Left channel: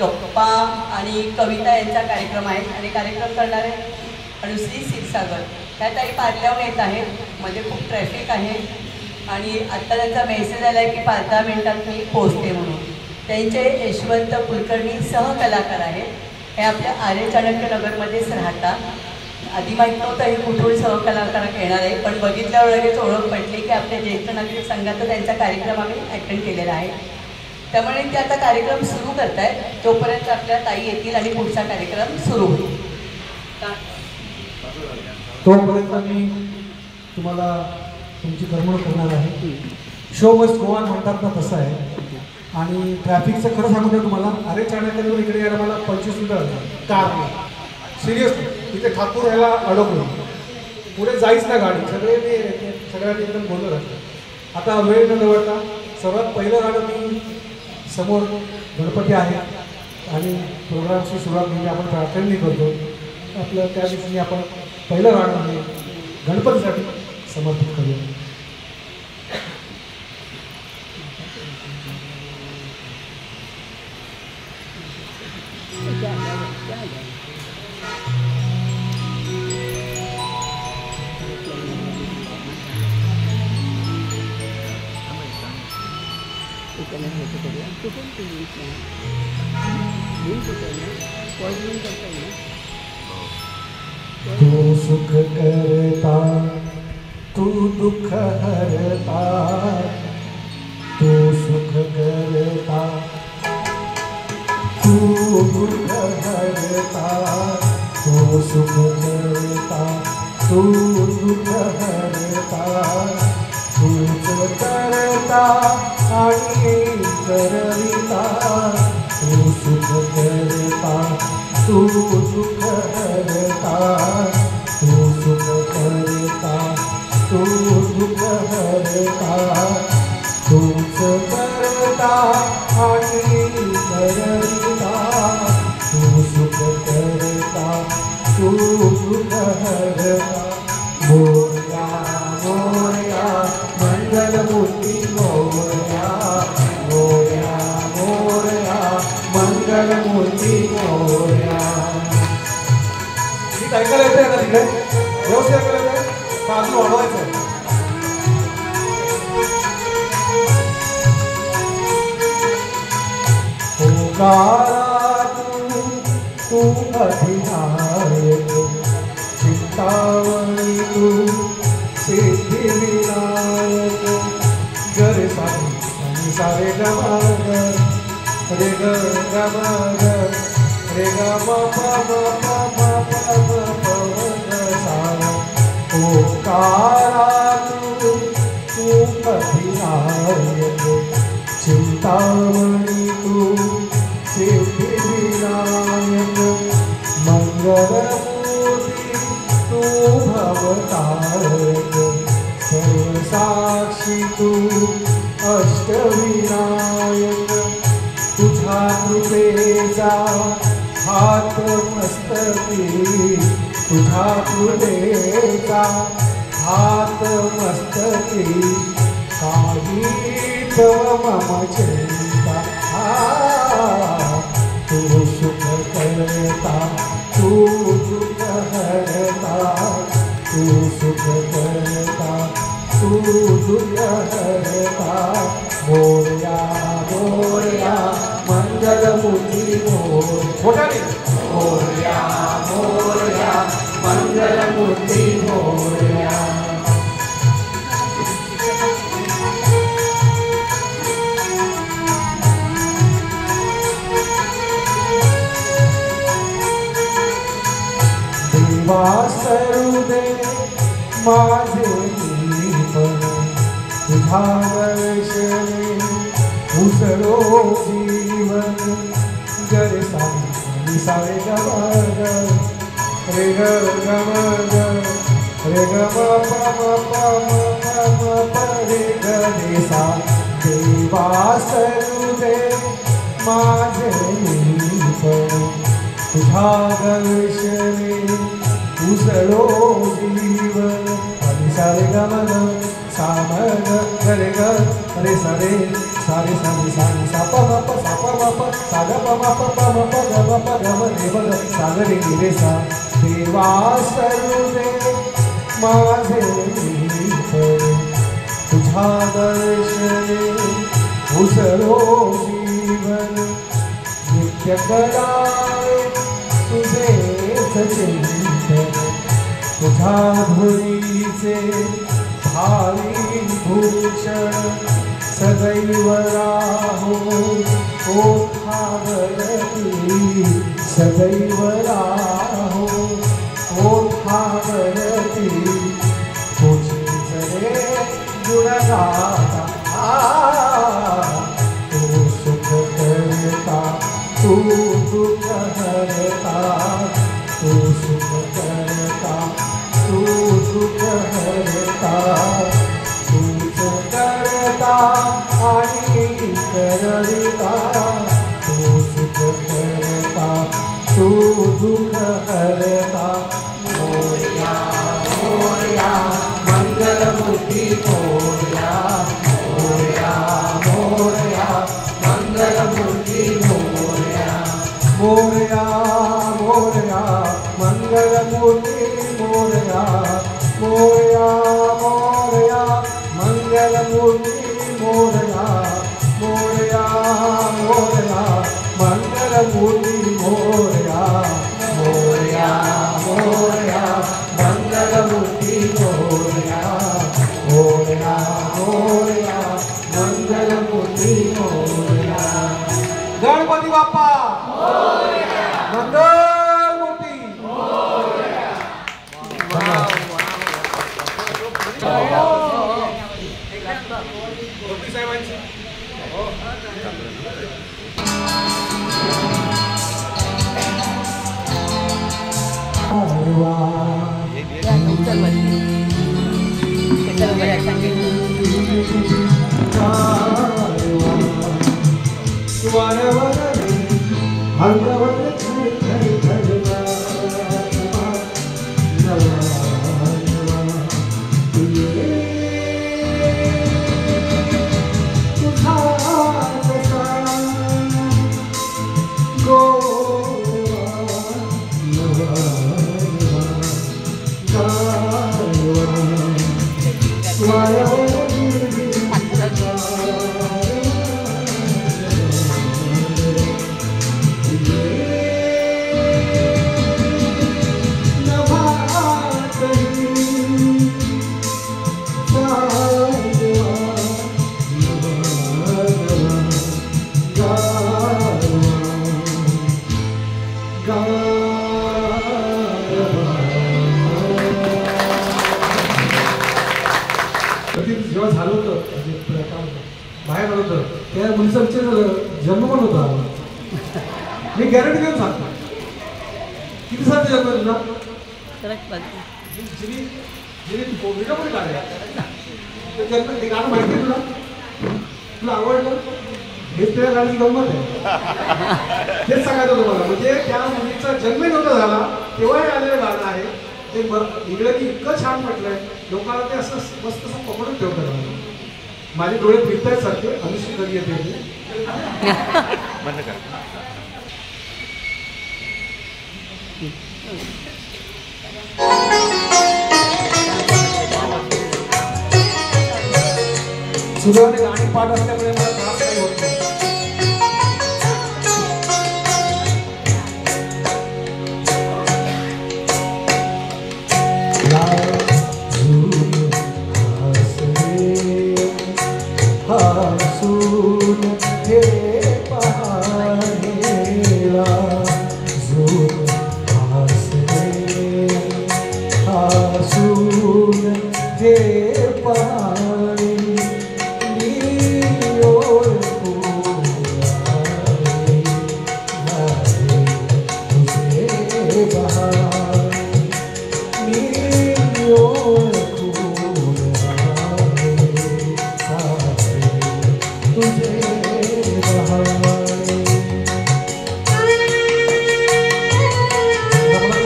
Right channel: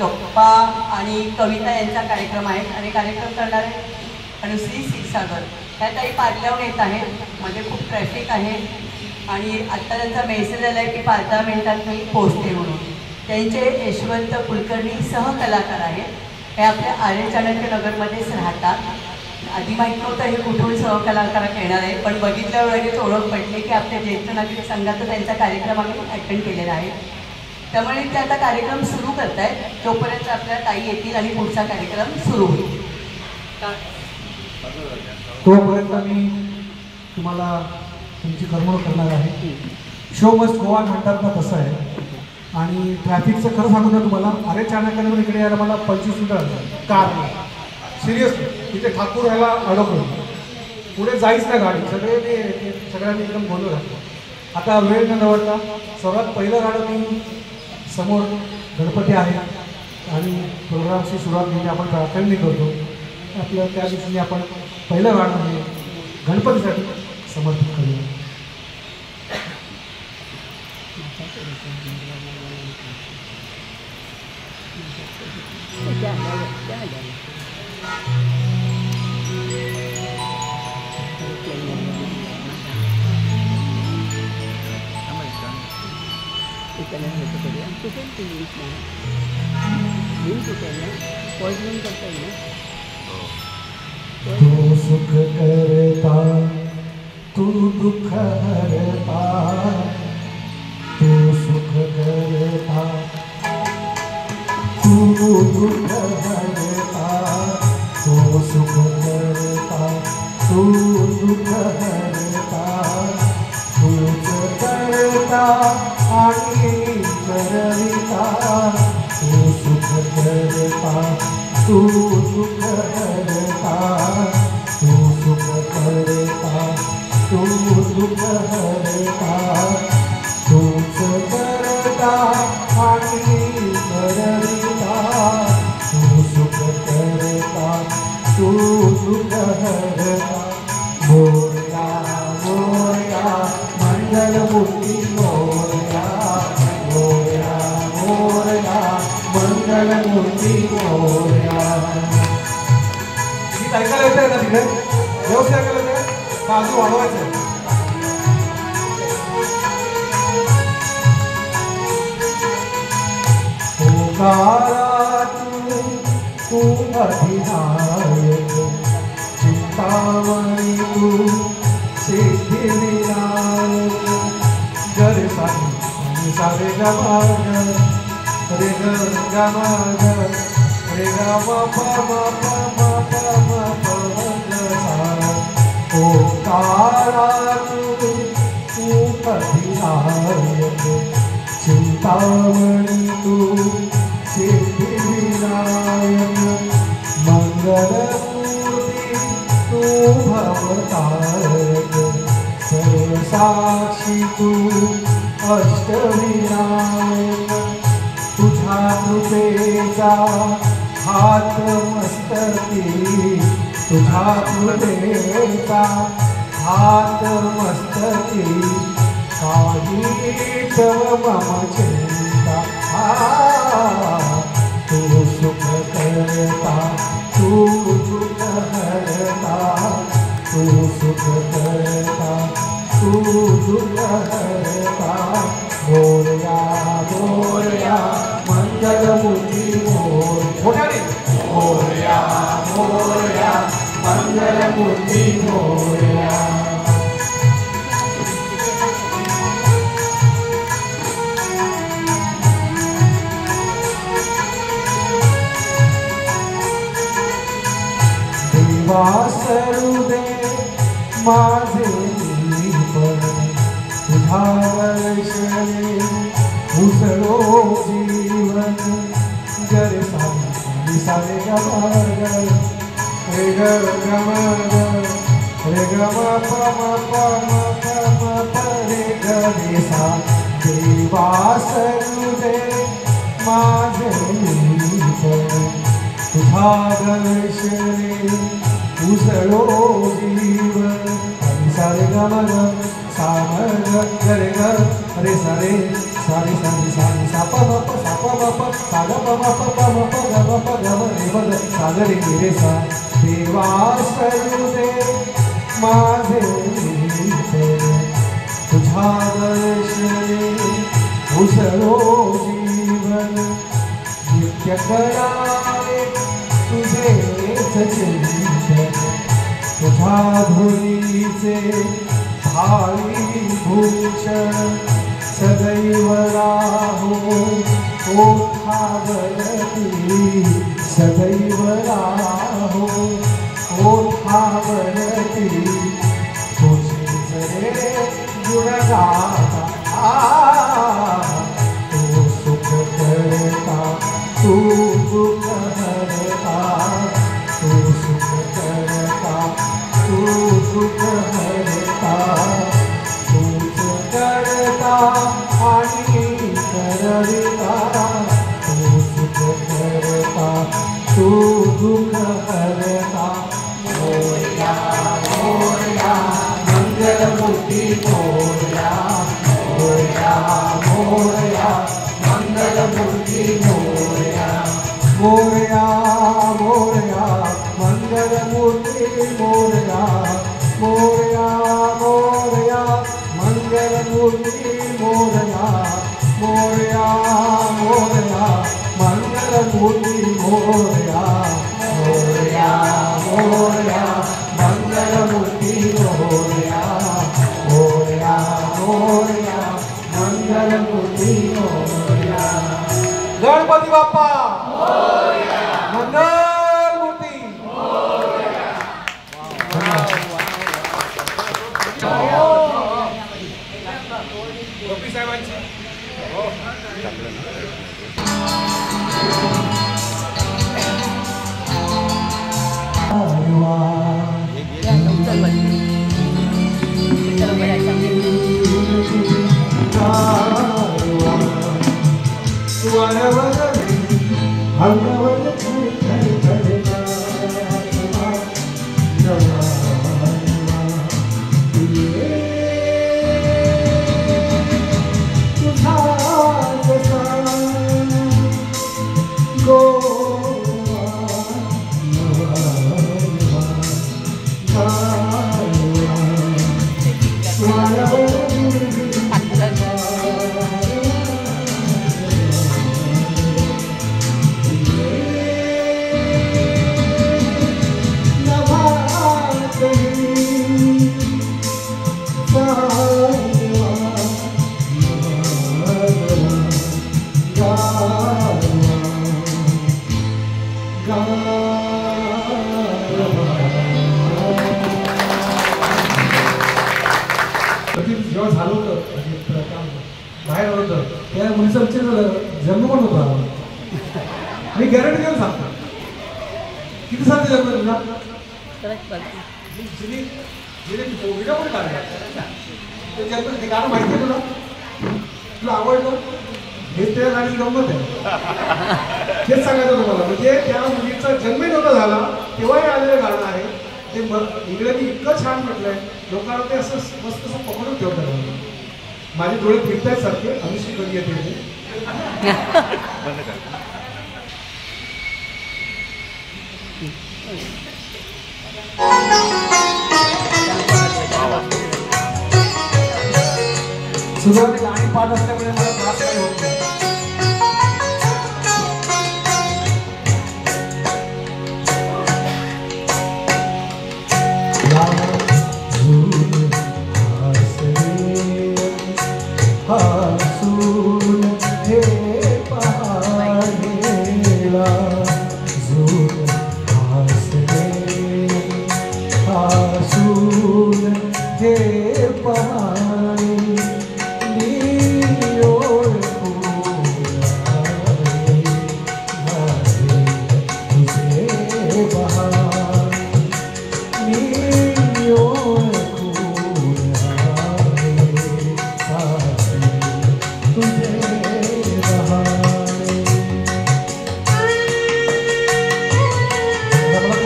गप्पा आणि कविता यांचा कार्यक्रम आहे आणि कार्यक्रम करणारे अनुश्री क्षीरसागर त्या ताई पार्ट्यावर येत आहेत. मध्ये खूप ट्रॅफिक आहे आणि आत्ता त्यांचा मेसेज आला आहे की 5-10 मिनिटात मी पोहोचते म्हणून. त्यांचे यशवंत कुलकर्णी सहकलाकार आहेत. हे आपल्या आर्य चाणक्य नगरमध्येच राहतात. आधी माहीत नव्हतं हे कुठून सहकलाकार येणार आहे, पण बघितल्यावर लगेच ओळख पडली की आपल्या ज्येष्ठ नागरिक संघाचा त्यांचा कार्यक्रम आम्ही अटेंड केलेला आहे. त्यामुळे ते आता कार्यक्रम सुरू करत आहेत. तोपर्यंत आपल्या ताई येतील आणि पुढचा कार्यक्रम सुरू होईल. तोपर्यंत मी तुम्हाला तुमची करमणूक करणार आहे. शो मस्ट गो ऑन म्हणतात ना तसं आहे. आणि ट्रॅफिकचं खरं सांगू द्या तुम्हाला, आर्य चाणक्यनगर इकडे यायला मला 25 मिनिटं कार सिरियसली. तिथे ठाकूर यायला अडकलो, पुढे जाईच ना गाडी. सगळ्यांनी एकदम बोलू राहतो. आता वेळ न दवडता सर्वात पहिलं गाणं मी समोर गणपती आहे आणि प्रोग्रामची सुरुवात म्हणजे आपण प्रार्थनेने करतो. आपलं त्या दिवशी आपण पहिलं गाणं म्हणजे गणपतीसाठी समर्पित करूया. तू सुख करता तू दुःख हरता, तू सुख करता तू दुःख हरता, तू सुख करता तू दुःख हरता, तूच करता आणि करविता, तू सुख करता तू दुःख हरता, तू सुख करता तू दुःख हरता, तूच करता आणि करविता, तू सुख करता तू दुःख हरता. मोरया मोरया मंगलमूर्ती मोरया, मोरया मोरया मंगलमूर्ती मोरया. गीत ऐकायला येतं आहे ना तिकडे? व्यवस्थित ऐकायला येतं का अजून वाढवायचं आहे? ओंकारा तू अधिनायक, चिंतामणी तू सिद्धिविनायक. गर सारे सारे गमा रे ग गमा रे ग म प म प म प ग सा. ओंकारा तू अधिनायक, चिंतामणी तू सिद्धिविनायक. मंगलमूर्ती तू भवतारक, सर्वसाक्षी तू अष्टविनायक. तुझ्या कृपेचा हात मस्तकी, तुझ्या कृपेचा हात मस्तकी, काही मम चिंता. तू सुख करता तू दुःख हरता, तू सुख करता तू दुःख हरता. मोरया मोरया मंगलमूर्ती मोर. मोठाने मोरया मोरया मंगलमूर्ती मोरया. वासरू दे माझे जीवन, तुझ्या दर्शने उसळो जीवन. गर सारे सारे गमग रे ग गमग रे ग म प म प रे ग रे सा. देवासरू दे माझे जीवन, तुझ्या दर्शने उसळो जीवन. सारे ग म ग सा म ग रे ग रे सा रे सारे सारे सारे सापा बाप सापा बाप साग बाबा पप्पा बाप गव गव रे बग सागरे गिरे सा देवा सर्वे माझे तुझा दर्शने उसरो जीवन नित्य करावे तुझे चिंतन तुझा धुरीचे भावी भूषण सदैव राहो ओठावरती सदैव राहो ओठावरती तुझे जरे गुणगाता तू सुख करता तू दुःख हरता तू सुख करता तू दुःख हरता तूच करता आणि करता तू सुख करता तू दुःख हरता मोरया मोरया मंगलमूर्ती मोरया मोरया मोरया मंगलमूर्ती मोरया मोरया मोरया मंगलमूर्ती मोरया मोरया मोरया मंगलमूर्ती मोरया मोरया मोरया मंगलमूर्ती मोरया मोरया मोरया मंगलमूर्ती मोरया मोरया मोरया मंगलमूर्ती मोरया गणपती बाप्पा मंगलमूर्ती गोपी साहेबांची जेव्हा झालं होतं बाहेर आलं होतं त्या मुलीचा विचार जन्म पण होता मी गॅरंटी देऊन सांगतो किती साल जन्म तुझा व्हिडिओ पण काढला ते गाणं माहिती आहे तुला आवडलं हेच त्या गाण्याची गंमत आहे तेच सांगायचं तुम्हाला म्हणजे त्या मुलीचा जन्मही नव्हता झाला तेव्हाही आलेलं गाणं आहे ते इंग्रजी इतकं छान म्हटलंय लोकांना ते असं मस्त असं पकडून ठेवतात माझे डोळे फिरतायत सारखे अभिषेक कधी येते सुरुवातीला गाणी पाठ असल्यामुळे मला त्रास काही होत नाही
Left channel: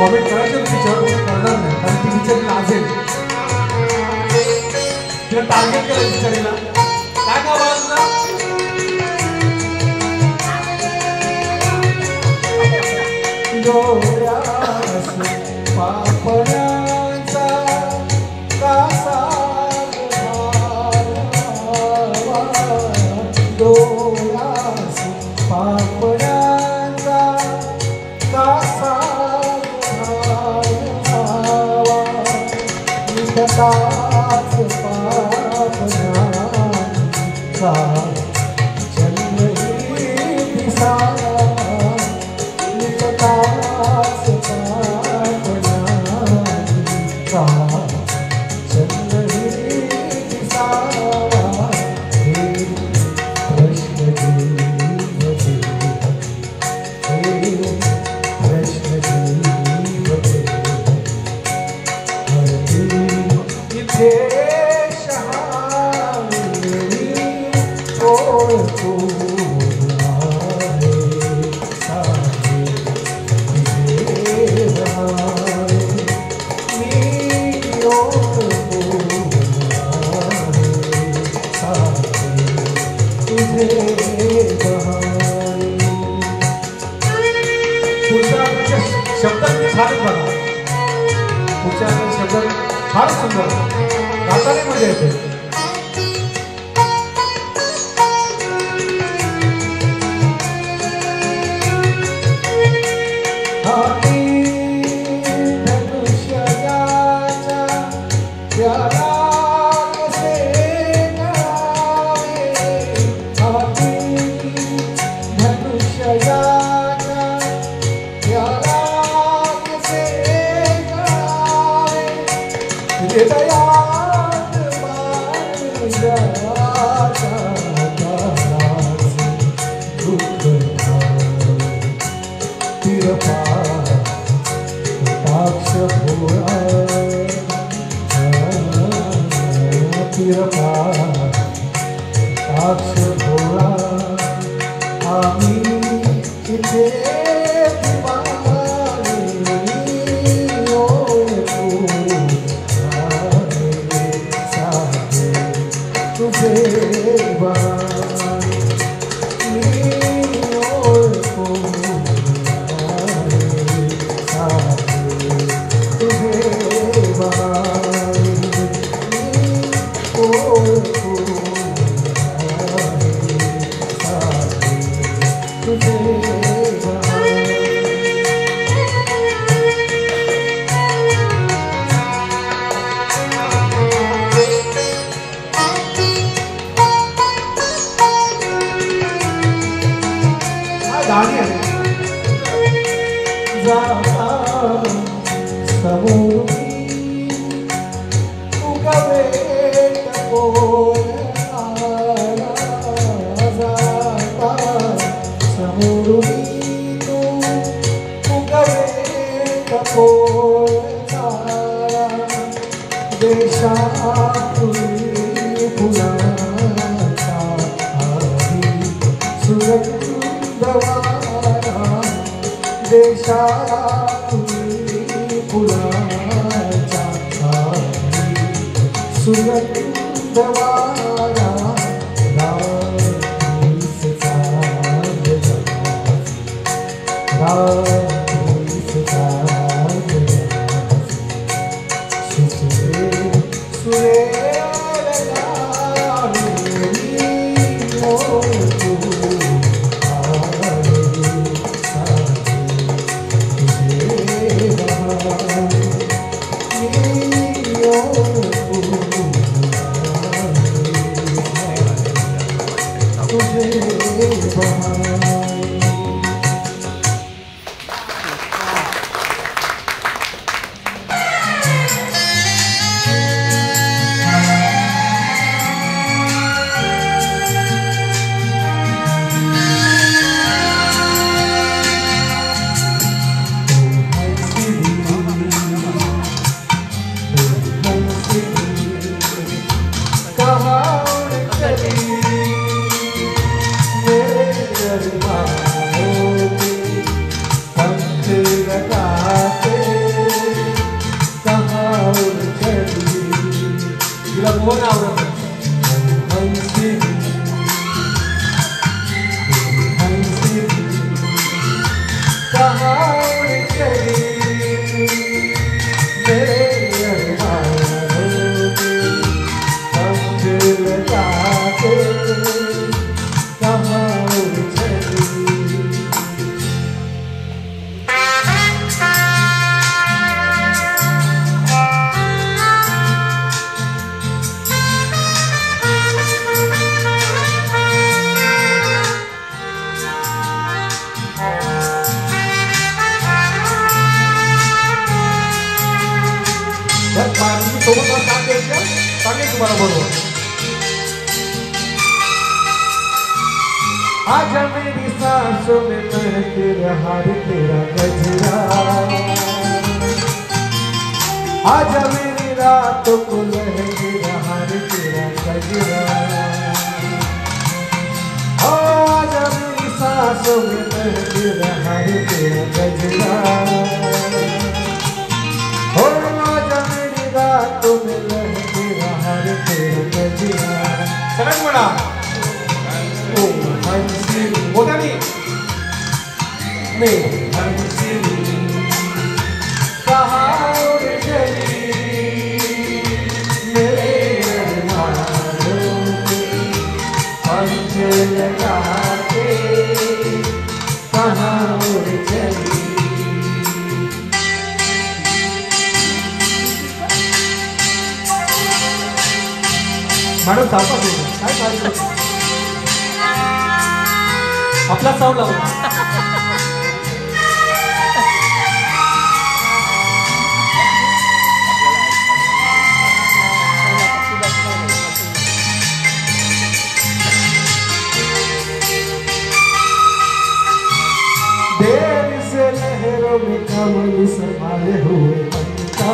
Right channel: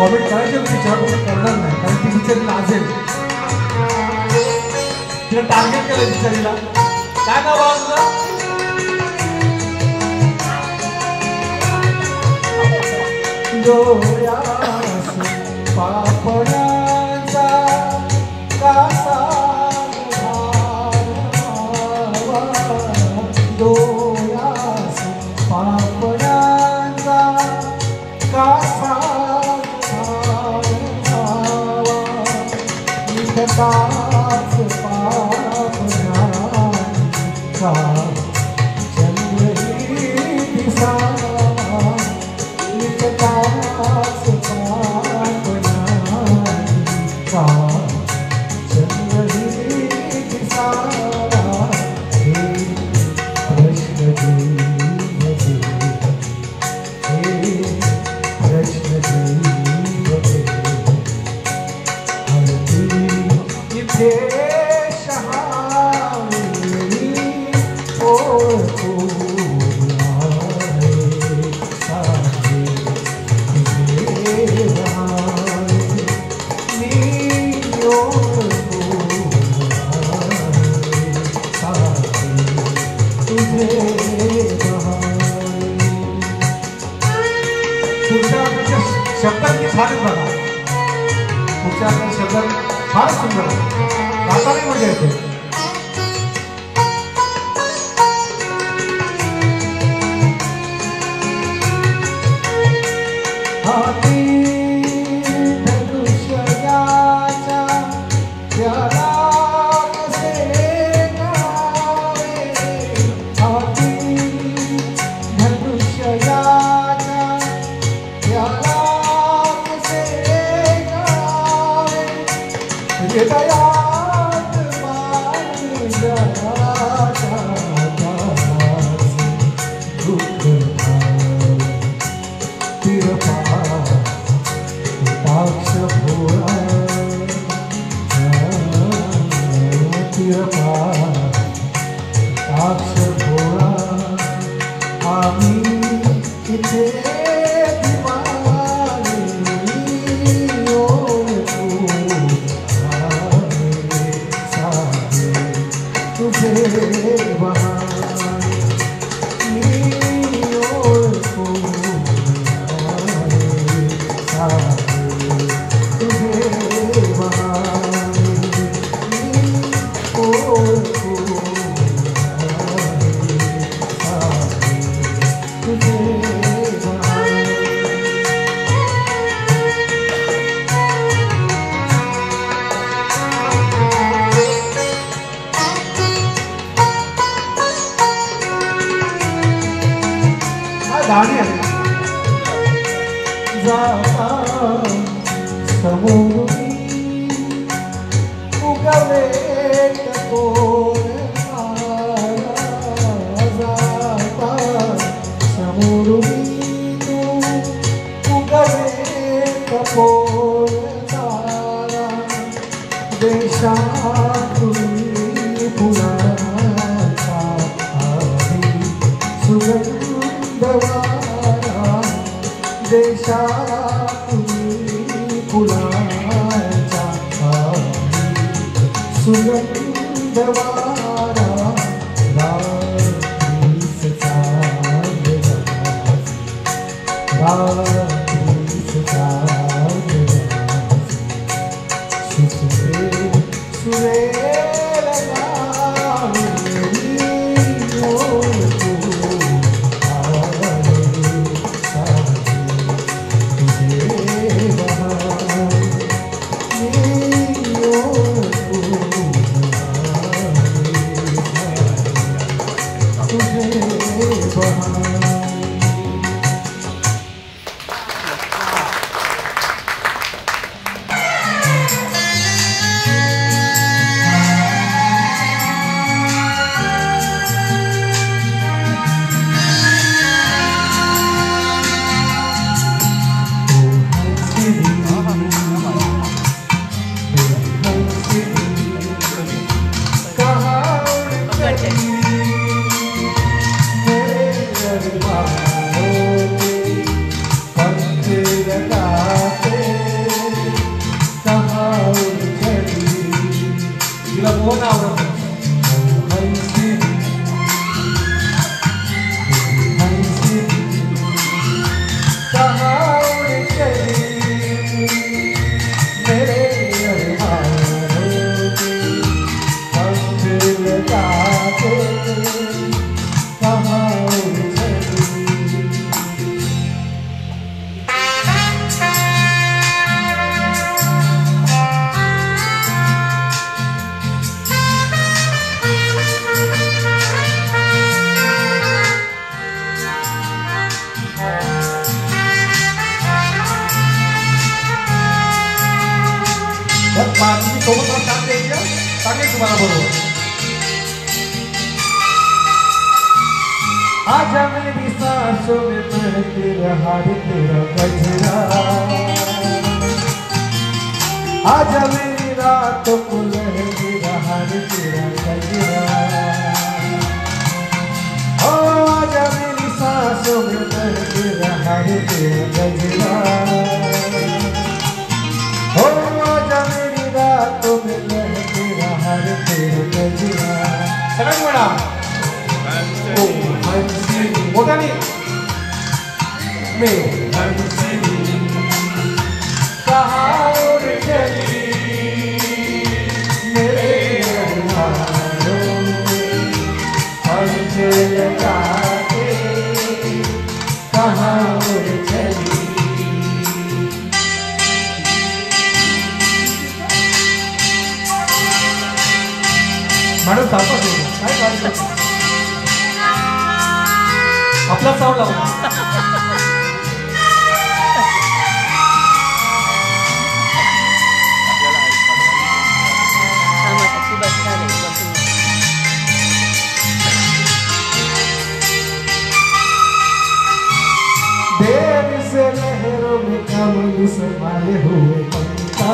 कॉमेंट करायचं तिच्यावर करणार नाही कारण ती बिचारी लाजेल तिला टार्गेट केलं बिचारीला काय नाव बाबा तुला डोळ्यास पापण्यांचा कासा घालावा, डोळ्यास पापण्यांचा कासा घालावा, निकटाच पापण्यांचा शब्दांची छान बघा, तुमच्या शब्द फार सुंदर गाताना मजा येते. तुम्ही सोबत साथ द्यायच्या सांगेल तुम्हाला बरोबर. आजा मेरी सांसों में महक रहा है तेरा गजरा, आजा मेरी रातों को लहक रहा है तेरा गजरा, ओ आजा मेरी सांसों में महक रहा है तेरा गजरा, ओ आजा मेरी रातों में लहक रहा है तेरा गजरा. सगळ्यात बडा ओ हंसी मोठ्याने मैं हंसी कहाँ उड़ चली मेरे अरमानों में पंख लगा के कहाँ उड़ चली. मॅडम तापा काय काय आपला साऊंड लावून देर से लहरों में कमल समाये हुए पंखा,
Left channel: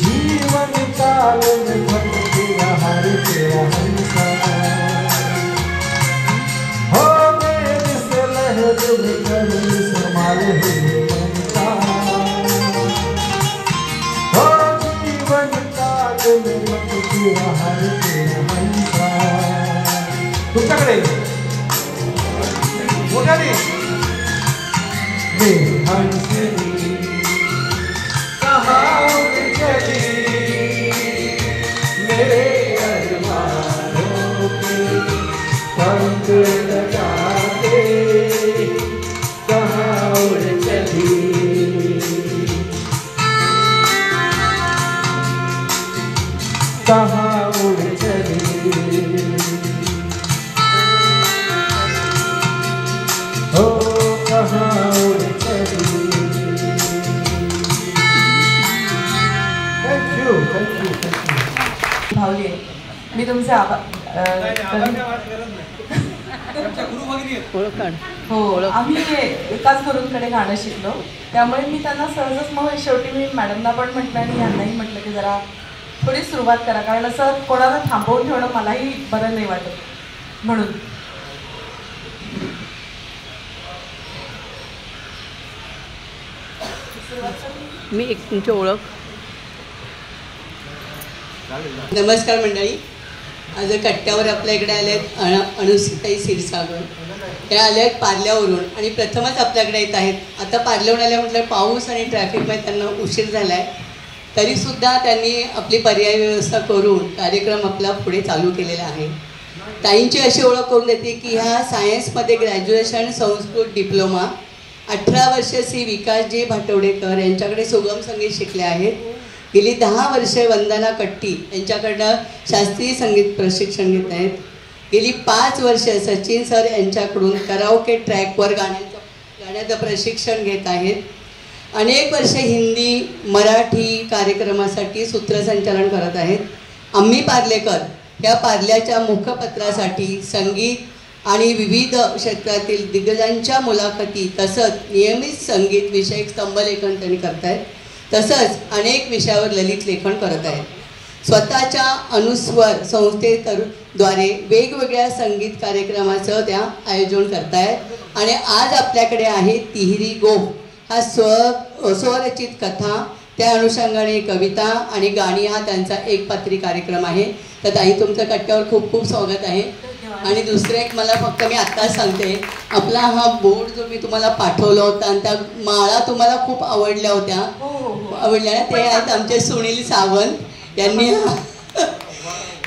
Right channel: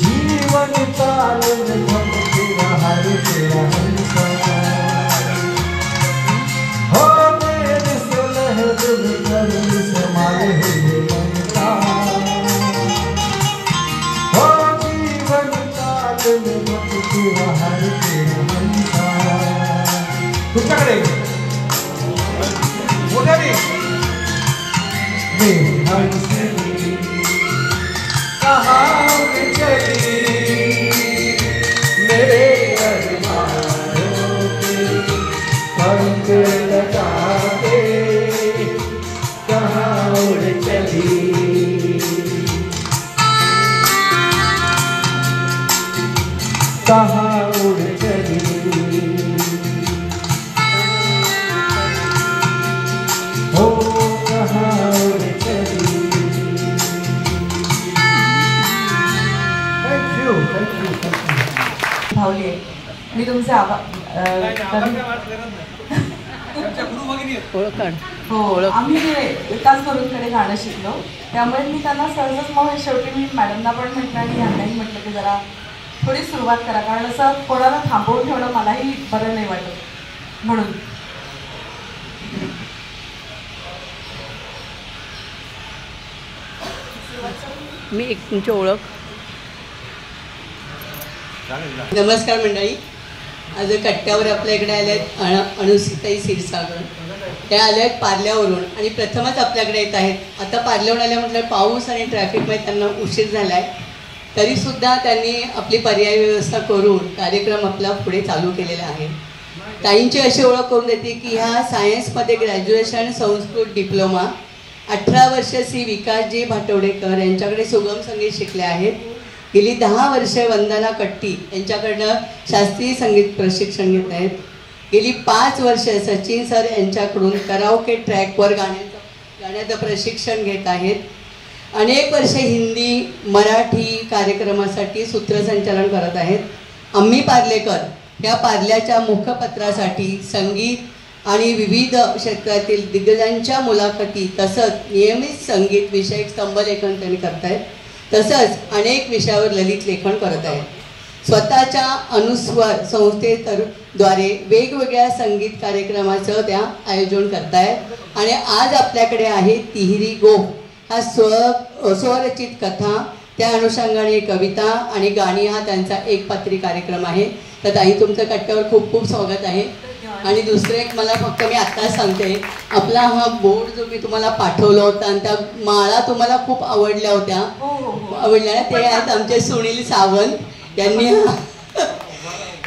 जीवन ताल में भटक रहा है तेरा हंसा, हो देर से लहरों में कमल समाये हुए पंखा, हो जीवन ताल में भटक रहा है तेरा हंसा. तुमच्याकडे हंसी कहाँ चली मेरे अरमानों के पंख लगा के कहाँ उड़ चली. कहाँ उड़ चली हो कहाँ उड़ चली. भावली आहे. मी तुमचे हो आम्ही एकाच गुरूंकडे गाणं शिकलो, त्यामुळे मी त्यांना सहजच मग शेवटी मी मॅडमना पण म्हटलं आणि यांनाही म्हटलं की जरा थोडी सुरुवात करा, कारण असं कोणाला थांबवून ठेवणं मलाही बरं नाही वाटत म्हणून. मी एक तुमची ओळख. नमस्कार मंडळी. आज कट्ट्यावर आपल्या इकडे आले आहेत अनुसिताई क्षीरसागर. त्या आल्या आहेत पार्ल्यावरून आणि प्रथमच आपल्याकडे येत आहेत. आता पार्ल्याहून आल्या म्हटलं पाऊस आणि ट्रॅफिकमुळे त्यांना उशीर झाला आहे, तरीसुद्धा त्यांनी आपली पर्यायी व्यवस्था करून कार्यक्रम आपला पुढे चालू केलेला आहे. ताईंची अशी ओळख करून देते की ह्या सायन्समध्ये ग्रॅज्युएशन संस्कृत डिप्लोमा 18 वर्ष श्री विकासजी भाटवडेकर यांच्याकडे सुगम संगीत शिकले आहेत. गेली 10 वर्षे वंदना कट्टी यांच्याकडनं शास्त्रीय संगीत प्रशिक्षण घेत आहेत. गेली 5 वर्ष सचिन सर यांच्याकडून कराओके ट्रॅकवर गाण्याचं प्रशिक्षण घेत आहेत. अनेक वर्षे हिंदी मराठी कार्यक्रमासाठी सूत्रसंचालन करत आहेत. आम्ही पार्लेकर ह्या पार्ल्याच्या मुखपत्रासाठी संगीत आणि विविध क्षेत्रातील दिग्गजांच्या मुलाखती तसंच नियमित संगीत विषयक स्तंभलेखन त्यांनी करत आहेत. तसंच अनेक विषयावर ललित लेखन करत आहेत. स्वतःच्या अनुस्वर संस्थेद्वारे वेगवेगळ्या संगीत कार्यक्रमाचं त्या आयोजन करत आहेत. आणि आज आपल्याकडे आहे तिहेरी गोफ हा स्वरचित कथा, त्या अनुषंगाने कविता आणि गाणी हा त्यांचा एकपात्री कार्यक्रम आहे. तर ताई तुमचं कट्ट्यावर खूप खूप स्वागत आहे. आणि दुसरं एक मला फक्त मी आत्ताच सांगते, आपला हा बोर्ड जो मी तुम्हाला पाठवला होता आणि त्या माळा तुम्हाला खूप आवडल्या होत्या, आवडल्या ते आहेत आमचे सुनील सावंत यांनी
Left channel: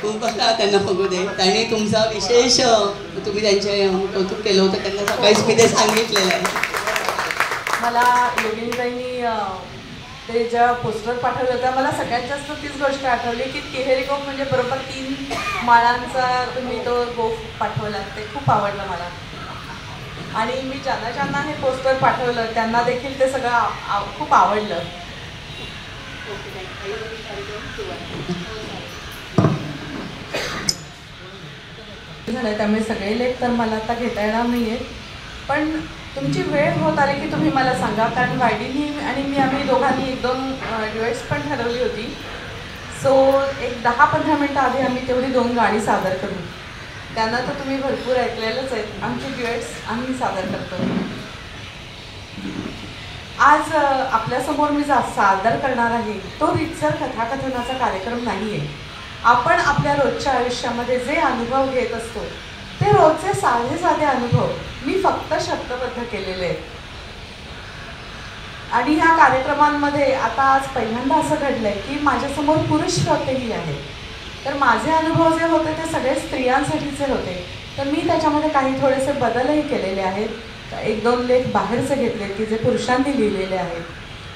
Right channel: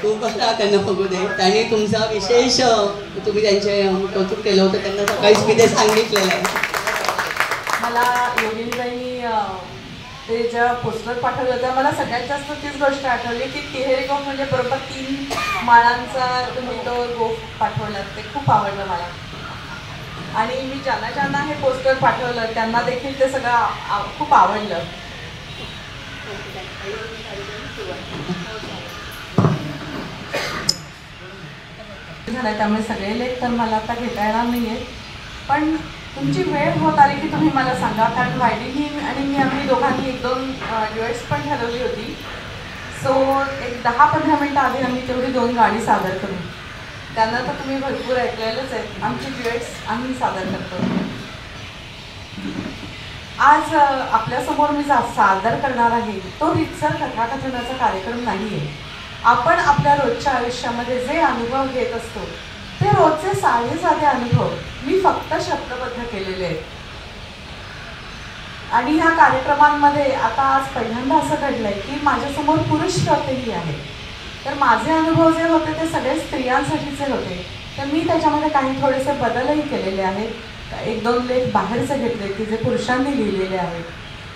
खूप त्यांना बघू दे. आणि तुमचा विशेष तुम्ही त्यांचे कौतुक केलं होतं, त्यांना सकाळीच मी ते सांगितलेलं आहे. मला योगिनीताईंनी ते जेव्हा पोस्टर पाठवलं तेव्हा मला सगळ्यात जास्त तीच गोष्ट आठवली की तिहेरी गोफ म्हणजे बरोबर 3 माळांचा तुम्ही तो गोफ पाठवलात, ते खूप आवडलं मला. आणि मी ज्यांना हे पोस्टर पाठवलं त्यांना देखील ते सगळं खूप आवडलं. झालं त्यामुळे सगळे लेख तर मला आता घेता येणार नाही आहेत, पण तुमची वेळ होत आली की तुम्ही मला सांगा, कारण वायडीनी आणि मी आम्ही दोघांनी 1-2 ड्युएट्स पण ठरवली होती. सो एक 10-15 मिनटं आधी आम्ही तेवढी 2 गाणी सादर करू. त्यांना तर तुम्ही भरपूर ऐकलेलंच आहेत. आमची ड्युएट्स आम्ही सादर करतो. आज आपल्यासमोर मी सादर करणार आहे तो रीतसर कथाकथनाचा कार्यक्रम नाही आहे. आपण आपल्या रोजच्या आयुष्यामध्ये जे अनुभव घेत असतो ते रोजचे साधे साधे अनुभव मी फक्त शब्दबद्ध केलेले आहेत. आणि ह्या कार्यक्रमांमध्ये आता आज पहिल्यांदा असं घडलंय की माझ्यासमोर पुरुष श्रोतेही आहेत. तर माझे अनुभव जे होते ते सगळे स्त्रियांसाठीचे होते. तर मी त्याच्यामध्ये काही थोडेसे बदलही केलेले आहेत. 1-2 लेख बाहेरचे घेतले की जे पुरुषांनी लिहिलेले आहेत.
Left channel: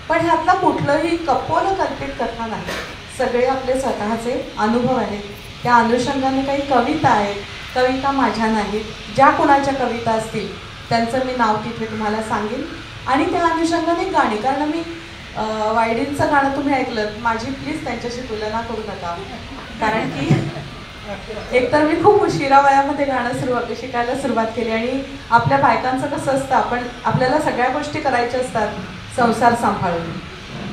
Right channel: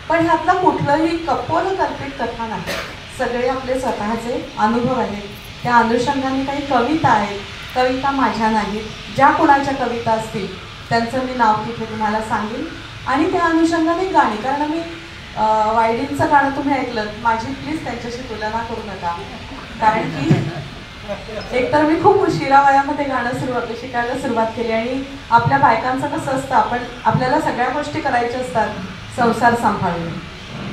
पण ह्यातलं कुठलंही कपोलकल्पित कथा नाही. सगळे आपले स्वतःचे अनुभव आहेत. त्या अनुषंगाने काही कविता आहेत. कविता माझ्या नाहीत. ज्या कोणाच्या कविता असतील त्यांचं मी नाव तिथे तुम्हाला सांगेन. आणि त्या अनुषंगाने गाणी, कारण मी वायडींचं गाणं तुम्ही ऐकलं, माझी प्लीज त्यांच्याशी तुलना करू नका. कारण की एकतर मी खूप उशिरा वयामध्ये गाणं शिकायला सुरुवात केली. आणि आपल्या बायकांचं कसं असतं, आपल्याला सगळ्या गोष्टी करायच्या असतात संसार सांभाळून.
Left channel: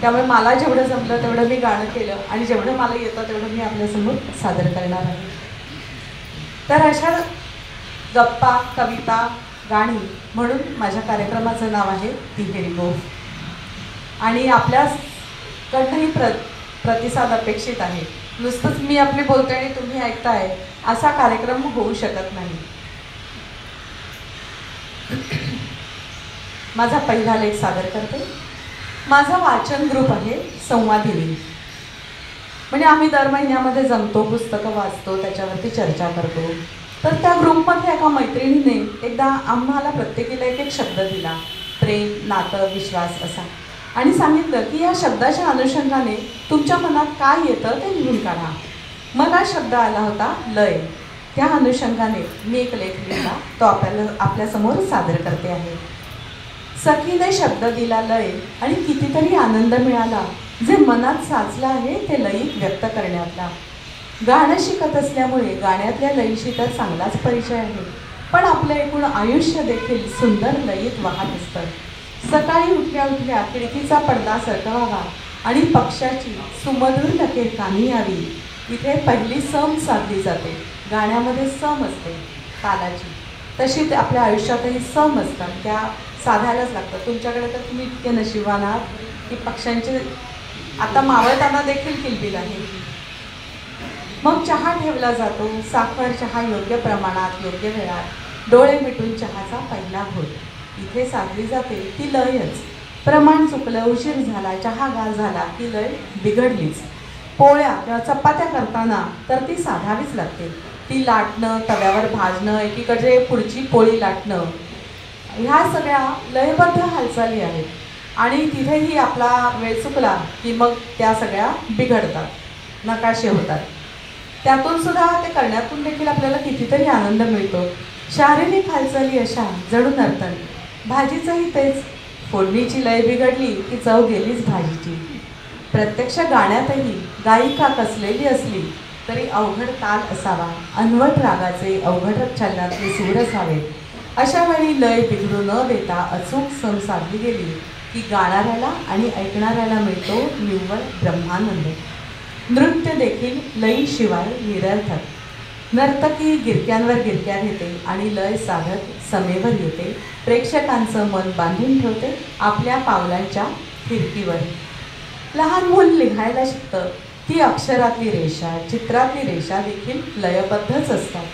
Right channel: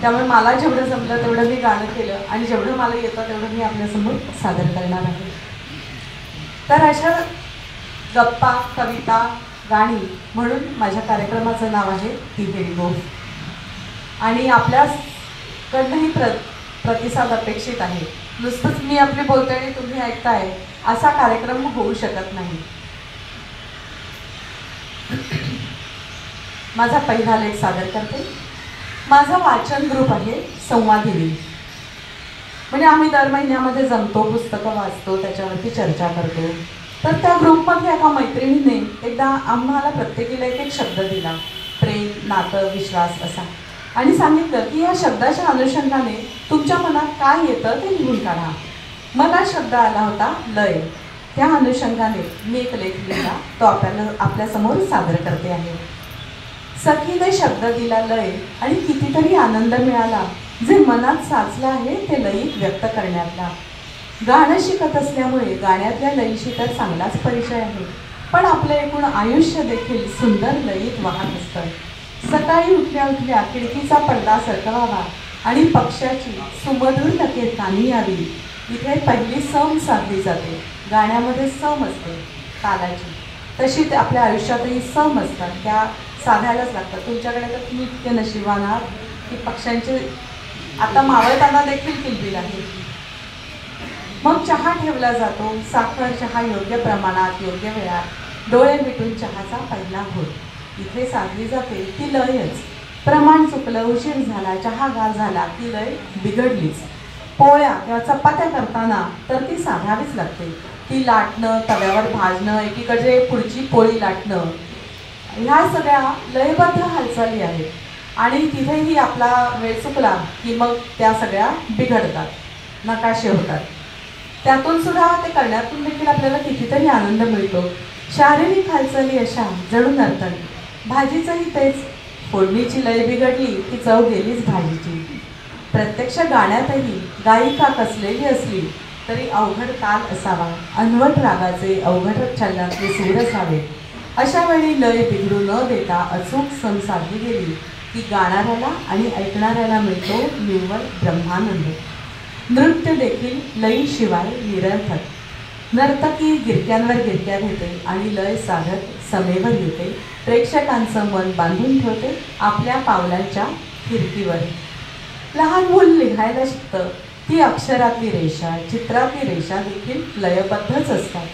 त्यामुळे मला जेवढं जमलं तेवढं मी गाणं केलं आणि जेवढं मला येतं तेवढं मी आपल्यासमोर सादर करणार आहे. तर अशा गप्पा, कविता, गाणी म्हणून माझ्या कार्यक्रमाचं नाव आहे तिहेरी गोफ. आणि आपल्याकडनंही प्रतिसाद अपेक्षित आहे. नुसतंच मी आपली बोलते आणि तुम्ही ऐकताय असा कार्यक्रम होऊ शकत नाही. माझा पहिला लेख सादर करते. माझा वाचन ग्रुप आहे संवादिनी. म्हणजे आम्ही दर महिन्यामध्ये जमतो, पुस्तकं वाचतो, त्याच्यावरती चर्चा करतो. तर त्या ग्रुपमध्ये एका मैत्रिणीने एकदा आम्हाला प्रत्येकीला एक शब्द दिला, प्रेम, नातं, विश्वास असा. आणि सांगितलं की या शब्दाच्या अनुषंगाने तुमच्या मनात काय येतं ते लिहून काढा. मग हा शब्द आला होता लय. त्या अनुषंगाने मी एक लेख लिहिला, तो आपल्यासमोर सादर करते आहे. सखीने शब्द दिला लय आणि कितीतरी आनंद मिळाला. जे मनात साचलं आहे ते लयीत व्यक्त करण्यातला. गाणं शिकत असल्यामुळे गाण्यातल्या लयीशी तर चांगलाच परिचय आहे. पण आपलं एकूण आयुष्य देखील सुंदर लयीत वाहत असतं. सकाळी उठल्या उठल्या खिडकीचा पडदा सरकवावा आणि पक्षाची सुमधुर लकेर कानी यावी. इथे पहिली सम साधली जाते. गाण्यामध्ये सम असते तालाची. तशी आपल्या आयुष्यातही सम असतात, त्या साधायलाच लागतात. तुमच्याकडे तर तुम्ही इतके नशिबान आहात की पक्ष्यांचे आता मावळताना देखील किलबिल आहे. मग चहा ठेवला जातो. साखर चहा योग्य प्रमाणात, योग्य वेळात, डोळे मिटून चहाचा पहिला घोट. इथे साधली जाते ती लयच. प्रमाण चुकलं, उशीर झाला, चहा गार झाला की लय बिघडलीच. पोळ्या किंवा चपात्या करताना तर ती साधावीच लागते. ती लाटणं, तव्यावर भाजणं, एकीकडे पुढची पोळी लाटणं, ह्या सगळ्या लयबद्ध हालचाली आहेत. आणि तिथेही आपला वेळ चुकला की मग त्या सगळ्या बिघडतात, नकाशे होतात. त्यातून सुद्धा ते करण्यातून देखील आपल्याला कितीतरी आनंद मिळतो. शारीरिक हालचाली अशा जणू नर्तन. भाजीचंही तेच. फोडणीची लय बिघडली की चव गेलीच भाजीची. प्रत्यक्ष गाण्यातही गायिका कसलेली असली तरी अवघड ताल असावा. अनवट रागाचे, अवघड चलनातले सूर असावे. अशा वेळी लय बिघडू न देता अचूक सम साधली गेली की गाणाऱ्याला आणि ऐकणाऱ्याला मिळतो निव्वळ ब्रह्मानंद. नृत्य देखील लयीशिवाय निरर्थक. नर्तकी गिरक्यांवर गिरक्या घेते आणि लय साधत समेवर येते. प्रेक्षकांचं मन बांधून ठेवते आपल्या पावलांच्या फिरकीवर. लहान मूल लिहायला शिकतं. ती अक्षरातली रेषा, चित्रातली रेषा देखील लयबद्धच असतात.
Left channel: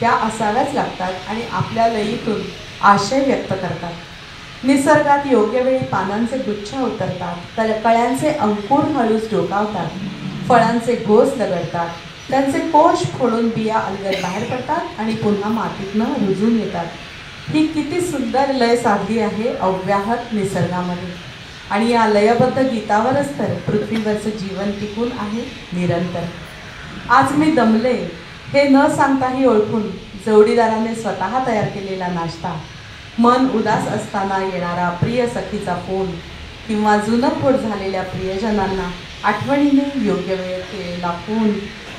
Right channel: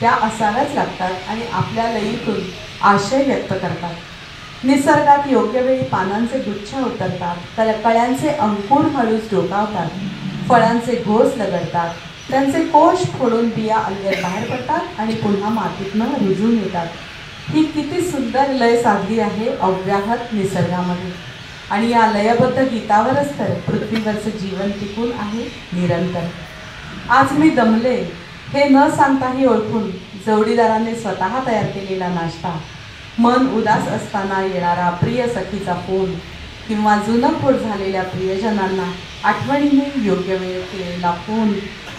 त्या असाव्याच लागतात आणि आपल्या लयीतून आशय व्यक्त करतात. निसर्गात योग्य वेळी पानांचे गुच्छ उतरतात. कळ्यांचे अंकुर हळूच डोकावतात. फळांचे घोस लगडतात. त्यांचे कोश फोडून बिया अलगद बाहेर पडतात आणि पुन्हा मातीतनं रुजून येतात. ही किती सुंदर लय साधली आहे अव्याहत निसर्गामध्ये. आणि या लयबद्ध गीतावरच तर पृथ्वीवरचं जीवन टिकून आहे निरंतर. आज मी दमले हे न सांगताही ओळखून जोडीदाराने स्वतः तयार केलेला नाश्ता, मन उदास असताना येणारा प्रिय सखीचा फोन किंवा जुनं फोड झालेल्या प्रियजनांना आठवणीने योग्य वेळ केलेला फोन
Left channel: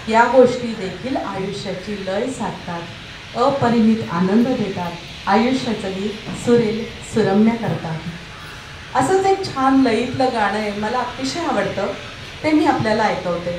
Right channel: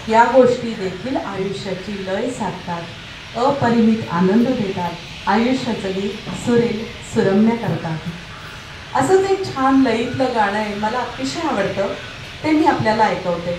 या गोष्टी देखील आयुष्याची लय साधतात, अपरिमित आनंद देतात, आयुष्याचं गीत सुरेल सुरम्य करतात. असंच एक छान लयीतलं गाणं आहे, मला अतिशय आवडतं, ते मी आपल्याला ऐकवते.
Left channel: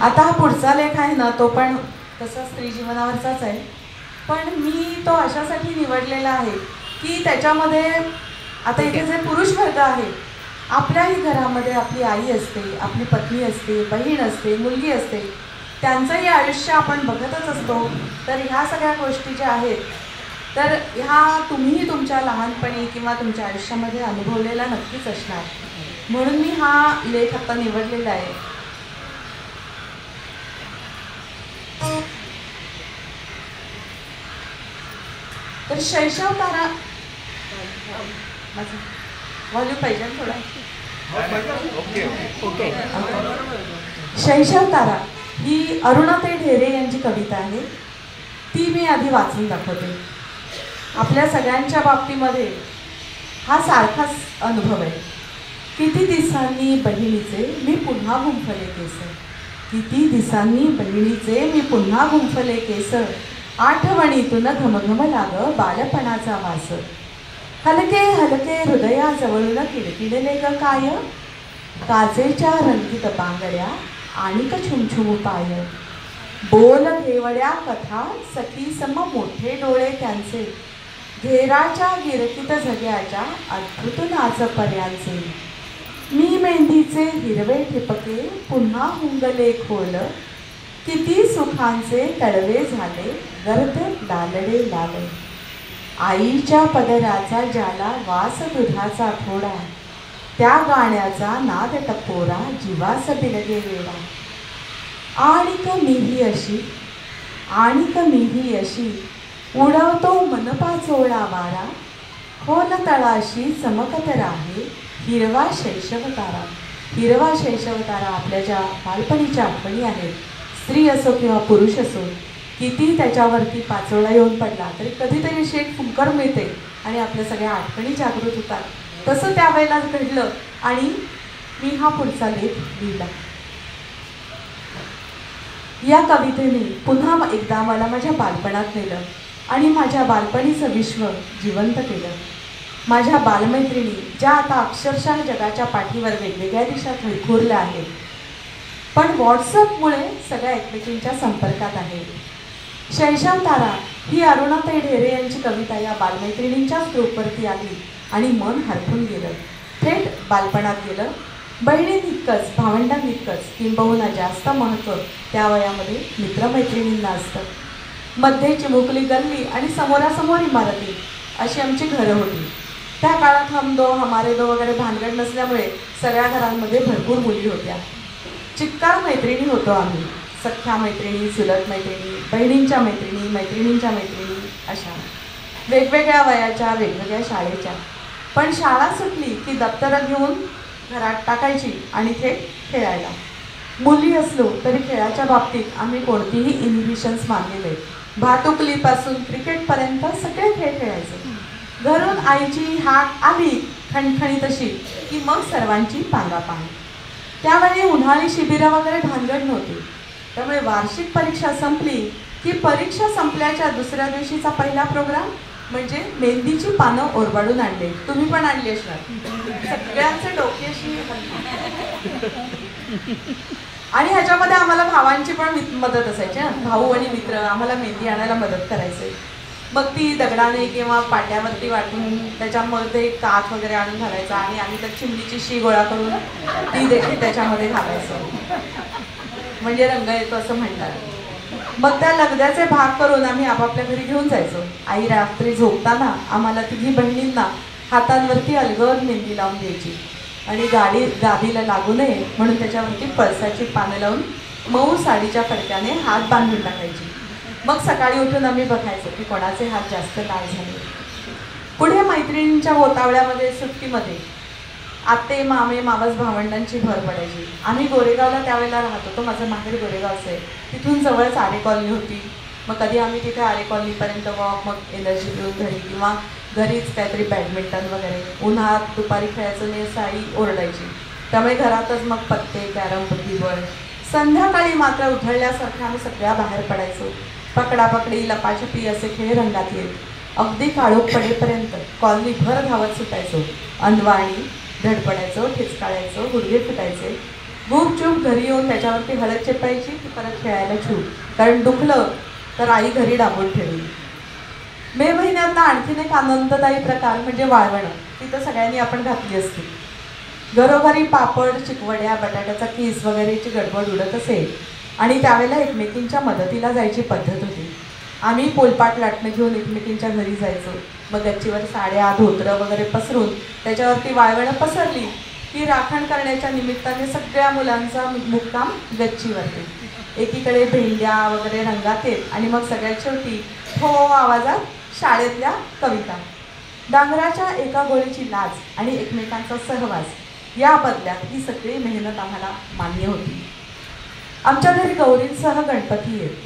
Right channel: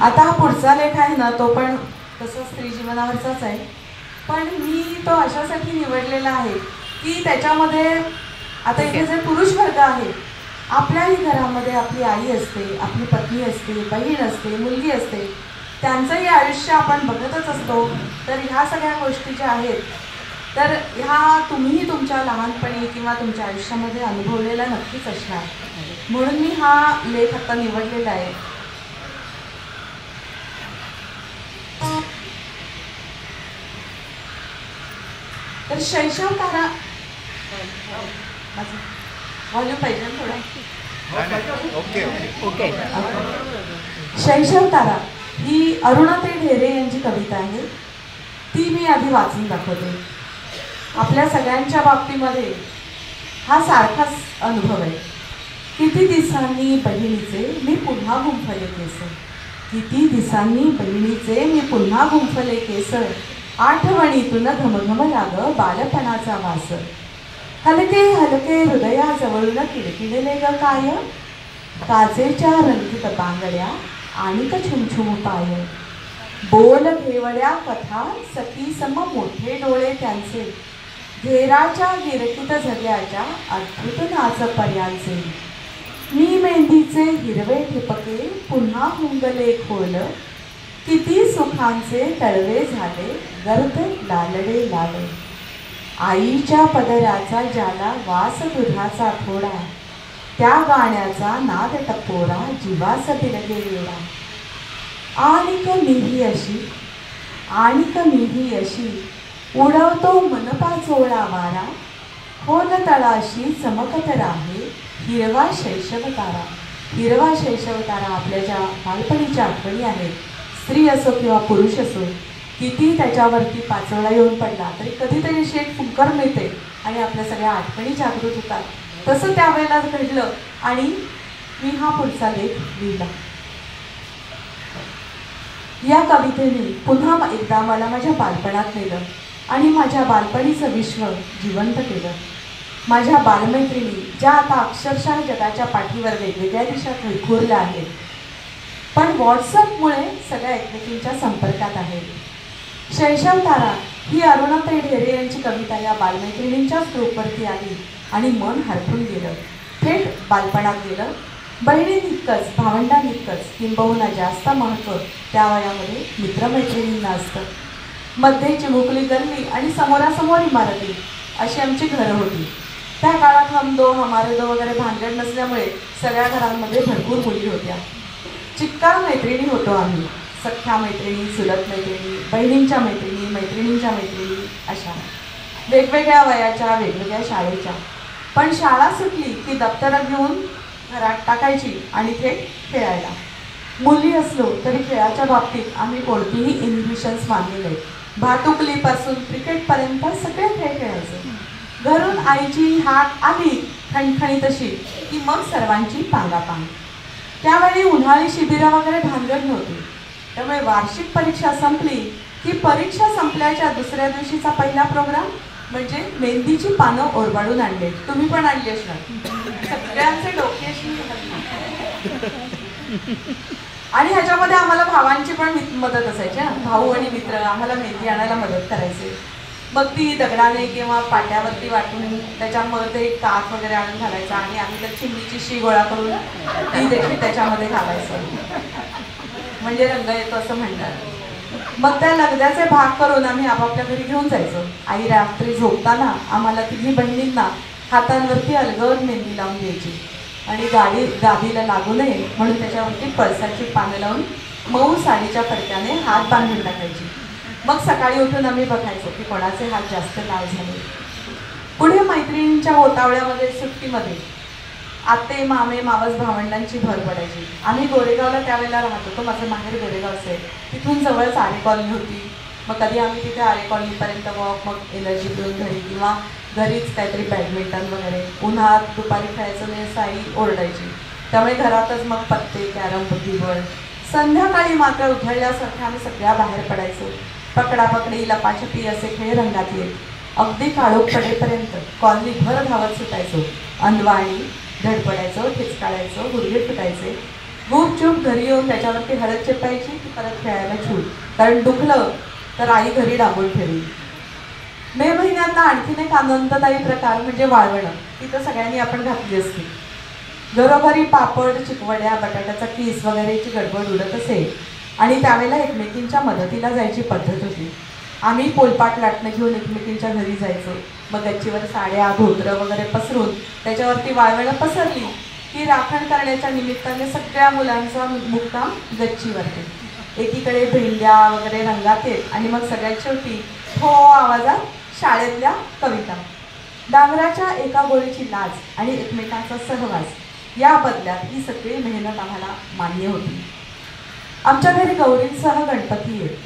आता हा पुढचा लेख आहे ना, तो पण तसा स्त्री जीवनावरचाच आहे, पण मी तो अशासाठी निवडलेला आहे की त्याच्यामध्ये आता इथे जे पुरुष वर्ग आहे, आपल्याही घरामध्ये आपली आई असते, आपली पत्नी असते, बहीण असते, मुलगी असते, त्यांचंही आयुष्य आपण बघतच असतो. तर ह्या सगळ्या गोष्टी ज्या आहेत, तर ह्या तुम्ही तुमच्या लहानपणी किंवा तुमच्या आयुष्यामध्ये अनुभवलेल्या नक्कीच असणार, म्हणून मी हा लेख आता निवडलेला आहे. तर शैशव तारा, व्हॉल्यूम पाहिजे थोडा. ओके. शैशव तारा ही अरुणाताई ढेरे यांची कविता आहे. ती मी आधी वाचून दाखवते. आपल्या सगळ्यांच्या बाबतीमध्ये हा सारखाच अनुभव आहे. किती दिवसांनी बहिणीचे मी पुन्हा गुंफले केस, किती दिवसांनी बहिणीचे मी पुन्हा गुंफले केस, आठवणीतून घमघम लाग बालपणाचा वास, हलके हलके हृदयाजवळून किडकिडले ग काय, काचेच्या रंगीत बांगड्या आणि छुमछुम पाय, बोल घेवड्या कथा सखी सम मोठे डोळे त्यांचे, घेराच्या गिरकीत झग्याच्या अद्भुत नाच पर्यांचे, मी मेहंदीचे हिरवे ठिपके पुन्हा हुंगले खोल, किती सुखांचे तळवे झाले गर्द लालडे लावे. आईच्या पदराचा ज्याला वास दुधाचा थोडा, त्या गाण्याचा नाद टपोरा जीवास बिलगे वेडा. आणिक मीही अशी उडवतो मनपा चोळा वारा. खोल तळाशी चमकत राहे हिरवा शैशव तारा. हिरवा शैशव तारा आपल्या ज्या बालपणीच्या आठवणी आहेत, स्त्री असो किंवा पुरुष असो, किती त्याच्यावरती पाचोळा येऊन पडला तरी कधीतरी अशी एक फुंकर मिळते आणि आपल्या सगळ्या आठवणी जागृत होतात. तसं त्यावेळेला घडलं आणि मी हा पुढचा लेख लिहिला. या कवितेने पुन्हा एकदा मला माझ्या बालपणात नेलं आणि माझ्या बालपणीचं विश्व जिवंत केलं. माझ्या बालमैत्रिणी ज्या आता अक्षरशः जगाच्या पाठीवर वेगवेगळ्या दिशात विखुरल्या आहेत, पण व्हॉट्सअपमुळे सगळ्या एकमेकींच्या संपर्कात आहेत. शैशव तारा ही अरुणाताई ढेरे यांची कविता या बालमैत्रिणींच्याच ग्रुपवरती आली आणि मन हरपून गेलं. थेट बालपणात गेलं. बहिणींइतकंच भावंडांइतकंच किंबहुना जास्त महत्त्व त्या वयामध्ये मित्रमैत्रिणींना असतं. मध्ये चिमुकली गल्ली आणि समोरासमोर इमारती अशी आमची घरं होती. त्या काळात हम दो हमारे दो वगैरे भानगड नसल्यामुळे सगळ्या घरांमध्ये भरपूर मुली होत्या. चिक्कार मैत्रिणी होतो आम्ही. सख्या मैत्रिणी, चुलत मैत्रिणी, बहिणींच्या मैत्रिणी, मैत्रिणींच्या मैत्रिणी, अशा वेगवेगळ्या वयाच्या, वेगवेगळ्या शाळेच्या. पण शाळा सुटली की दप्तरं घेऊन घरात टाकायची आणि थेट खेळायला. मुली असलो तरी खेळाच्या बाबतीत आम्ही कोणतीही इन्हिबिशन्स मानलेले. भातुकलीपासून क्रिकेटपर्यंत सगळे खेळ खेळायचे. घरून आईची हाक आली ठणठणी तशी की मग सर्वांची पांगापांग. त्यावेळी उन्हाळी शिबिरं वगैरे भानगड नव्हती. त्यामुळे वार्षिक परीक्षा संपली की परीक्षा संपल्याच्या दुसऱ्या दिवशीचा पहिला प्रोग्राम म्हणजे मेहंदीची पानं ओरबाडून आणले. तुम्ही पण आणली असणार. सगळ्यांचे डोक्याशी. आणि ह्याच्यामध्ये आम्हाला भावांची पण मदत असायची. भाऊ आणि मित्र आम्हाला मेहंदी आणायला मदत करायचे. मग ती दगडाने किंवा पाट्यावरती वाटून त्याच्यामध्ये काच वगैरे आणून घालायचा आणि आम्ही त्या चिमणीची शी गोळा करून ती देखील त्याच्यामध्ये घालायचं म्हणजे रंग येतो असं म्हणतात. मग त्या लगद्याचे भाग करून आम्ही आपापल्या घरी घेऊन जायचो. आई रात्री झोपताना आम्हाला तिघी बहिणींना हातांवरती अलगद मेहंदी लावून द्यायची आणि गादीला लागू नये म्हणून त्याच्यावरती पळसाची पानं लावून मऊ साडीच्या फडक्याने हात बांधून टाकायची. मग सकाळी उठून आम्ही बघायचो की कोणाचे हात जास्त लाल झाले. पुढे मैत्रिणींच्या बोतावळ्यामध्ये सुट्टीमध्ये आते मामे मावस भावंडांची भर पडायची. आम्ही गोरेगावला त्यावेळेला राहत होतो. माझं माहेर गोरेगावचं आहे. तिथून जवळच आरे कॉलनी होती. मग कधी आम्ही तिथे आरे कॉलनीपर्यंत वॉक, मग एनर्जी पिऊन घरी किंवा घरीच काहीतरी बॅडमिंटन वगैरे. उन्हात दुपारी खेळायचं नाही असं आई ओरडायची. त्यामुळे घरातच मग पत्ते, कॅरम, बुद्धिबळ. संध्याकाळी मात्र उधळल्यासारखे आम्ही सगळ्या बाहेर पडायचो. पकडापकडी, लपाछपी असे खेळ रंगात येत. अगदी काळोख पडेपर्यंत कॉलनी भर धावत सुटायचो. अंधवाणी धडपडायचो, ठिचकाळायचो, गुडघे फुटायचे. गुपचूप घरी येऊन त्याच्यावरती हळद चिपटायची की परत खेळायला छूट. कारण दुखलं तर आई घरी डांबून ठेवली. मे महिन्यातला आणखीन एक आनंददायी प्रकार म्हणजे वाळवणं. तिथं सगळ्यांनी आपण घातली असते. घरोघरी पापड, चिकवड्या, बटाट्याचा किस वगैरेची गडबड उडत असेल आणि त्यावेळेला एकमेकींच्या मदतीला जायची पद्धत होती. आम्ही पोलपाट लाटणं घेऊन एकमेकींच्या घरी जायचो. मग गच्चीवर साड्या, धोतरं वगैरे पसरून त्याच्यावरती वाळवणं पसरली की राखण करण्याच्या निमित्ताने सगळ्या मुलांचा मुक्काम गच्चीवरती. एकीकडे भेंड्या वगैरे रंगात येत आणि मग सगळ्यात शेवटी हो आवाजात शाळेतल्या कविता. डांगराच्या एका गोळीची लाज आणि एकमेकांचा सहवास या बदल्यात ही सगळी मेहनत आम्हाला मान्य होती. आमच्या घरी गौरींसह गणपती येत.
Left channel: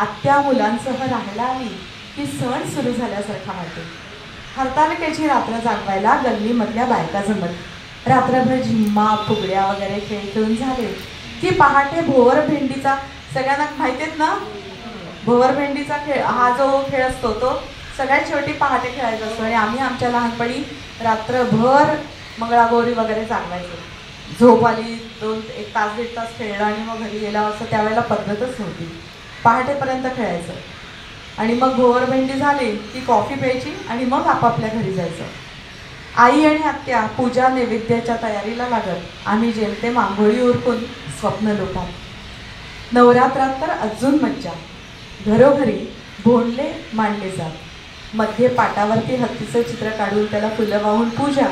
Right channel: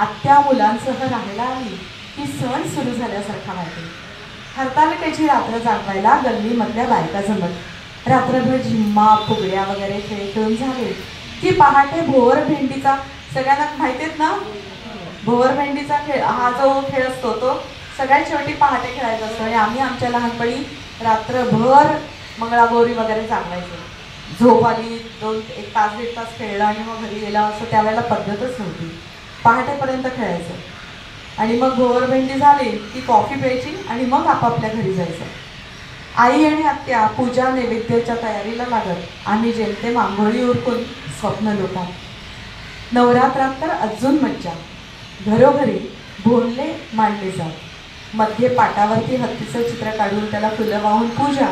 आत्या मुलांसह राहायला आली की सण सुरू झाल्यासारखा वाटे. हरतालिकेची रात्र जागवायला गल्लीमधल्या बायका जमत. रात्रभर झिम्मा, फुगड्या वगैरे खेळ खेळून झाले की पहाटे भोवर भेंडीचा, सगळ्यांना माहितीत ना भोवर भेंडीचा खेळ, हा जो खेळ असतो तो सगळ्यात शेवटी पहाटे खेळायचा असतो. आणि आम्ही आमच्या लहानपणी रात्रभर मंगळागौरी वगैरे जागवायचो. झोप आली, 1 तास 1.5 तास खेळलं आणि मग घरी गेला असं त्यावेळेला पद्धतच नव्हती. पहाटेपर्यंत खेळायचं आणि मग भोवर भेंडी झाली की कॉफी प्यायची आणि मग आपापल्या घरी जायचं. आई आणि आत्या पूजा नैवेद्याच्या तयारीला लागत. आम्ही जेमतेम आंघोळी उरकून स्वप्न लोटात. नवरात्रात तर अजून मज्जा. घरोघरी भोंडले मांडले जात. मध्ये पाटावरती हत्तीचं चित्र काढून त्याला फुलं वाहून पूजा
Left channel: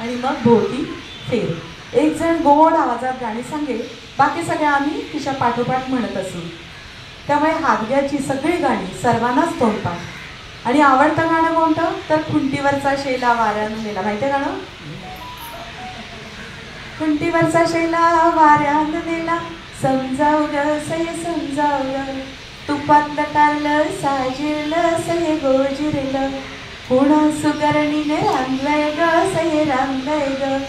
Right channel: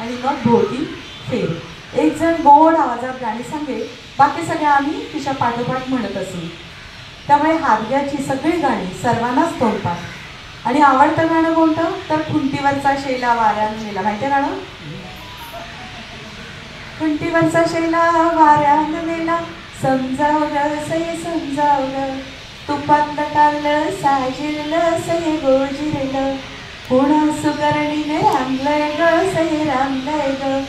आणि मग भोवती फेर. एक जण गोड आवाजात गाणी सांगे, बाकी सगळे आम्ही तिच्या पाठोपाठ म्हणत असू. त्यामुळे हादग्याची सगळी गाणी सर्वांनाच तोंडपाठ. आणि आवडतं गाणं कोणतं तर खुंटीवरचा शेला वाऱ्यानं नेला. माहिती आहे गाणं? खुंटीवरचा शेला वाऱ्यानं नेला, समजावलं सय समजावलं, तुपातलं टाळलं साजिरलं सय गोजिरलं, पुन्हा सुगरणीने रांगलंय ग सय रांगलंय ग,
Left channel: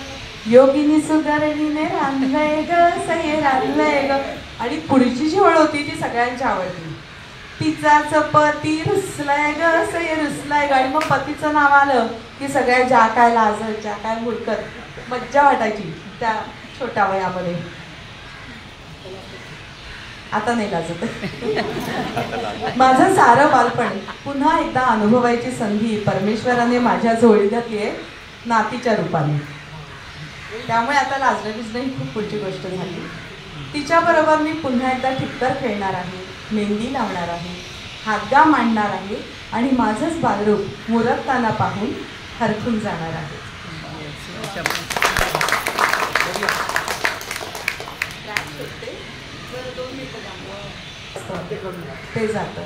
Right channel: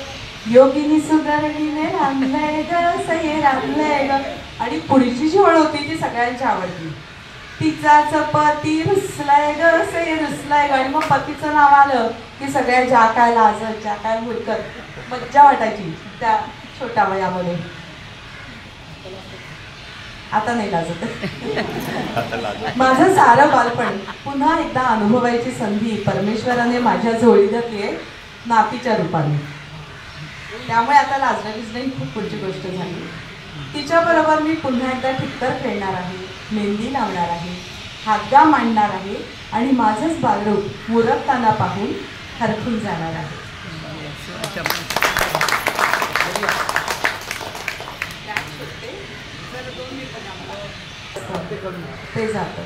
योगिनी सुगरणीने रांगलंय ग सय रांगलंय ग. आणि पुढची जी ओळ होती ती सगळ्यांची आवडती. तिचाच पती रुसलाय ग सय रुसलाय ग. आणि मग पतीचं नाव आलं की सगळ्या ज्या काय लाजत ज्या काय हुडकत मज्जा वाटायची त्या छोट्या वयामध्ये. आता नाही लाजत. माझं सारं बालपण पुन्हा एकदा अनुभवायची संधी परमेश्वराने माझ्या झोळी घातली आहे नातीच्या रूपाने. त्यामुळे आता लाजण्याचीच नाही खूप पुढची गोष्ट झाली. तिच्याबरोबर मी पुन्हा एकदा ठिक्कर खेळणार आहे, मेहंदी लावणार आहे, हातगा मांडणार आहे आणि माझंच बालरूप मुरकताना पाहून हरखून जाणार आहे. ते जातं.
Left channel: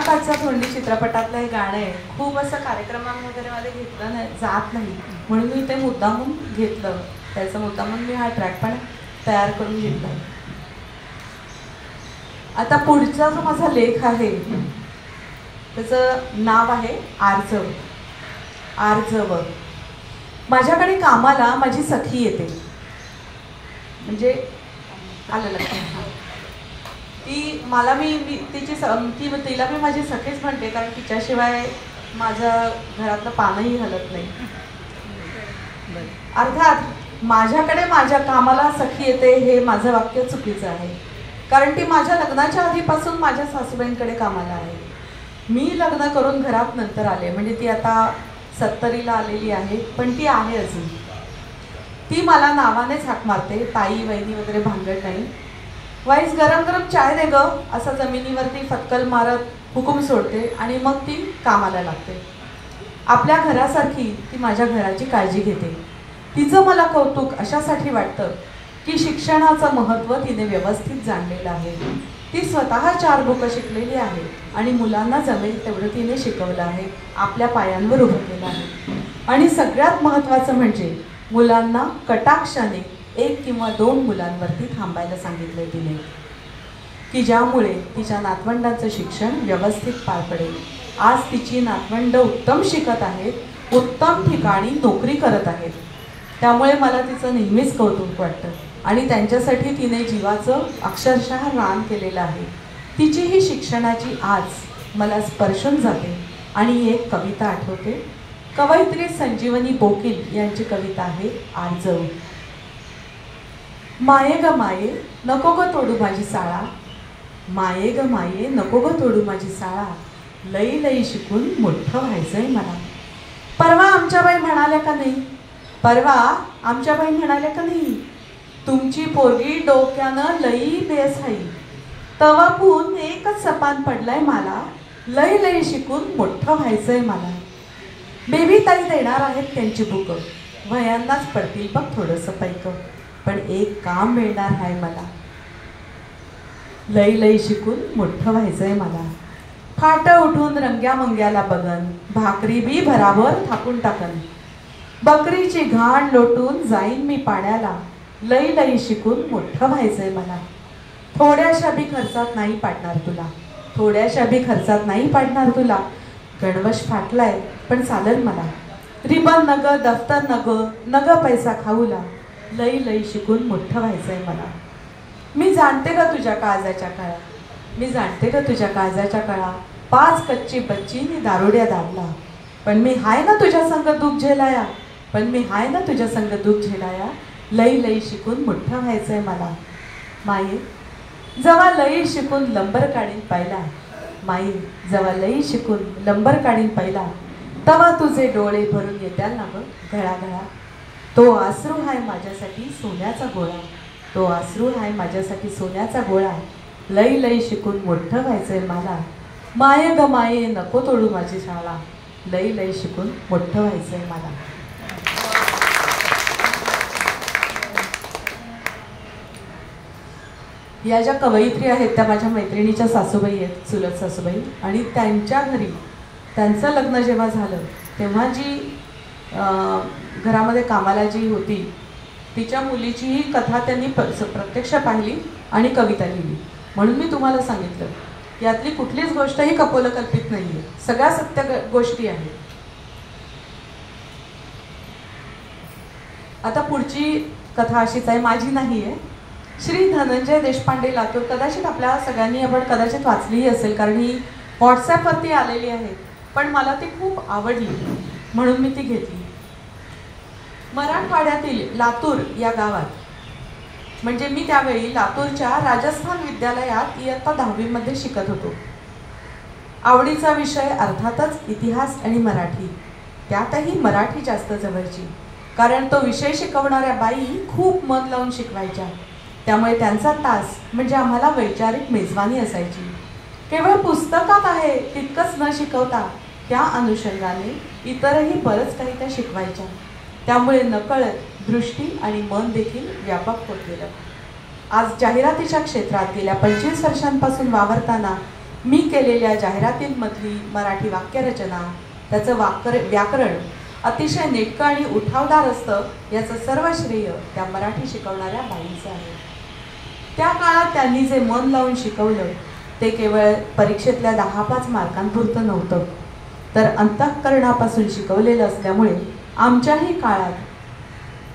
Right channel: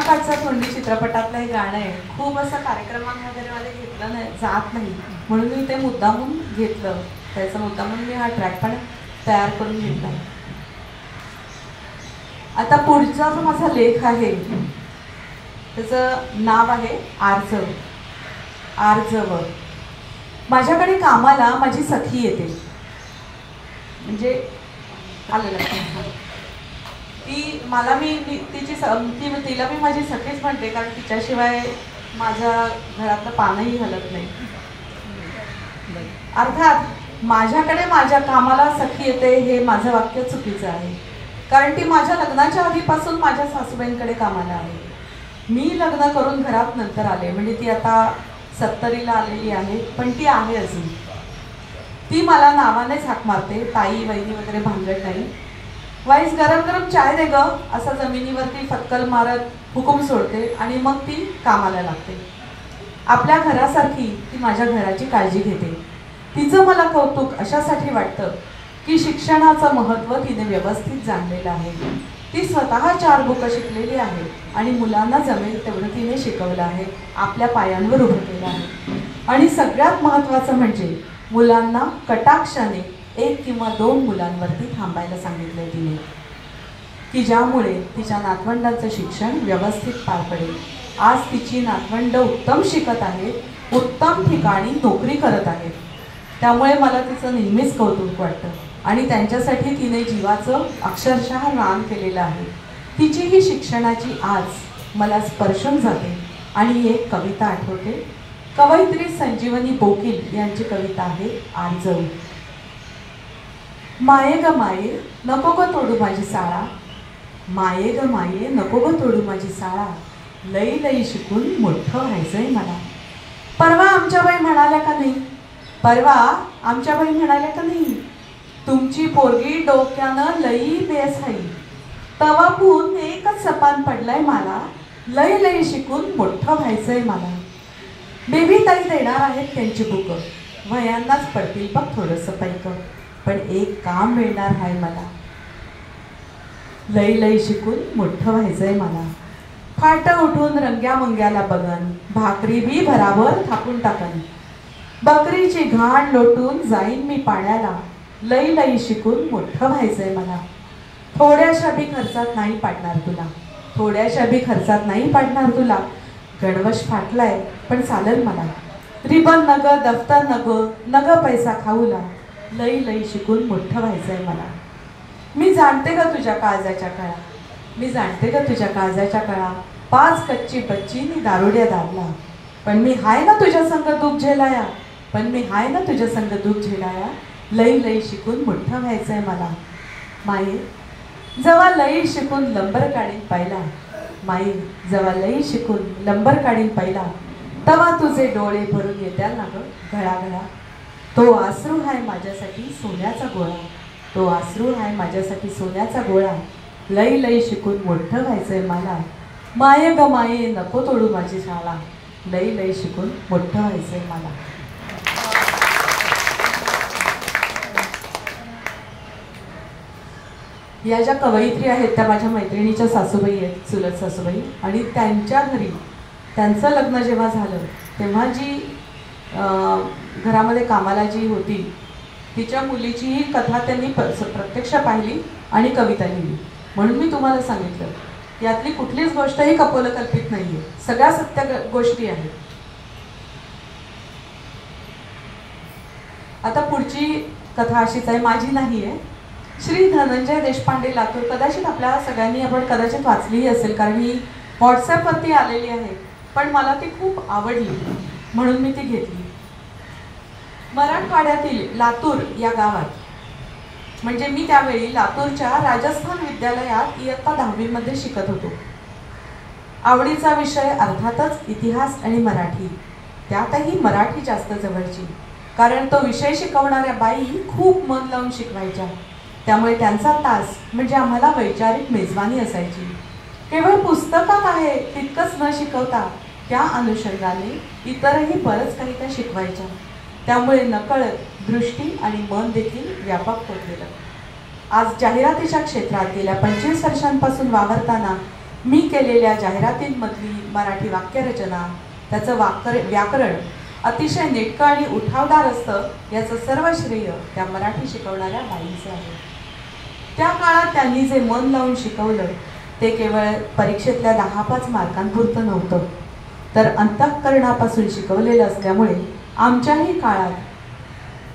काचा तोंडी चित्रपटातलं हे गाणं आहे. खूप असं कार्यक्रमांमध्ये मला घेतलं नाही जात नाही, म्हणून मी ते मुद्दामून घेतलं. त्याचं मुद्दामून मी हा ट्रॅक पण तयार करून घेतला. आता पुढचा जो माझा लेख आहे त्याचं नाव आहे आर्जव. आर्जव. माझ्याकडे कामाला माझी सखी येते, म्हणजे आलं लक्षात. ती मला मी तिला मी माझी सखीच म्हणते, कारण तिच्याशिवाय माझ्या घरातलं पानही हलत नाही. अर्थात माझ्याकडे माझ्या कामाला सखी येते हे माझं वाक्य चुकीचं आहे, कारण ती माझ्या लग्नाच्या आधीपासून माझ्या सासूबाईंकडे कामाला आहे. मी लग्न करून घरात नंतर आले, म्हणजे ती आता 70ला आलेली आहे, पण ती आहे अजून. ती मला नावानेच हाक मारते, ताई वहिनी वगैरे भांगड नाही. वाईस गरम गरम चाय दे ग असं जमिनीवरती फक्कल मारत हुकूम सोडते आणि मग ती कामाला लागते. आपल्या घरासारखी ती माझ्या घराची काळजी घेते. तिचं मला कौतुक अशासाठी वाटतं की शिक्षणाचं महत्त्व तिने व्यवस्थित जाणलेलं आहे. ती स्वतः 4 बुकं शिकलेली आहे आणि मुलांना जमेल तेवढं तिने शिकवलं आहे, आपल्या पायांवर उभं केलं आहे. आणि सगळ्यात महत्त्वाचं म्हणजे मुलांना कटाक्षाने 1 किंवा 2 मुलांवरती थांबायला सांगितलंय तिने, की ज्यामुळे तिच्या नातवंडांचं शिक्षण व्यवस्थित पार पडेल. आज तिची नातवंड उत्तम शिकत आहेत, उत्तम ठिकाणी नोकरी करत आहेत. त्यामुळे मला तिचं नेहमीच कौतुक वाटतं आणि त्यांच्यासाठी तिने जीवाचं अक्षरशः रान केलेलं आहे. तिची ही शिक्षणाची आज मला स्पर्शून जाते. आणि एक कविता आठवते, कवयित्री संजीवनी बोकील यांची कविता आहे आर्जव. माये ग माये नको ग तोडू माझी साळा, माये ग माये नको ग तोडू माझी साळा, लई लई शिकून मोठं व्हायचंय मला. परवा आमच्या बाई म्हणाल्या का नाही, परवा आमच्या बाई म्हणाल्या का नाही, तुमची पोरगी डोक्यानं लई बेस आहे. तवापून एकच सपान पडलाय मला, लई लई शिकून मोठं व्हायचंय मला. बेबी ताई देणार आहेत त्यांची बुकं, वयांनाच पडतील बघ थोडंसं पैक, पण एक काम मिळणार आहे मला, लई लई शिकून मोठं व्हायचंय मला. फाट उठून रंग्या मुंग्याला बघन, भाकरी बी भराभर थापून टाकन, बकरीची घाण लोटून जाईन मी पाण्याला, लई लई शिकून मोठं व्हायचंय मला. थोड्याशा बी खर्चात नाही पाडणार तुला, थोड्याशा बी खर्चात नाही पाडणार तुला, गणवश फाटलाय पण चालेल मला. रिबन नग दफ्तर नग पैसा खाऊला, लई लई शिकून मोठं व्हायचंय मला. मी जाणते का तुझ्या काळजाच्या कळा, मी जाणते का तुझ्या काळजाच्या कळा, 5 कच्ची बच्ची मी दारुड्या दाबला, पण मी हाय ना तुझ्या संग दुःख झेलाया, पण मी हाय ना तुझ्या संग दुःख झेलाया, लई लई शिकून मोठं व्हायचंय मला. माये जवा लई शिकून लंबर काढीन पहिला, माई जवा लई शिकून लंबर काढीन पहिला, तवा तुझे डोळे भरून येत्याल ना ग घळाघळा. तो आसरू हाय माझ्यासाठी सोन्याचा गोळा, तो आसरू हाय माझ्यासाठी सोन्याचा गोळा, लई लई शिकून मोठं व्हायचंय मला. माये ग माये नको तोडू माझी शाळा, लई लई शिकून मोठं व्हायचंय मला. या ज्या कवयित्री आहेत त्या माझ्या मैत्रिणीच्या सासूबाई आहेत, चुलत सासूबाई. आणि त्यांच्या घरी त्यांचं लग्न जेव्हा झालं तेव्हा जी घरामध्ये कामाला जी होती तिच्या मुलीची ही कथा त्यांनी प्रत्यक्ष पाहिली आणि कविता लिहिली. म्हणून मी तुम्हाला सांगितलं यातली कुठलीच गोष्ट ही कपोलकल्पित नाहीये, सगळ्या सत्य गोष्टी आहेत. आता पुढची कथा अशीच आहे, माझी नाही आहे. श्री धनंजय देशपांडे लातूर, कदाचित आपल्या सगळ्यांनी आपण कदाचित वाचलीही असेल, कारण ही व्हॉट्सॲपवरती आलेली आहे, पण मला ती खूप आवडली म्हणून मी ती घेतली. मराठवाड्यातील लातूर या गावात, म्हणजे मी त्यावेळी लातूरच्या राजस्थान विद्यालयात इयत्ता 10वी मध्ये शिकत होतो. आवडीचा विषय अर्थातच इतिहास आणि मराठी, त्यातही मराठी जास्त जवळची, कारण तो विषय शिकवणाऱ्या बाई खूप मन लावून शिकवायच्या. त्यामुळे त्यांचा तास म्हणजे आम्हाला वैचारिक मेजवानी असायची. केवळ पुस्तकात आहे तितकंच न शिकवता त्या अनुषंगाने इतरही बरंच काही त्या शिकवायच्या. त्यामुळे नकळत दृष्टी आणि मन देखील व्यापक होत गेलं. आज जाहिरातीच्या क्षेत्रात गेल्या 25 वर्षांपासून वावरताना मी केलेल्या जाहिरातींमधली मराठी वाक्यरचना, त्याचं व्याकरण अतिशय नेटकं आणि उठावदार असतं, याचं सर्व श्रेय त्या मराठी शिकवणाऱ्या बाईंचं आहे. त्या काळात त्यांनी जे मन लावून शिकवलं ते केवळ परीक्षेतल्या 10-5 मार्कांपुरतं नव्हतं, तर अंतःकरणापासून शिकवलेलं असल्यामुळे आमच्याही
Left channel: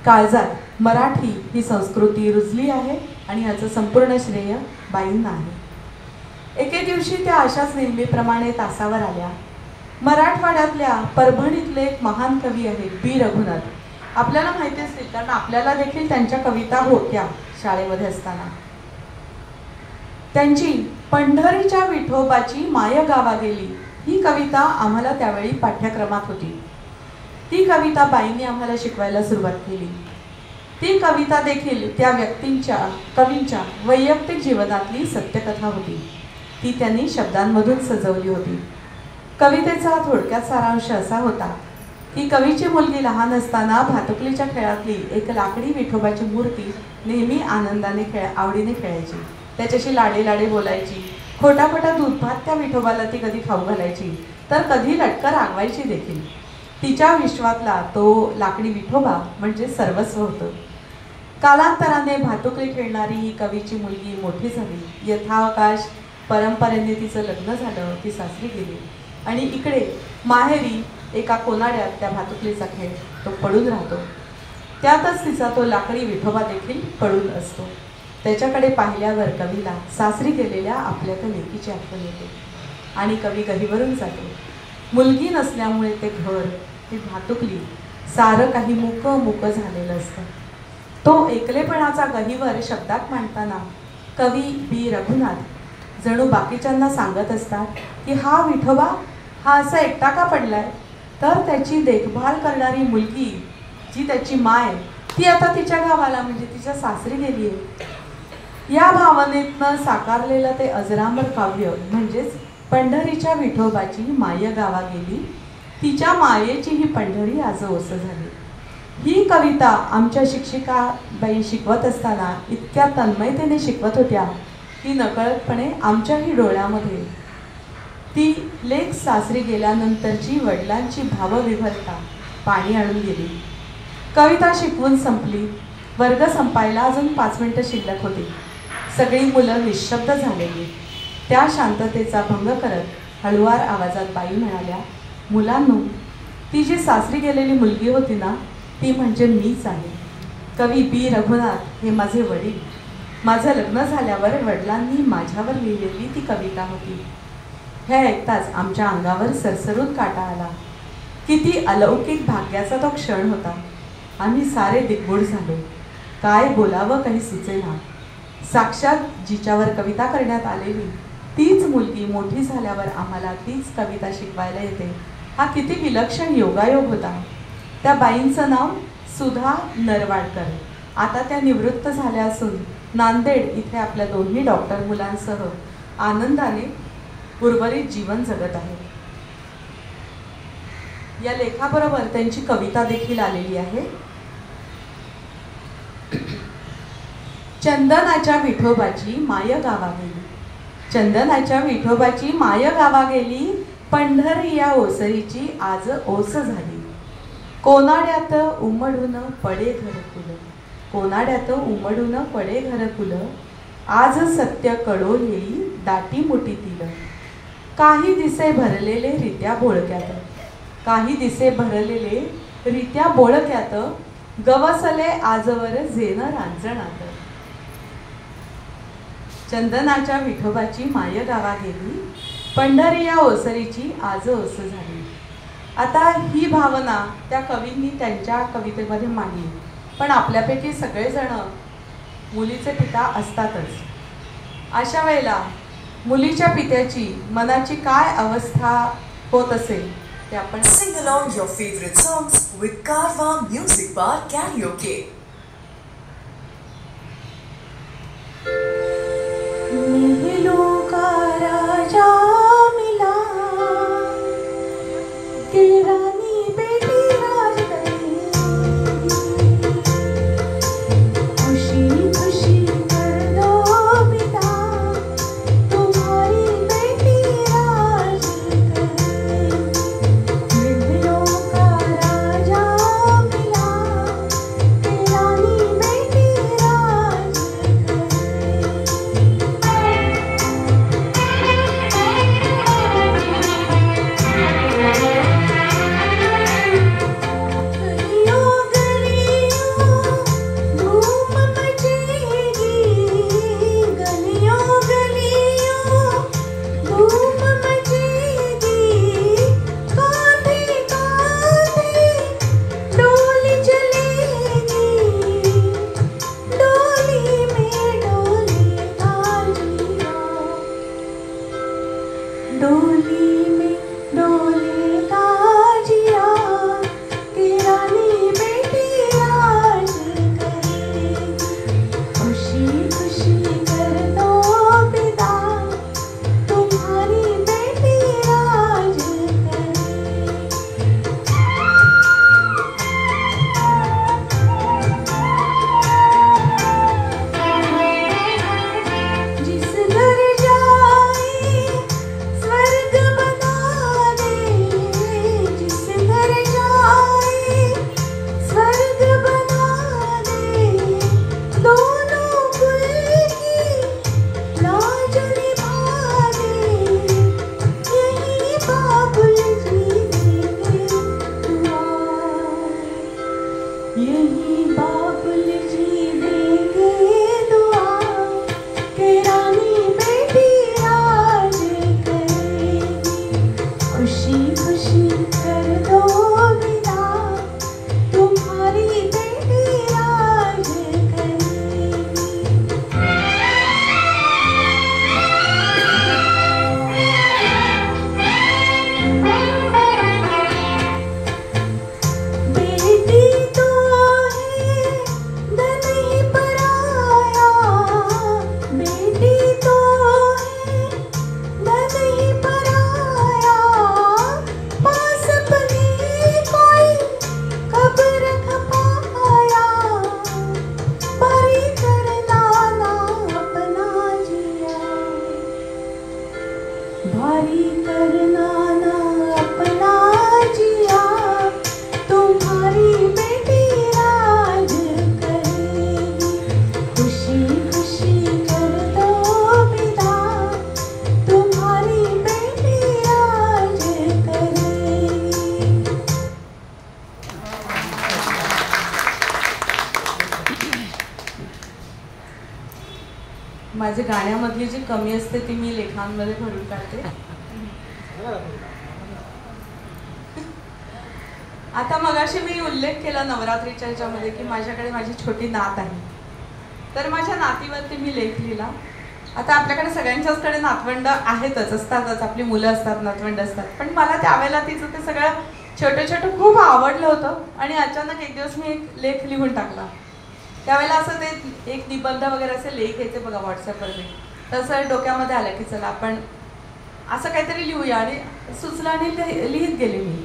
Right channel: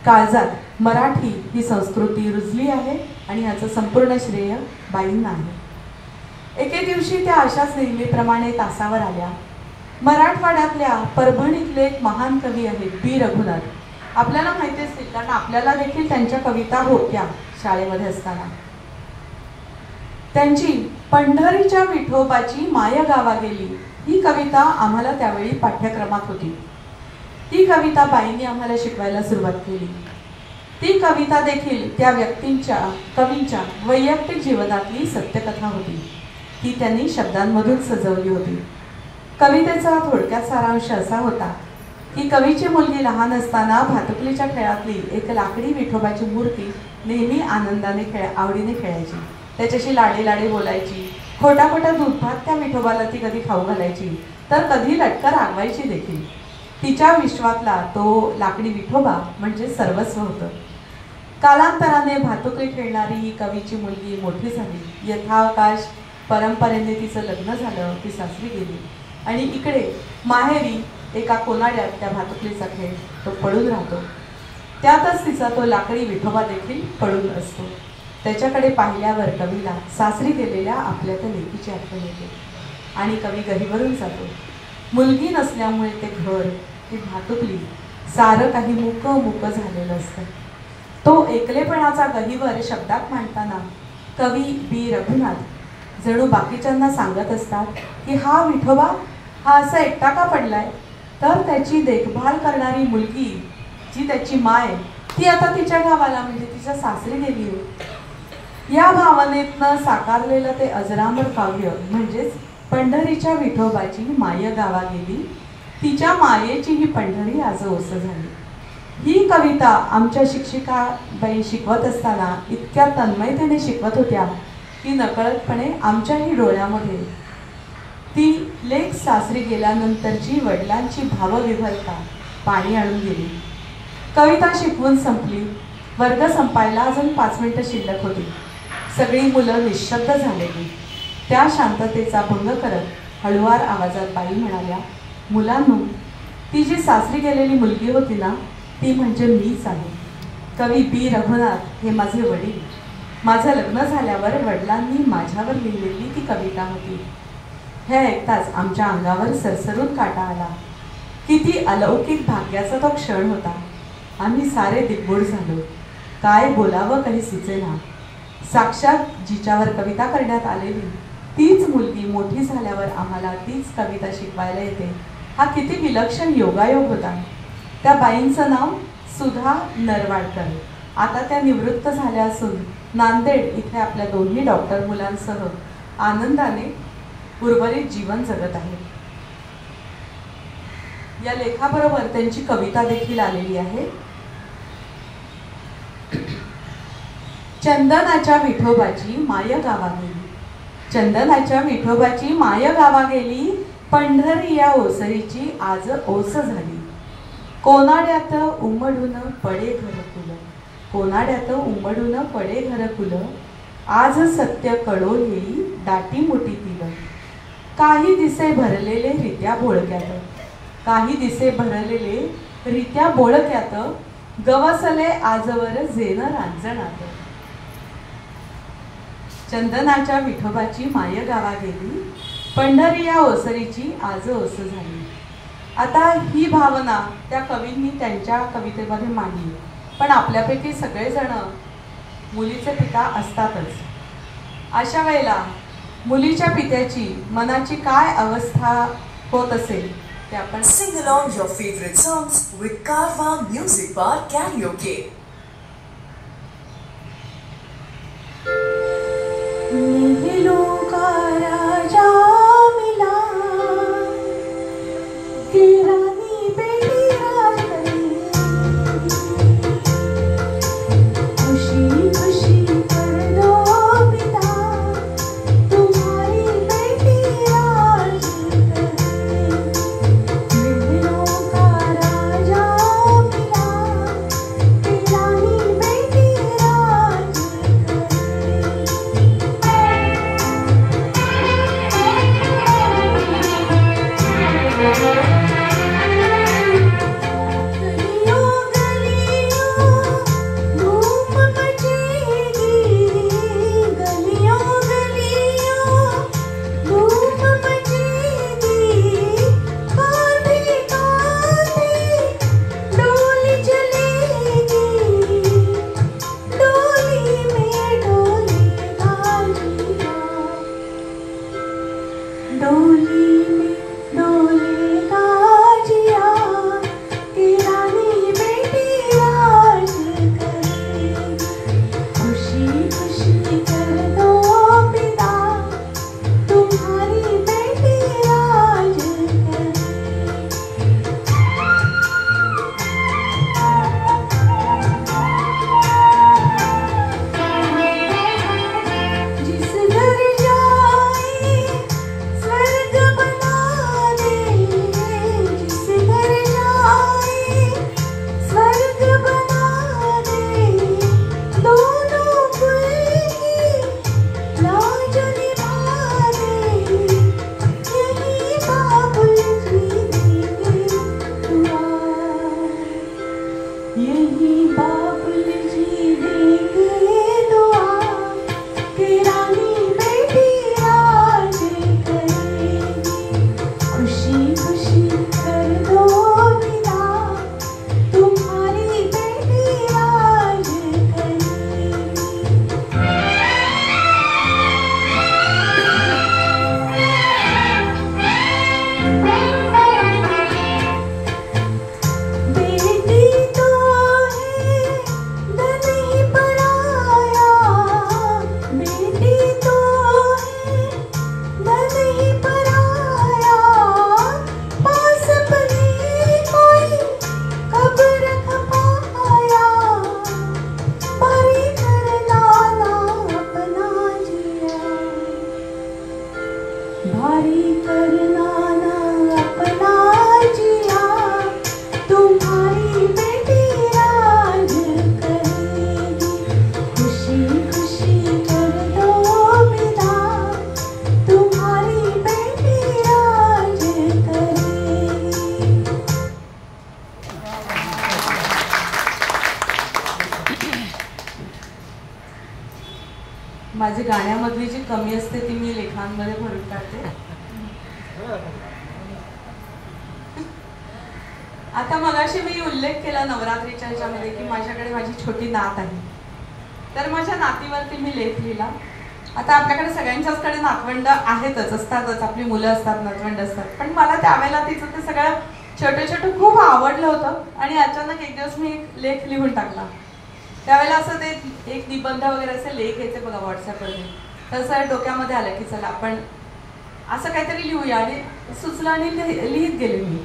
काळजात मराठी ही संस्कृती रुजली आहे आणि याचं संपूर्ण श्रेय बाईंना आहे. एके दिवशी त्या अशाच नेहमीप्रमाणे तासावर आल्या. मराठवाड्यातल्या परभणीतले एक महान कवी आहेत बी रघुनाथ. आपल्याला माहिती असतील, कारण आपल्याला देखील त्यांच्या कविता होत्या शाळेमध्ये असताना. त्यांची पंढरीच्या विठोबाची माय गावा गेली ही कविता आम्हाला त्यावेळी पाठ्यक्रमात होती. ती कविता बाईंनी आम्हाला शिकवायला सुरुवात केली. ती कविता देखील त्या कवींच्या वैयक्तिक जीवनातली सत्यकथा होती. ती त्यांनी शब्दांमधून सजवली होती. कवितेचा थोडक्यात सारांश असा होता की कवीची मुलगी लहान असताना भातुकलीच्या खेळातली एक लाकडी विठोबाची मूर्ती नेहमी आनंदाने आवडीने खेळायची. त्याच्याशी लाडे बोलायची. खोटा दूध भात त्या विठोबाला ती कधी खाऊ घालायची, तर कधी लटकर रागवायची देखील. तिच्या विश्वातला तो लाकडी विठोबा म्हणजे सर्वस्व होतं. कालांतराने भातुकली खेळणारी ही कवीची मुलगी मोठी झाली. यथावकाश परंपरेने तिचं लग्न झालं, ती सासरी गेली आणि इकडे माहेरी एका कोनाड्यात त्या भातुकलीचा खेळ तो पडून राहतो. त्यातच तिचा तो लाकडी विठोबा देखील पडून असतो. त्याच्याकडे पाहिल्यावर कवीला सासरी गेलेल्या आपल्या त्या लेकीची आठवण येते आणि कवी गहिवरून जातो. मुलगी नसल्यामुळे ते घर, ती भातुकली, सारं काही मुक झालेलं असतं. तो एकलेपणाचा गहिवर शब्दात मांडताना कवी बी रघुनाथ जणू बाकीच्यांना सांगत असतात की हा विठोबा हा असा एकटा का पडलाय, तर त्याची देखभाल करणारी मुलगी जी त्याची माय, ती आता तिच्या गावाला म्हणजे तिच्या सासरी गेली आहे. या भावनेतनं साकारलेलं ते अजरामर काव्य म्हणजेच पंढरीच्या विठोबाची माय गावा गेली, तिच्या मायेची ही पंढरी आज ओस झाली. ही कविता आमच्या शिक्षिका बाई शिकवत असताना इतक्या तन्मयतेने शिकवत होत्या की नकळतपणे आमच्याही डोळ्यामध्ये ती लेक सासरी गेल्यानंतरची वडिलांची भावविभरता पाणी आणून गेली. कविता शिकवून संपली. वर्ग संपायला अजून 5 मिनिटं शिल्लक होती. सगळी मुलं निशब्द झालेली. त्या शांततेचा भंग करत हळुवार आवाजात बाई म्हणाल्या, मुलांनो, ती जी सासरी गेलेली मुलगी होती ना, ती म्हणजे मीच आहे. कवी बी रघुनाथ हे माझे वडील. माझं लग्न झाल्यावर वडिलांनी माझ्यावर लिहिलेली ती कविता होती. हे ऐकताच आमच्या अंगावर सरसरून काटा आला. किती अलौकिक भाग्याचा तो क्षण होता. आम्ही सारे दिग्गूढ झालो. काय बोलावं काही सुचेना. साक्षात जिच्यावर कविता करण्यात आलेली तीच मुलगी मोठी झाल्यावर आम्हाला तीच कविता शिकवायला येते, हा किती विलक्षण योगायोग होता. त्या बाईंचं नाव सुधा नरवाडकर. आता त्या निवृत्त झाल्या असून नांदेड इथे आपल्या 2 डॉक्टर मुलांसह आनंदाने उर्वरित जीवन जगत आहे. या लेखाबरोबर त्यांची कविता देखील आलेली आहे. चंदनाच्या विठोबाची माय गावा गेली. चंदनाच्या विठोबाची माय गावा गेली, पंढरी या ओसरीची आज ओस झाली. कोनाड्यात उमडून पडे घरकुल, कोनाड्यात उमडून पडे घरकुल, आज सत्य कळो येई दाटी मुठीतील. काही दिसे भरलेले रित्या बोळक्यात, काही दिसे भरलेले रित्या बोळक्यात, गवसले आजवर जेन रांजणात. चंदनाच्या विठोबाची माय गावा गेली, पंढरी या ओसरीची आज ओस झाली. आता ही भावना त्या कवींनी त्यांच्या कवितेमध्ये मांडली. पण आपल्यापैकी सगळेजण मुलीचे पिता असतातच. अशा वेळेला मुलीच्या पित्याची मनाची काय अवस्था होत असेल ते आपण Sing along your favorite songs with Carvaan Music Bar Karaoke. खुशी कर दो पिता, तुम्हारी बेटी गाण्यामधली जी कमी असते ती मी लेखांमध्ये भरून काढते. आता मगाशी मी उल्लेख केला नवरात्रीच्या ह्याच्यामध्ये की माझ्याकडे माझी छोटी नात आहे. तर माझ्या नातीवरती मी लेख लिहिला. आता आपल्याकडे सगळ्यांच्याचकडे नातवंड आहेतच, असतातच, आपली मुलं असतात, नातवंड असतात. पण मला त्यावेळेला तिचं ते सगळं छोटं छोटं खूप आवडलं होतं आणि अचानक एक दिवस मी एक लेख लिहून टाकला. त्यावेळेला असं ते एक निबंध वगैरे असे लेख यायचे बघा व्हॉट्सअपवरती. तसं डोक्यामध्ये आलं की चला आपण असं काहीतरी लिहूया आणि सुचलं आणि लिहित गेले मी.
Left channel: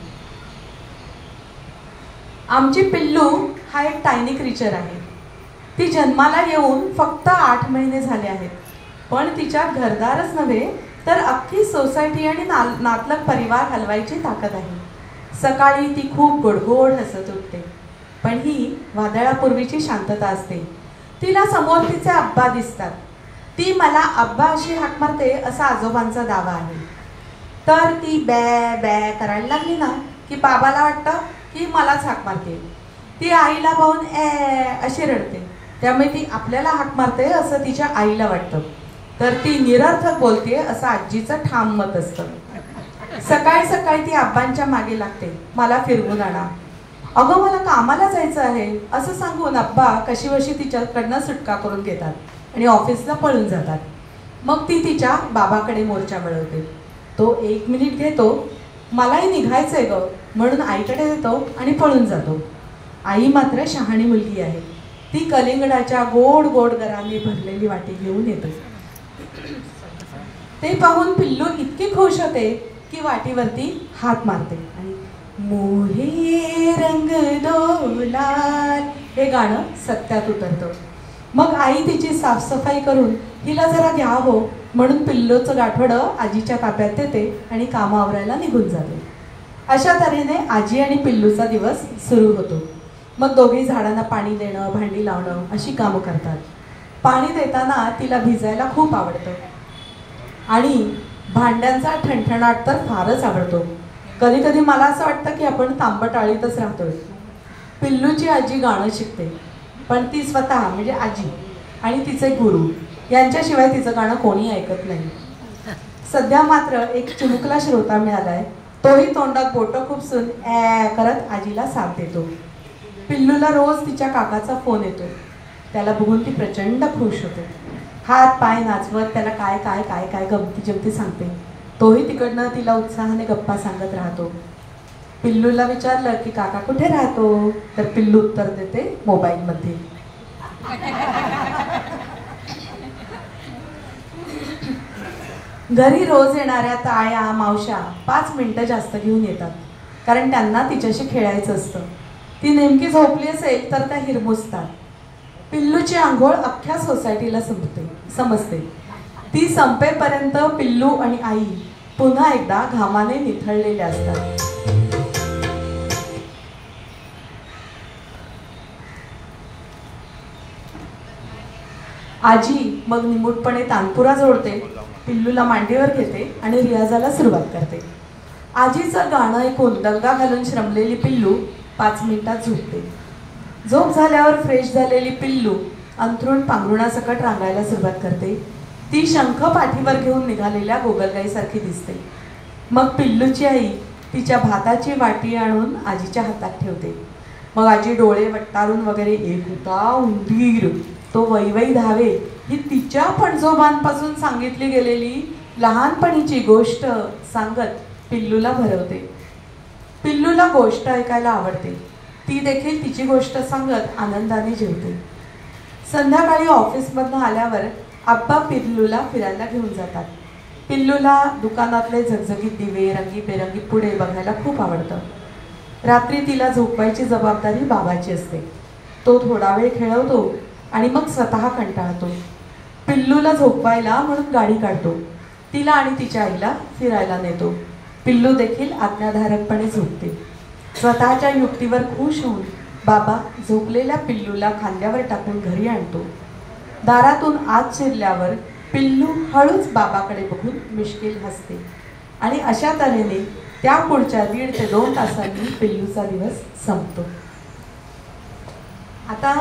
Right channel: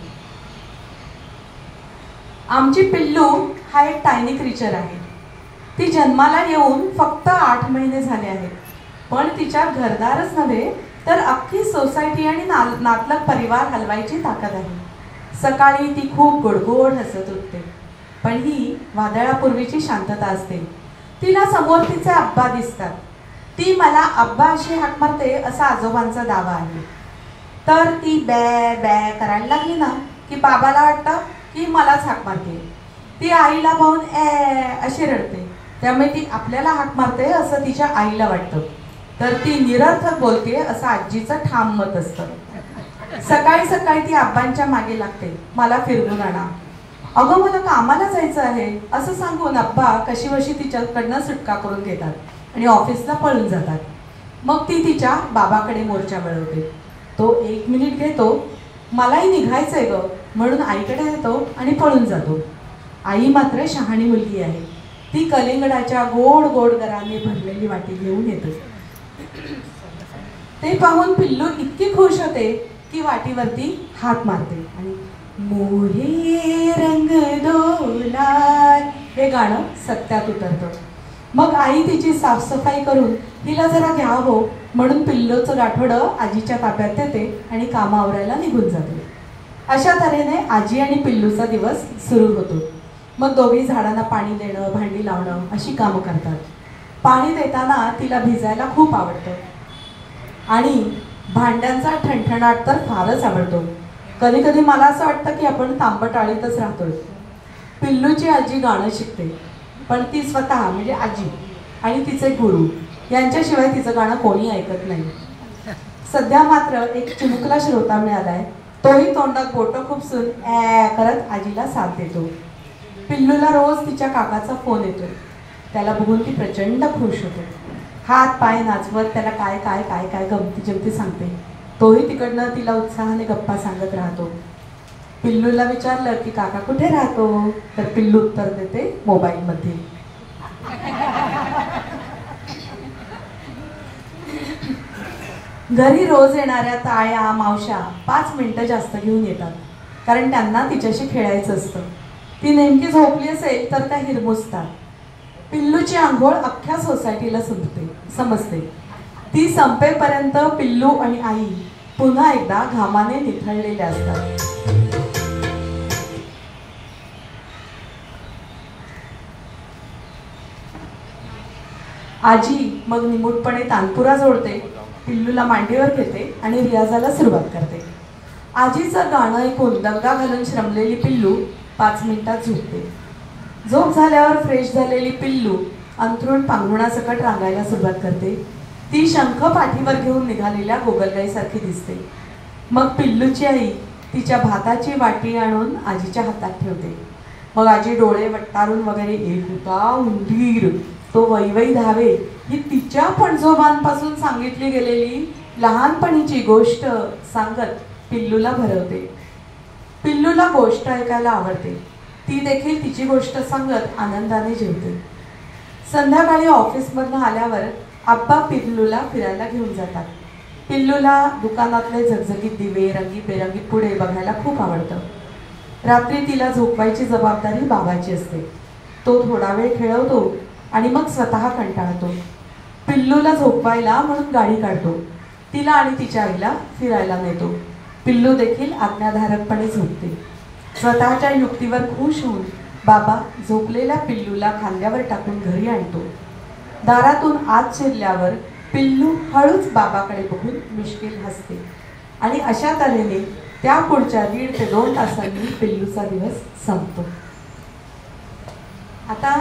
आमची पिल्लू हा एक टायनी क्रिचर आहे. ती जन्माला येऊन फक्त 8 महिने झाले आहेत. पण तिच्या घरदारच नव्हे तर अख्खी सोसायटी आणि नातलग परिवार हलवायची ताकद आहे. सकाळी ती खूप गोडगोड हसत उठते. पण ही वादळापूर्वीची शांतता असते. तिला समोर तिचे आब्बा दिसतात. ती मला आब्बा अशी हाक मारते असा आजोबांचा दावा आहे. तर ती बॅ बॅ करायला लागली ना की बाबाला वाटतं की मलाच हाक मारते. ती आईला पाहून अशी रडते. त्यामुळे ती आपल्याला हाक मारते असं तिच्या आईला वाटतं. तर ती निरर्थक बोलते असं आजीचं ठाम मत असतं. सकाळी सकाळी ती आब्बांच्या मागे लागते, मला फिरवून आणा. अगं मला कामाला जायचं आहे असं सांगून आब्बा कशीबशी तिच्याकडनं सुटका करून घेतात आणि ऑफिसला पळून जातात. मग ती तिच्या बाबाकडे मोर्चा वळवते. तो 1 मिनिट घेतो, मलाही निघायचंय ग म्हणून आईकडे येतो आणि पळून जातो. आई मात्र शहाणी मुलगी आहे. ती कलिंगडाच्या गोड गोड गराने भरलेली वाटी घेऊन येते. ते पाहून पिल्लू इतकी खुश होते की वाटीवरती हात मारते आणि मोरे रंग डोलाय हे गाणं सत्यात उतरतं. मग आई तिची साफसफाई करून तिला जरा घ्यावं म्हणून पिल्लूचं गाठोडं आजीच्या ताब्यात देते आणि कामं आवरायला निघून जाते. अशा तऱ्हेने आजी आणि पिल्लूचा दिवस सुरू होतो. मग दोघे झाडांना पाणी देणं, भांडी लावणं अशी कामं करतात. पाणी देताना तिला भिजायला खूप आवडतं आणि भांड्यांचा ठणठणाट तर फारच आवडतो. कधी कधी मला असं वाटतं की आपण तांबटाळीतच राहतोय. पिल्लूची आजी गाणं शिकते, पण ती स्वतः म्हणजे आजी आणि तिचे गुरु यांच्याशिवाय तिचं गाणं कोणी ऐकत नाही. सध्या मात्र एक चिमुकला श्रोता मिळालाय. तोही तोंडात बोटं खुपसून करत आजीला साथ देतो. पिल्लूला रोज तिच्या काकाचा फोन येतो. त्याला बघून ती प्रचंड खुश होते. हात पाय नाचवत त्याला काय काय काय काय गमती जमती सांगते. तोही तिकडनं तिला उत्साहाने गप्पा सांगत राहतो. पिल्लूला विचारलं की काका कुठे राहतो, तर पिल्लू उत्तर देते मोबाईलमध्ये. घरी रोज येणाऱ्या ताया मावश्या 5 मिनिटं जास्त घेऊन येतात, कारण त्यांना तिच्याशी खेळायचं असतं. ती नेमकी झोपली असेल तर त्या हिरमुसतात. पिल्लूची आंघोळ अख्ख्या सोसायटीला समजते. ती संपेपर्यंत पिल्लू आणि आई पुन्हा एकदा घामाने निथळलेले असतात. आजी मग निमूटपणे तानपुरा जोडते, पिल्लूला मांडीवर घेते आणि रियाजाला सुरुवात करते. आजीचं गाणं ऐकून दंगा घालून श्रमलेली पिल्लू 5 मिनिटात झोपते. झोप झाल्यावर फ्रेश झालेली पिल्लू अंथरूण पांघरुणासकट रांगायला सुरुवात करते. ती शंख पाठीवर घेऊन निघालेल्या गोगलगाईसारखी दिसते. मग पिल्लूची आई तिच्या भाताची वाटी आणून आजीच्या हातात ठेवते. मग आजी डोळे वट्टारून वगैरे एक होता उंदीर तो वैवै धावे ही तिच्या पणजोबांपासून सांगितली गेलेली लहानपणीची गोष्ट सांगत पिल्लूला भरवते. पिल्लूला गोष्ट ऐकायला आवडते. ती देखील तिची गोष्ट सांगत आनंदाने जेवते. संध्याकाळी ऑफिसमधून आल्यावर आप्पा पिल्लूला फिरायला घेऊन जातात. पिल्लूला दुकानातले झगझगीत दिवे रंगीबेरंगी पुढे बघायला खूप आवडतं. रात्री तिला झोपवायची जबाबदारी बाबाची असते. तो थोडा वेळ खेळवतो आणि मग स्वतः कंटाळतो. पिल्लूला झोपवायला म्हणून गाडी काढतो. तिला आणि तिच्या आईला फिरायला नेतो. पिल्लू देखील आज्ञाधारकपणे झोपते. स्वतःच्या युक्तीवर खुश होऊन बाबा झोपलेल्या पिल्लूला खांद्यावर टाकून घरी आणतो. दारातून आत शिरल्यावर पिल्लू हळूच बाबाकडे बघून मिश्किल हसते आणि अशा तऱ्हेने त्या पुढच्या 1.5 ते 2 तासांनी पिल्लूचा दिवस संपतो. आता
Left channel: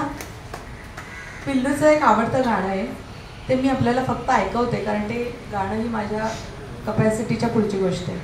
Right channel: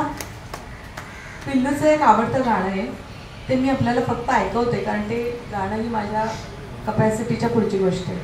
पिल्लूचं एक आवडतं गाणं आहे, ते मी आपल्याला फक्त ऐकवते, कारण ते गाणं ही माझ्या कपॅसिटीच्या पुढची गोष्ट आहे.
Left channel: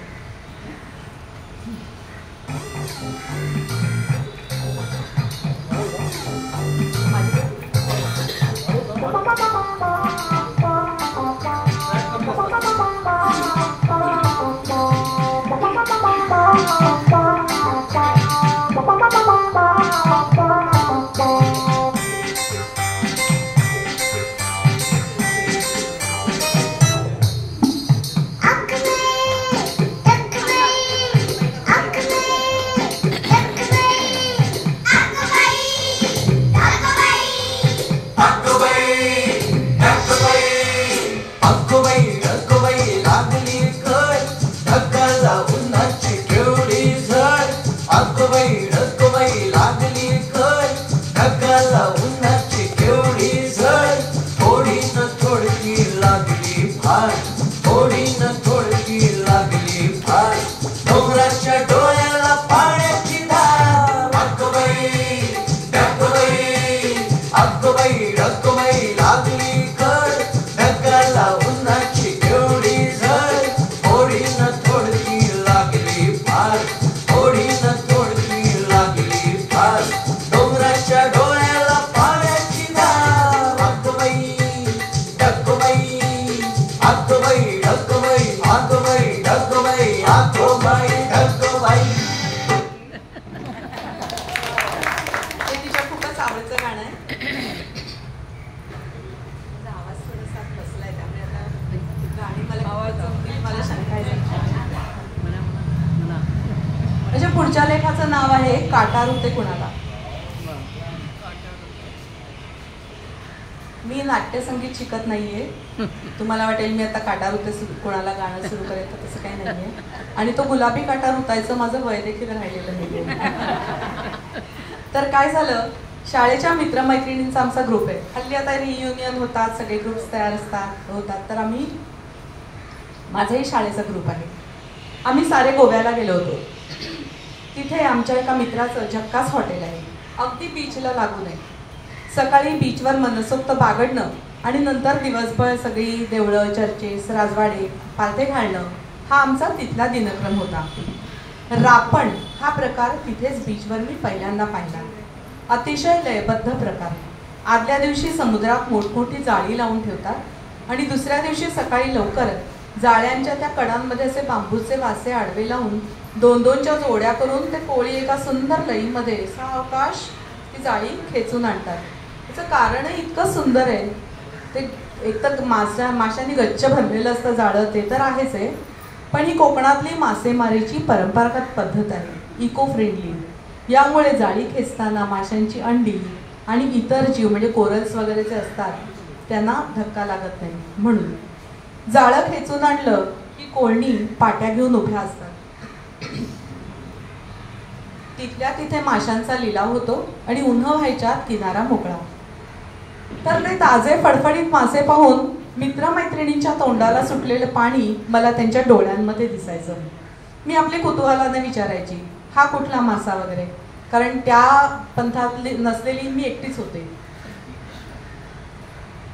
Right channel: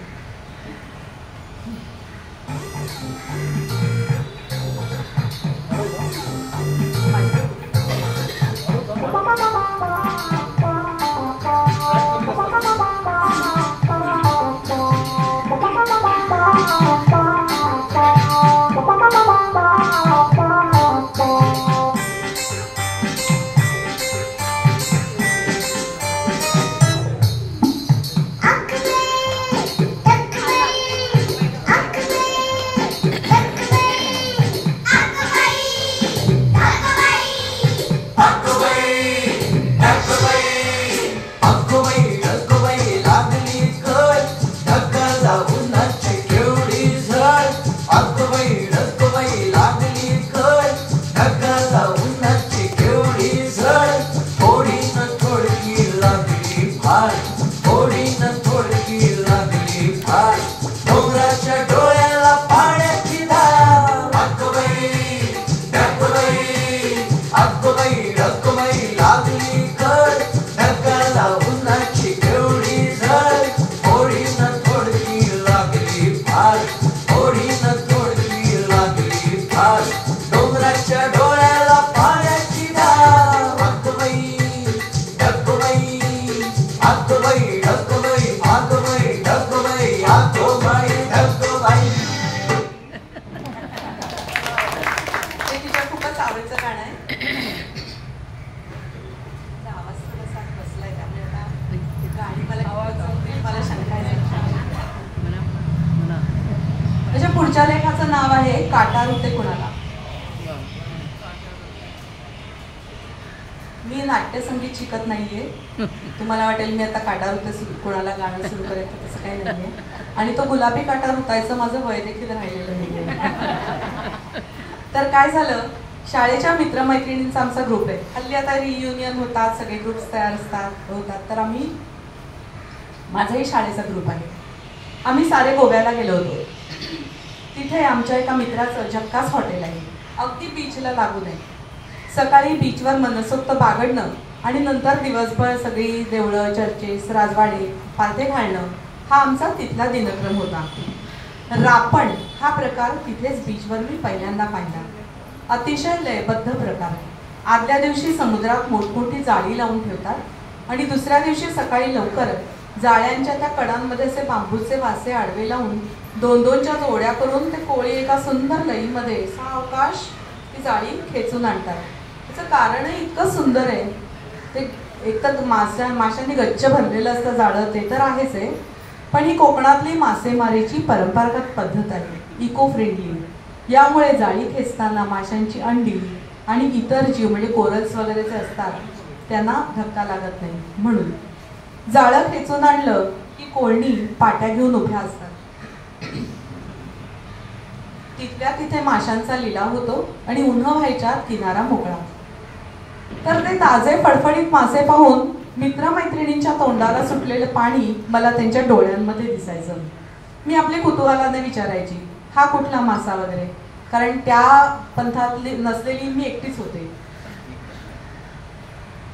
पुढच्या लेखाचं नाव आहे काटा रुते कुणाला. मी नाट्यसंगीत शिकत नाहीये. तुम्हाला वाटेल मी आता काटा रुते कुणाला गाणं सुरू करायचं, तसं काही नाहीये. आणि तो गुलाबी काटा रुतायचं माझं वय देखील राहिलेलं नाही. तर काय झालं, शाळेच्या मित्रमैत्रिणींचा आमचा ग्रुप आहे. हल्ली आता रियुनियन होतात, सगळे ग्रुप्स तयार होतात. तर माझाही शाळेचा ग्रुप आहे. आम्ही सारे गोव्याला गेलो होतो. तिथे आमच्या एका मित्राचं झक्कास हॉटेल आहे, अगदी बीचला लागून आहे. सकाळी बीचवर मनसोक्त बागडणं आणि नंतर दिवसभर सगळी देवळं, चर्चेस, राजवाडे, पालथे घालणं हा आमचा तिथला दिनक्रम होता. रापण हा प्रकार तिथेच बीचवर मी पहिल्यांदा पाहिला. अतिशय लयबद्ध प्रकार. आदल्या दिवशी समुद्रात मोठमोठी जाळी लावून ठेवतात आणि दुसऱ्या दिवशी सकाळी लवकर जाळ्यांच्या त्या कडांमध्ये असे बांबूचे वासे आडवे लावून 2-2च्या जोड्या करून ते कोळी एका सुंदर लईमध्ये सावकाश ती जाळी खेचून आणतात. त्याचं कारणही इतकं सुंदर आहे. ते एकतर माशांनी गच्च भरलेलं असतं जाळं, ते तर आहेच आहे, पण ही कोकणातली मासेमारीची परंपरागत पद्धत आहे, इको फ्रेंडली. यामुळे जाळी खेचताना माशांची अंडी आणि इतर जीव म्हणजे कोरल्स वगैरे जे असतात त्यांना धक्का लागत नाही. म्हणून जाळं खेचून आणलं की कोळणी पाट्या घेऊन उभ्या असतात. तिथल्या तिथे माशांचा लिलाव होतो आणि उन्ह व्हायच्या किनारा मोकळा. तर ते ताजे फडफडीत मासे पाहून मित्रमैत्रिणींच्या तोंडाला सुटलेले पाणी मला त्यांच्या डोळ्यांमध्ये दिसायचं. मी आपली कुतूहलाने विचारायची, हा कुठला मासा वगैरे, कारण त्या पंथातली नसलेली मी एकटीच होते.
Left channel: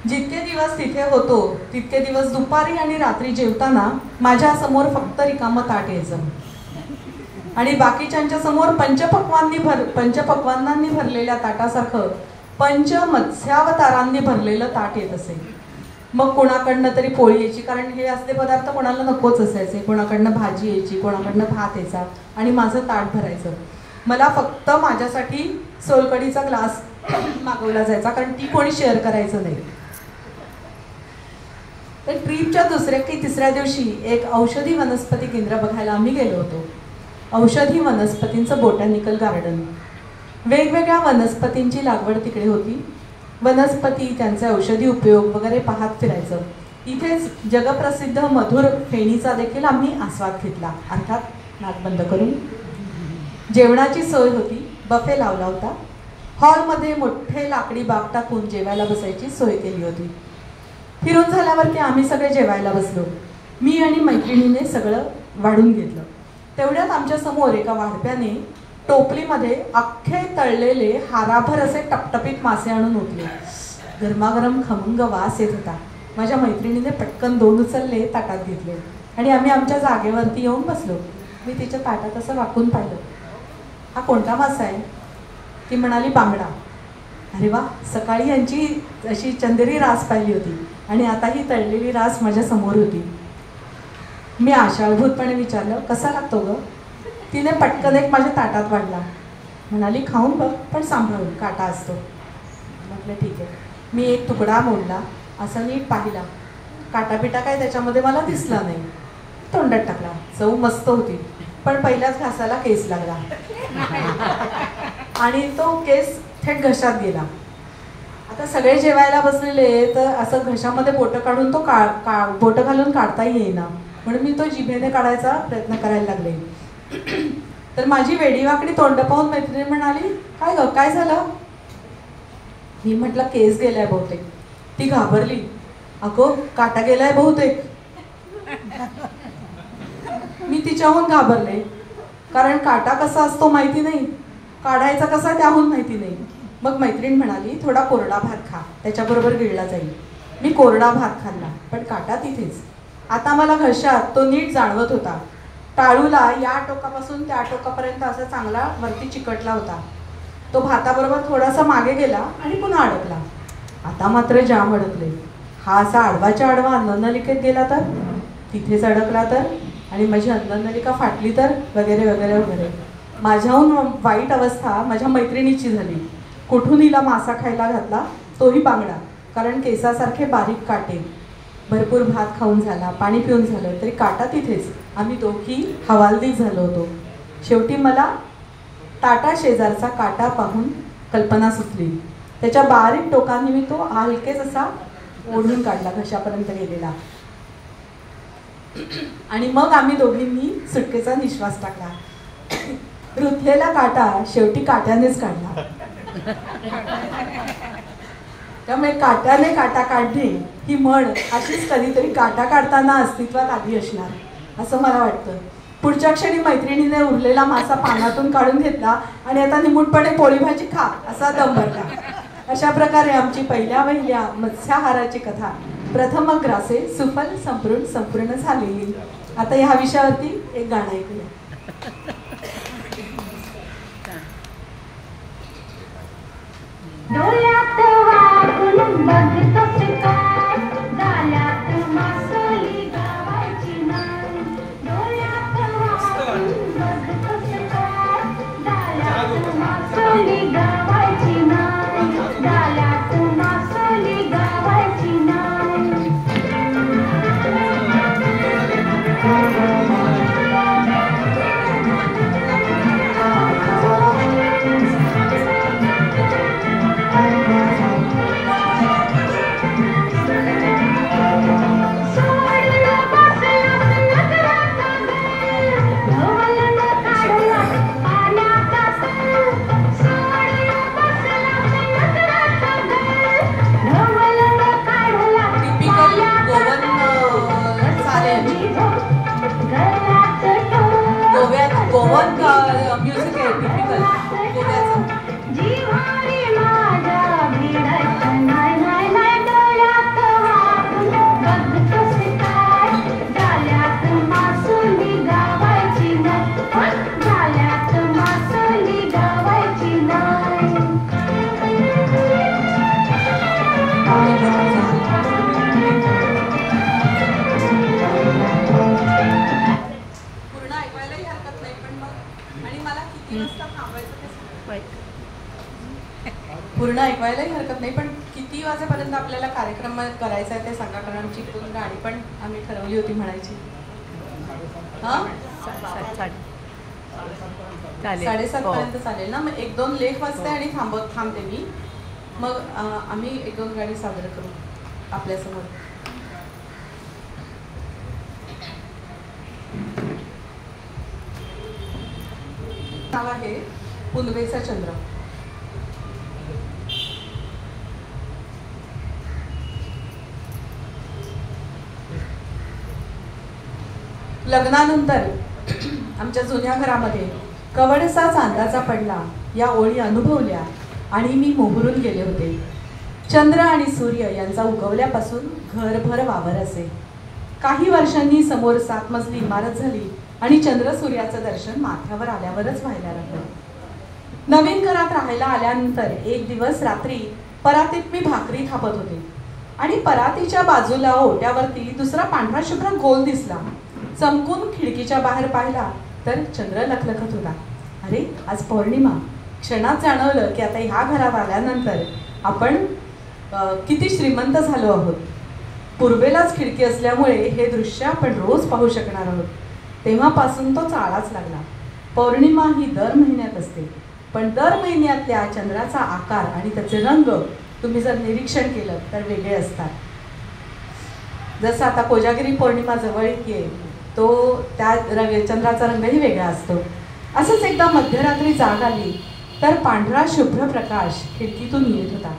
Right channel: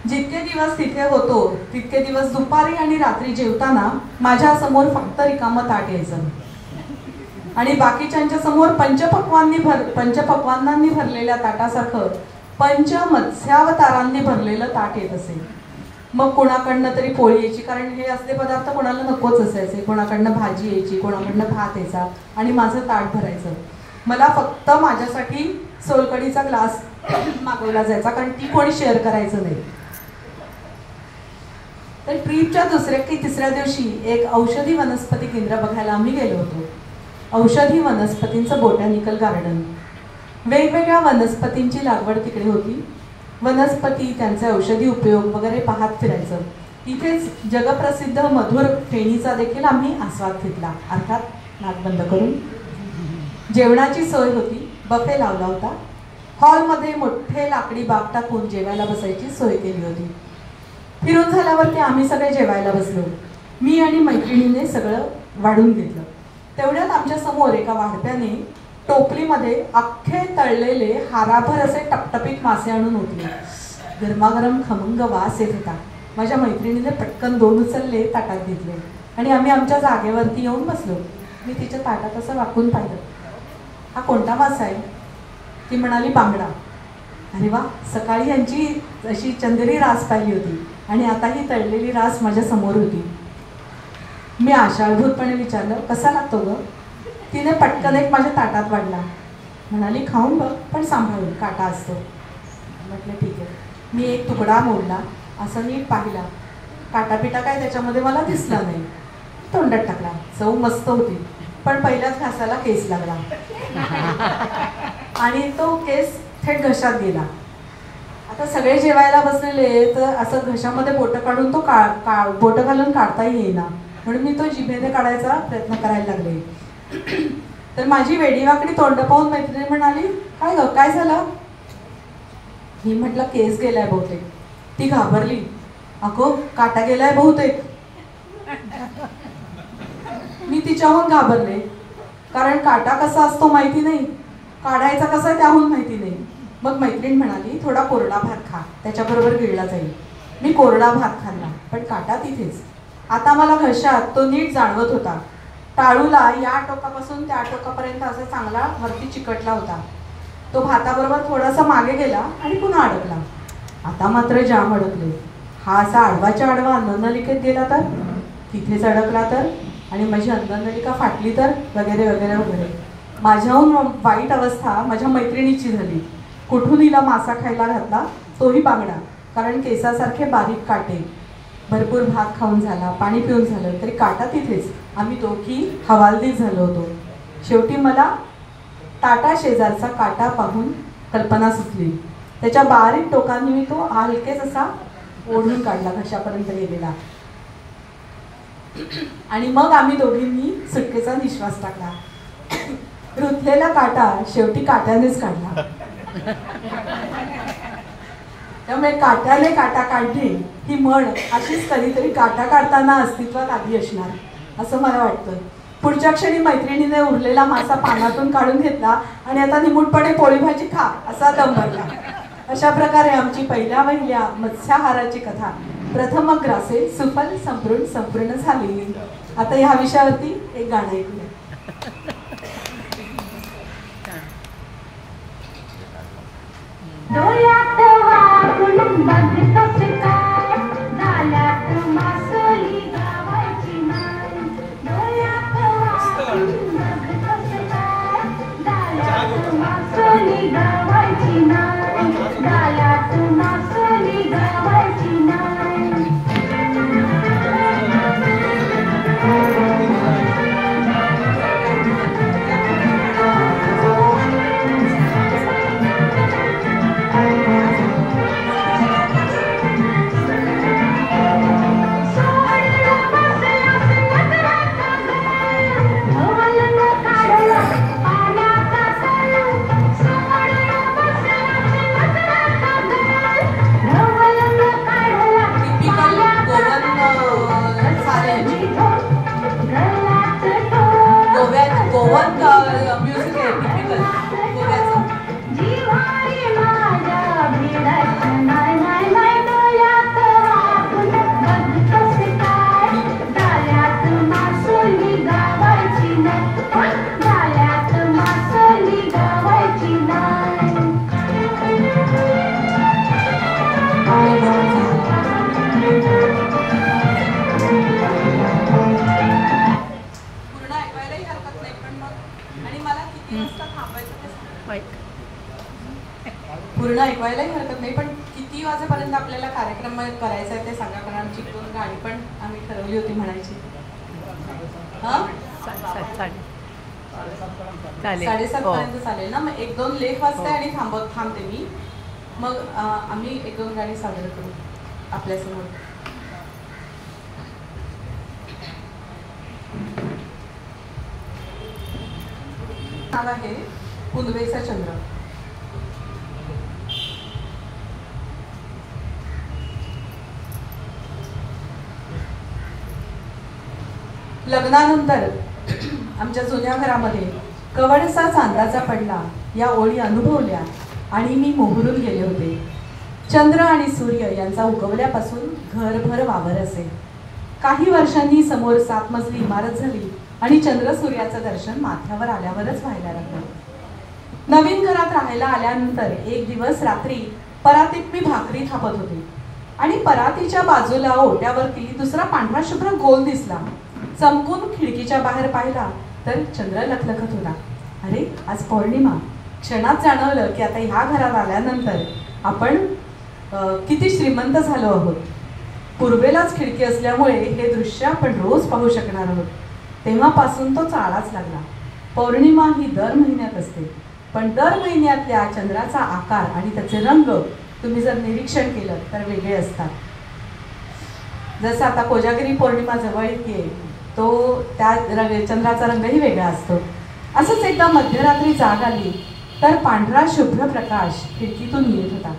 जितके दिवस तिथे होतो तितके दिवस दुपारी आणि रात्री जेवताना माझ्या समोर फक्त रिकामं ताट यायचं आणि बाकीच्यांच्या समोर पंचपक्वान्नांनी भरलेल्या ताटासारखं पंचमत्स्यावतारांनी भरलेलं ताट येत असे. मग कोणाकडनं तरी पोळी यायची, कारण हे असले पदार्थ कोणाला नकोच असायचे. कोणाकडनं भाजी यायची, कोणाकडनं भात यायचा आणि माझं ताट भरायचं. मला फक्त माझ्यासाठी सोलकडीचा ग्लास मागवला जायचा, कारण ती कोणी शेअर करायचं नाही. तर ट्रीपच्या दुसऱ्या की तिसऱ्या दिवशी एक औषधी वनस्पती केंद्र बघायला आम्ही गेलो होतो. औषधी वनस्पतींचं बोटॅनिकल गार्डन. वेगवेगळ्या वनस्पतींची लागवड तिकडे होती. वनस्पती, त्यांचे औषधी उपयोग वगैरे पाहत फिरायचं. इथेच जगप्रसिद्ध मधुर फेणीचा देखील आम्ही आस्वाद घेतला, अर्थात नाक बंद करून. जेवणाची सोय होती, बफे लावला होता. हॉलमध्ये मोठे लाकडी बाग टाकून जेवायला बसायची सोय केली होती. फिरून झाल्यावरती आम्ही सगळे जेवायला बसलो. मी आणि मैत्रिणीने सगळं वाढून घेतलं. तेवढ्यात आमच्या समोर एका वाढप्याने टोपलीमध्ये अख्खे तळलेले हाराभर असे टपटपीत मासे आणून ओतले. गरमागरम खमंग वास येत होता. माझ्या मैत्रिणीने पटकन 2 उचलले, ताटात घेतले आणि आम्ही आमच्या जागेवरती येऊन बसलो. मी तिच्या ताटात असं वाकून पाहिलं. हा कोणता मासा आहे? ती म्हणाली बांगडा. अरे वा, सकाळी यांची अशी चंदेरी रास पाहिली होती आणि आता ही तळलेली रास माझ्या समोर होती. मी आशाळभूतपणे विचारलं, कसा लागतो ग? तिने पटकन एक माझ्या ताटात वाढला. म्हणाली, खाऊन बघ, पण सांभाळून, काटा असतो. म्हटलं ठीक आहे. मी एक तुकडा मोडला, असं नीट पाहिला. काटापिटा काय त्याच्यामध्ये मला दिसला नाही. तोंडात टाकला. चव मस्त होती, पण पहिल्याच घासाला केस लागला आणि तो केस थेट घशात गेला. आता सगळे जेवायला बसलेले, तर असं घशामध्ये बोटं काढून तो बोटं घालून काढताही येईना, म्हणून मी तो जिभेने काढायचा प्रयत्न करायला लागले. तर माझी वेडीवाकडी तोंड पाहून मैत्रिणी म्हणाली, काय ग, काय झालं? मी म्हटलं, केस गेलाय बहुतेक. ती घाबरली. अगो, काटा गेलाय बहुतेक. मी तिच्याहून घाबरले, कारण काटा कसा असतो माहिती नाही, काढायचा कसा त्याहून माहिती नाही. मग मैत्रीण म्हणाली, थोडा कोरडा भात खा, त्याच्याबरोबर गिळला जाईल. मी कोरडा भात खाल्ला, पण काटा तिथेच. आता मला घशात तो नीट जाणवत होता. टाळूला या टोकापासून त्या टोकापर्यंत असा चांगला वरती चिकटला होता. तो भाताबरोबर थोडासा मागे गेला आणि पुन्हा अडकला. आता मात्र जाम अडकले. हा असा आडवाच्या आडवा अन्ननलिकेत गेला तर, तिथेच अडकला तर, आणि माझी अन्ननलिका फाटली तर, वगैरे वगैरे वगैरे. माझ्याहून वाईट अवस्था माझ्या मैत्रिणीची झाली. कुठून हिला मासा खायला घातला, तोही बांगडा, कारण केसासारखे बारीक काटे. भरपूर भात खाऊन झाला, पाणी पिऊन झालं, तरी काटा तिथेच. आम्ही दोघी हवालदिल झालो होतो. शेवटी मला ताटा शेजारचा काटा पाहून कल्पना सुचली. त्याच्या बारीक टोकांनी मी तो हलकेच असा ओढून काढला, घशापर्यंत गेलेला. आणि मग आम्ही दोघींनी सुटकेचा निश्वास टाकला. रुतलेला काटा शेवटी काट्यानेच काढला. त्यामुळे काट्याने काटा काढणे ही म्हण अशीच कधीतरी काटा काढताना अस्तित्वात आली असणार, असं मला वाटतं. पुढच्या क्षणी मैत्रिणीने उरलेला मासा पाण्यातून काढून घेतला आणि आता निमूटपणे पोळी भाजी खा असा दम भरला. अशा प्रकारे आमची पहिल्या मत्स्याहाराची कथा प्रथम ग्रासे सुफल संपूर्ण झाली. आता ह्या विषयावरती एक गाणं ऐकूया. डोळ्यात वाकून बघतोस काय, गाल्यात मासोली गावायची नाही. डोळ्यात वाकून बघतोस काय, गाल्यात मासोली गावायची नाही. गाल्यात मासोली गावायची नाही. पूर्ण ऐकवायलाही हरकत नाही, पण किती वाजेपर्यंत आपल्याला कार्यक्रम करायचा आहे ते सांगा, कारण आमची दोन गाणी पण आम्ही ठरवली होती म्हणायची. हा, 7:30 पर्यंत चालेल ना? मग 1-2 लेख वाजते आणि थांबते मी. मग आम्ही 1-2 गाणी सादर करू आपल्यासमोर. नाव आहे पुनवेचा चंद्र. लग्नानंतर आमच्या जुन्या घरामध्ये कवडसा चांदाचा पडला या ओळी अनुभवल्या आणि मी मोहरून गेले होते. चंद्र आणि सूर्य यांचा उगवल्यापासून घरभर वावर असेल. काही वर्षांनी समोर 7 मजली इमारत झाली आणि चंद्र सूर्याचं दर्शन माथ्यावर आल्यावरच व्हायला लागलं. नवीन घरात राहायला आल्यानंतर एक दिवस रात्री परातीत मी भाकरी थापत होते आणि परातीच्या बाजूला ओट्यावरती दुसरा पांढरा शुभ्र गोल दिसला. चमकून खिडकीच्या बाहेर पाहिला तर चंद्र लखलखत होता. अरे, आज पौर्णिमा. क्षणात जाणवलं की आता ह्या घरात आल्यानंतर आपण किती श्रीमंत झालो आहोत. पूर्वेलाच खिडकी असल्यामुळे हे दृश्य आपण रोज पाहू शकणार आहोत. तेव्हापासून तो चाळाच लागला. पौर्णिमा ही दर महिन्यात असते, पण दर महिन्यातल्या चंद्राचा आकार आणि त्याचे रंग तुम्ही जर निरीक्षण केलं तर वेगळे असतात. जसं आता कोजागिरी पौर्णिमा जवळ येते, तो त्या चंद्राचा रंगही वेगळा असतो. असंच एकदा मध्यरात्री जाग आली तर पांढरा शुभ्र प्रकाश खिडकीतून येत होता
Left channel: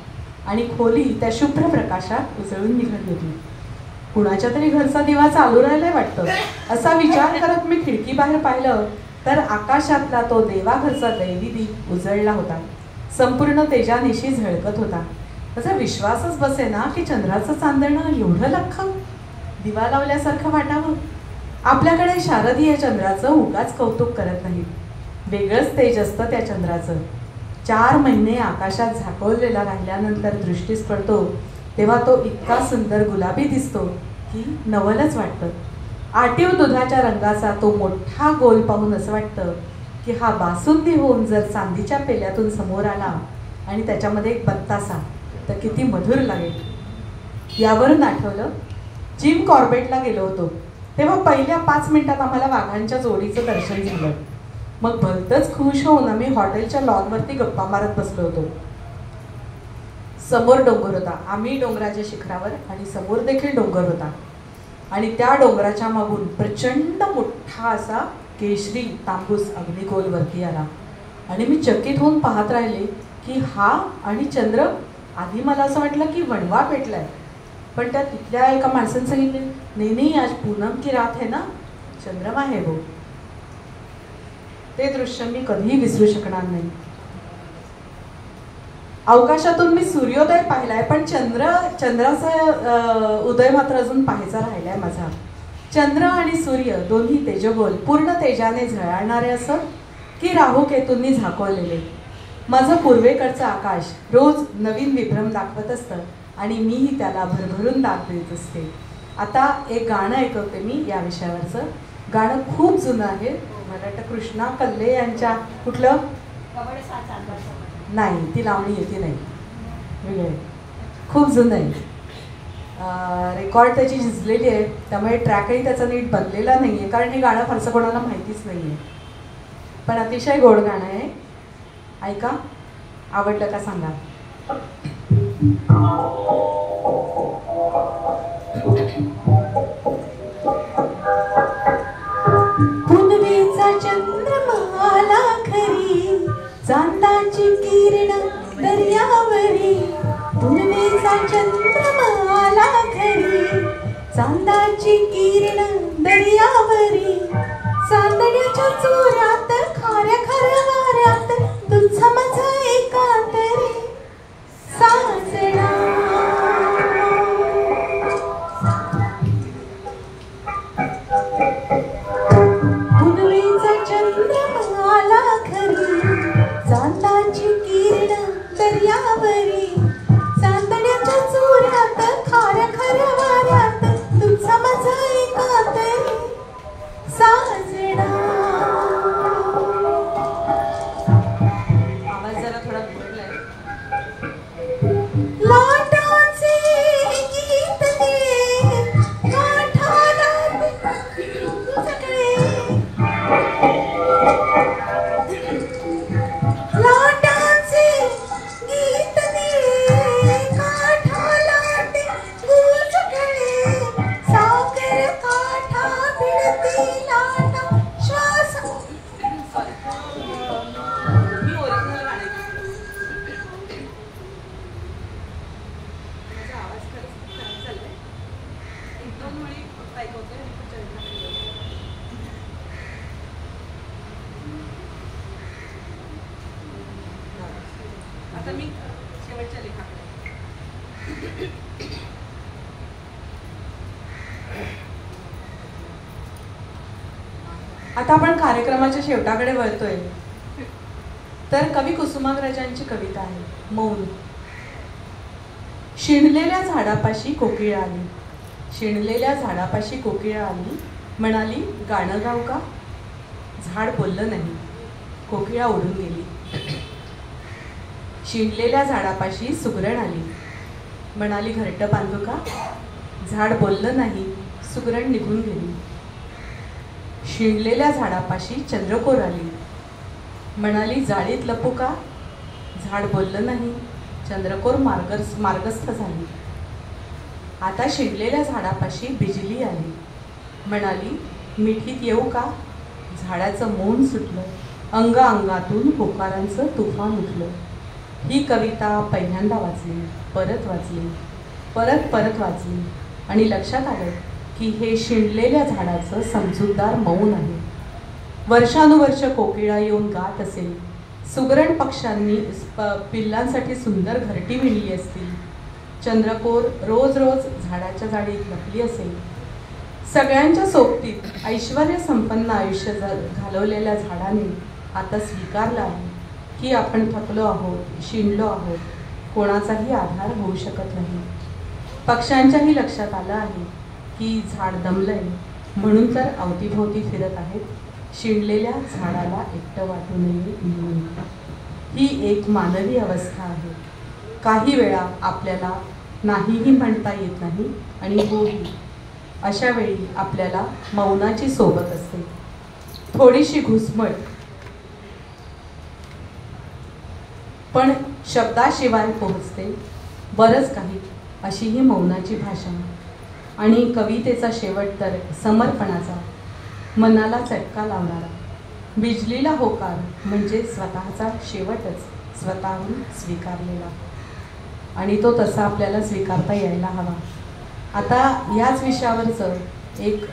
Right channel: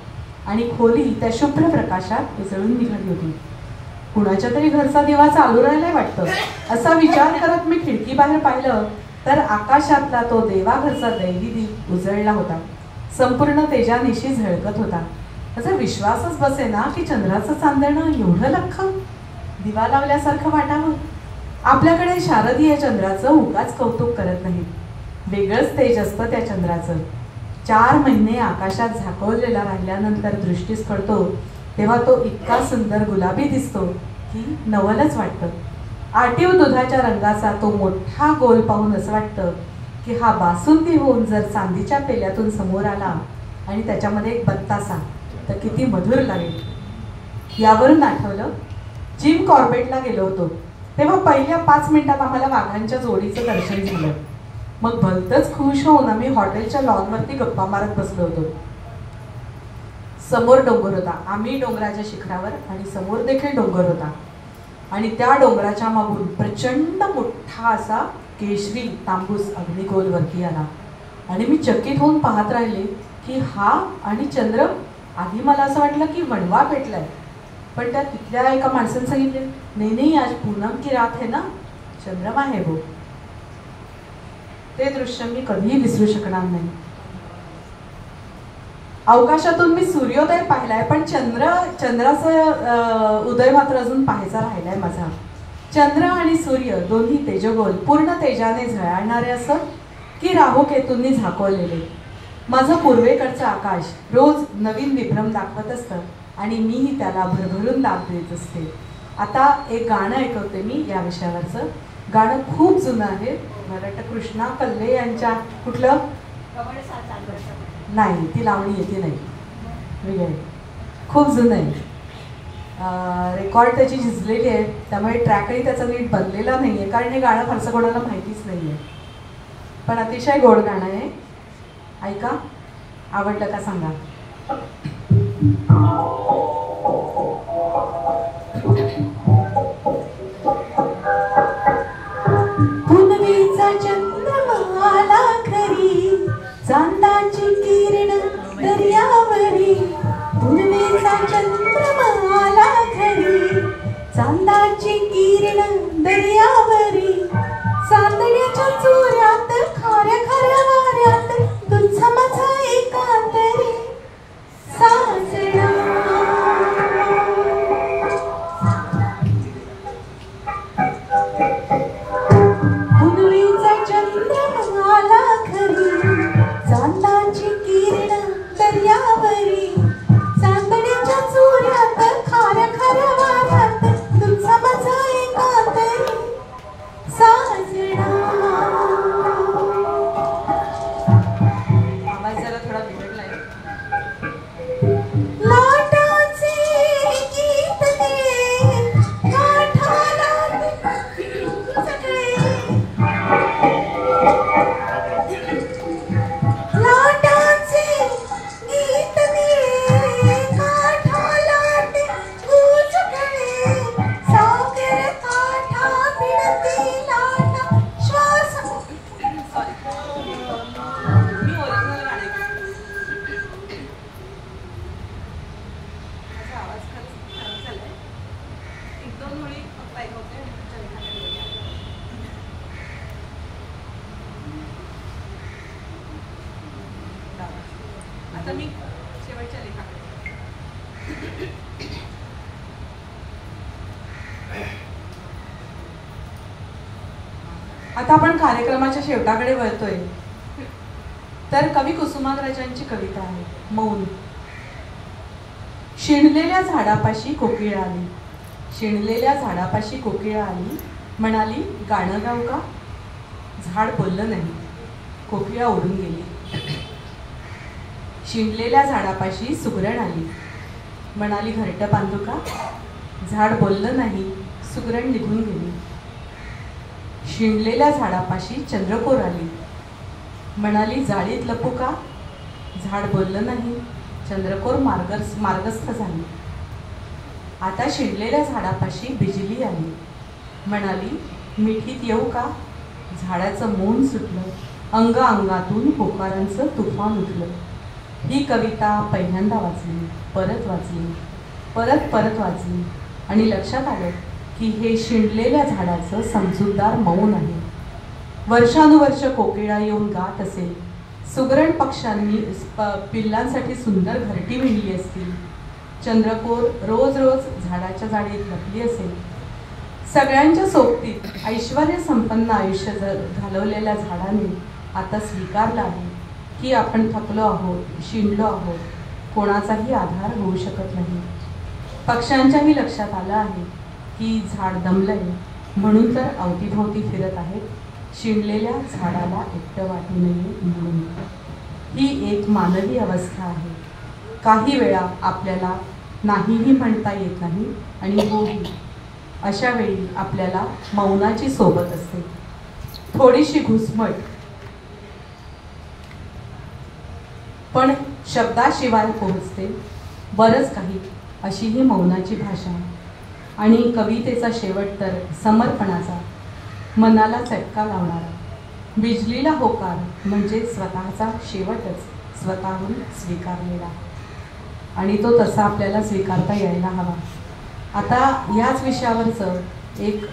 आणि खोली त्या शुभ्र प्रकाशात उजळून निघाली होती. कुणाच्या तरी घरचा दिवा चालू राहिलाय वाटतं, असा विचार करत मी खिडकी बाहेर पाहिलं तर आकाशातला तो देवाघरचा दैवी दीप उजळला होता. संपूर्ण तेजानिशी झळकत होता. त्याचा विश्वासच बसेना की चंद्राचं चांदणं एवढं लख्ख दिवा लावल्यासारखं वाटावं. आपल्याकडे शारदीय चंद्राचं उगाच कौतुक करत नाही, वेगळंच तेज असतं त्या चंद्राचं. 4 महिने आकाशात झाकवलेला राहिल्यानंतर दृष्टीस पडतो तेव्हा तो इतका सुंदर गुलाबी दिसतो की नवलच वाटतं. आटीव दुधाच्या रंगाचा तो मोठा गोल पाहून असं वाटतं की हा बासुंदी होऊन जर चांदीच्या पेल्यातून समोर आला आणि त्याच्यामध्ये एक बत्तासा तर किती मधुर लागेल. यावरून आठवलं, जिम कॉर्बेटला गेलो होतो तेव्हा पहिल्या 5 मिनिटात आम्हाला वाघांच्या जोडीचं दर्शन झालं. मग भलतंच खुश होऊन आम्ही हॉटेलच्या लॉनवरती गप्पा मारत बसलो होतो. समोर डोंगर होता, आम्ही डोंगराच्या शिखरावर आणि समोर देखील डोंगर होता आणि त्या डोंगराच्या मागून प्रचंड मोठा असा केशरी तांबूस अग्निगोल वरती आला आणि मी चकित होऊन पाहत राहिले की हा आणि चंद्र. आधी मला असं वाटलं की वणवा पेटलाय, पण त्या तिथल्या एका माणसाने सांगितले, नाही नाही, आज पूनम की रात है ना, चंद्रमा है वो. ते दृश्य मी कधीही विसरू शकणार नाही. अवकाशातून मी सूर्योदय पाहिलाय, पण चंद्राचा उदय मात्र अजून पाहायचा राहिलाय माझा. चंद्र आणि सूर्य दोन्ही तेजगोल पूर्ण तेजाने झळाळणारे असत की राहुकेतूंनी झाकवलेले. माझं पूर्वेकडचं आकाश रोज नवीन विभ्रम दाखवत असतं आणि मीही त्याला भरभरून दाद देत असते. आता एक गाणं ऐकवते मी या विषयावरचं. गाणं खूप जुनं आहे. मला वाटतं कृष्णा कल्ले यांच्या कुठलं नाही, ती लावणी येते नाही, वेगळे खूप जुनं आहे. रेकॉर्ड त्याची झिजलेली आहे, त्यामुळे ट्रॅकही त्याचा नीट बनलेला नाही आहे, कारण हे गाणं फारसं कोणाला माहितीच नाही आहे. पण अतिशय गोड गाणं आहे, ऐका. आवडलं का सांगा. पुनवेचा चंद्रमा आला खरी, चांदाची किरण दर्यावरी. पुनवेचा चंद्रमा आला खरी, चांदाची किरण दर्यावरी. चांदण्याच्या चोऱ्यात खाऱ्या खाऱ्या वाऱ्यात तुझा माझा एकांतरी साजणा. पुनवेचा चंद्रमा आला खरी, चांदाची किरण दर्यावरी. चांदण्याच्या चोऱ्यात खाऱ्या खाऱ्या वाऱ्यात तुझा माझा एकांतरी साजणा. आवाज जरा थोडा बिघडलाय. लाटाचे गीत दे काठाला सगळे. लाटाचे गीत दे काठाला सगळे. सागर काठा भिडती लाटा श्वास. मी ओरिजिनल गाणे आवाज खरंच झालाय. 1-2 वेळी फक्त ऐकवते. आता मी शेवटच्या लेखाकडे. आता आपण कार्यक्रमाच्या शेवटाकडे वळतोय. तर कवी कुसुमाग्रजांची कविता आहे मौन. शिणलेल्या झाडापाशी कोकिळा आली, शिणलेल्या झाडापाशी कोकिळा आली, म्हणाली गाणं गाऊ का. झाड बोललं नाही, कोकिळा उडून गेली. शिणलेल्या झाडापाशी सुगरण आली, म्हणाली घरटं बांधू का. झाड बोललं नाही, सुगरण निघून गेली. शिणलेल्या झाडापाशी चंद्रकोर आली, म्हणाली जाळीत लपू का. झाड बोललं नाही, चंद्रकोर मार्गस्थ झाली. आता शिणलेल्या झाडापाशी बिजली आली, म्हणाली मिठीत येऊ का. झाडाचं मौन सुटलं, अंग अंगातून पोकारांचं तुफान उठलं. ही कविता पहिल्यांदा वाचली, परत वाचली, परत वाचली आणि लक्षात आलं की हे शिणलेल्या झाडाचं समजूतदार मौन आहे. वर्षानुवर्ष कोकिळा येऊन गात असेल, सुगरण पक्ष्यांनी पिल्लांसाठी सुंदर घरटी विणली असतील, चंद्रकोर रोज रोज झाडाच्या जाळीत लपली असेल. सगळ्यांच्या सोबतीत ऐश्वर्य संपन्न आयुष्य घालवलेल्या झाडाने आता स्वीकारलं आहे की आपण थकलो आहोत, शिणलो आहोत, कोणाचाही आधार होऊ शकत नाही. पक्ष्यांच्याही लक्षात आलं आहे की झाड दमलंय, म्हणून तर अवतीभोवती फिरत आहेत, शिणलेल्या झाडाला एकटं वाटू नये म्हणून. ही एक मानवी अवस्था आहे. काही वेळा आपल्याला नाहीही म्हणता येत नाही आणि होही. अशा वेळी आपल्याला मौनाची सोबत असते, थोडीशी घुसमट, पण शब्दाशिवाय पोहोचते बरंच काही. अशी ही मौनाची भाषा. आणि कवितेचा शेवट तर समर्पणाचा, मनाला चटका लावणारा. बिजलीला होकार म्हणजे स्वतःचा शेवटच स्वतःहून स्वीकारलेला, आणि तो तसा आपल्याला स्वीकारता यायला हवा. आता याच विषयावरचं एक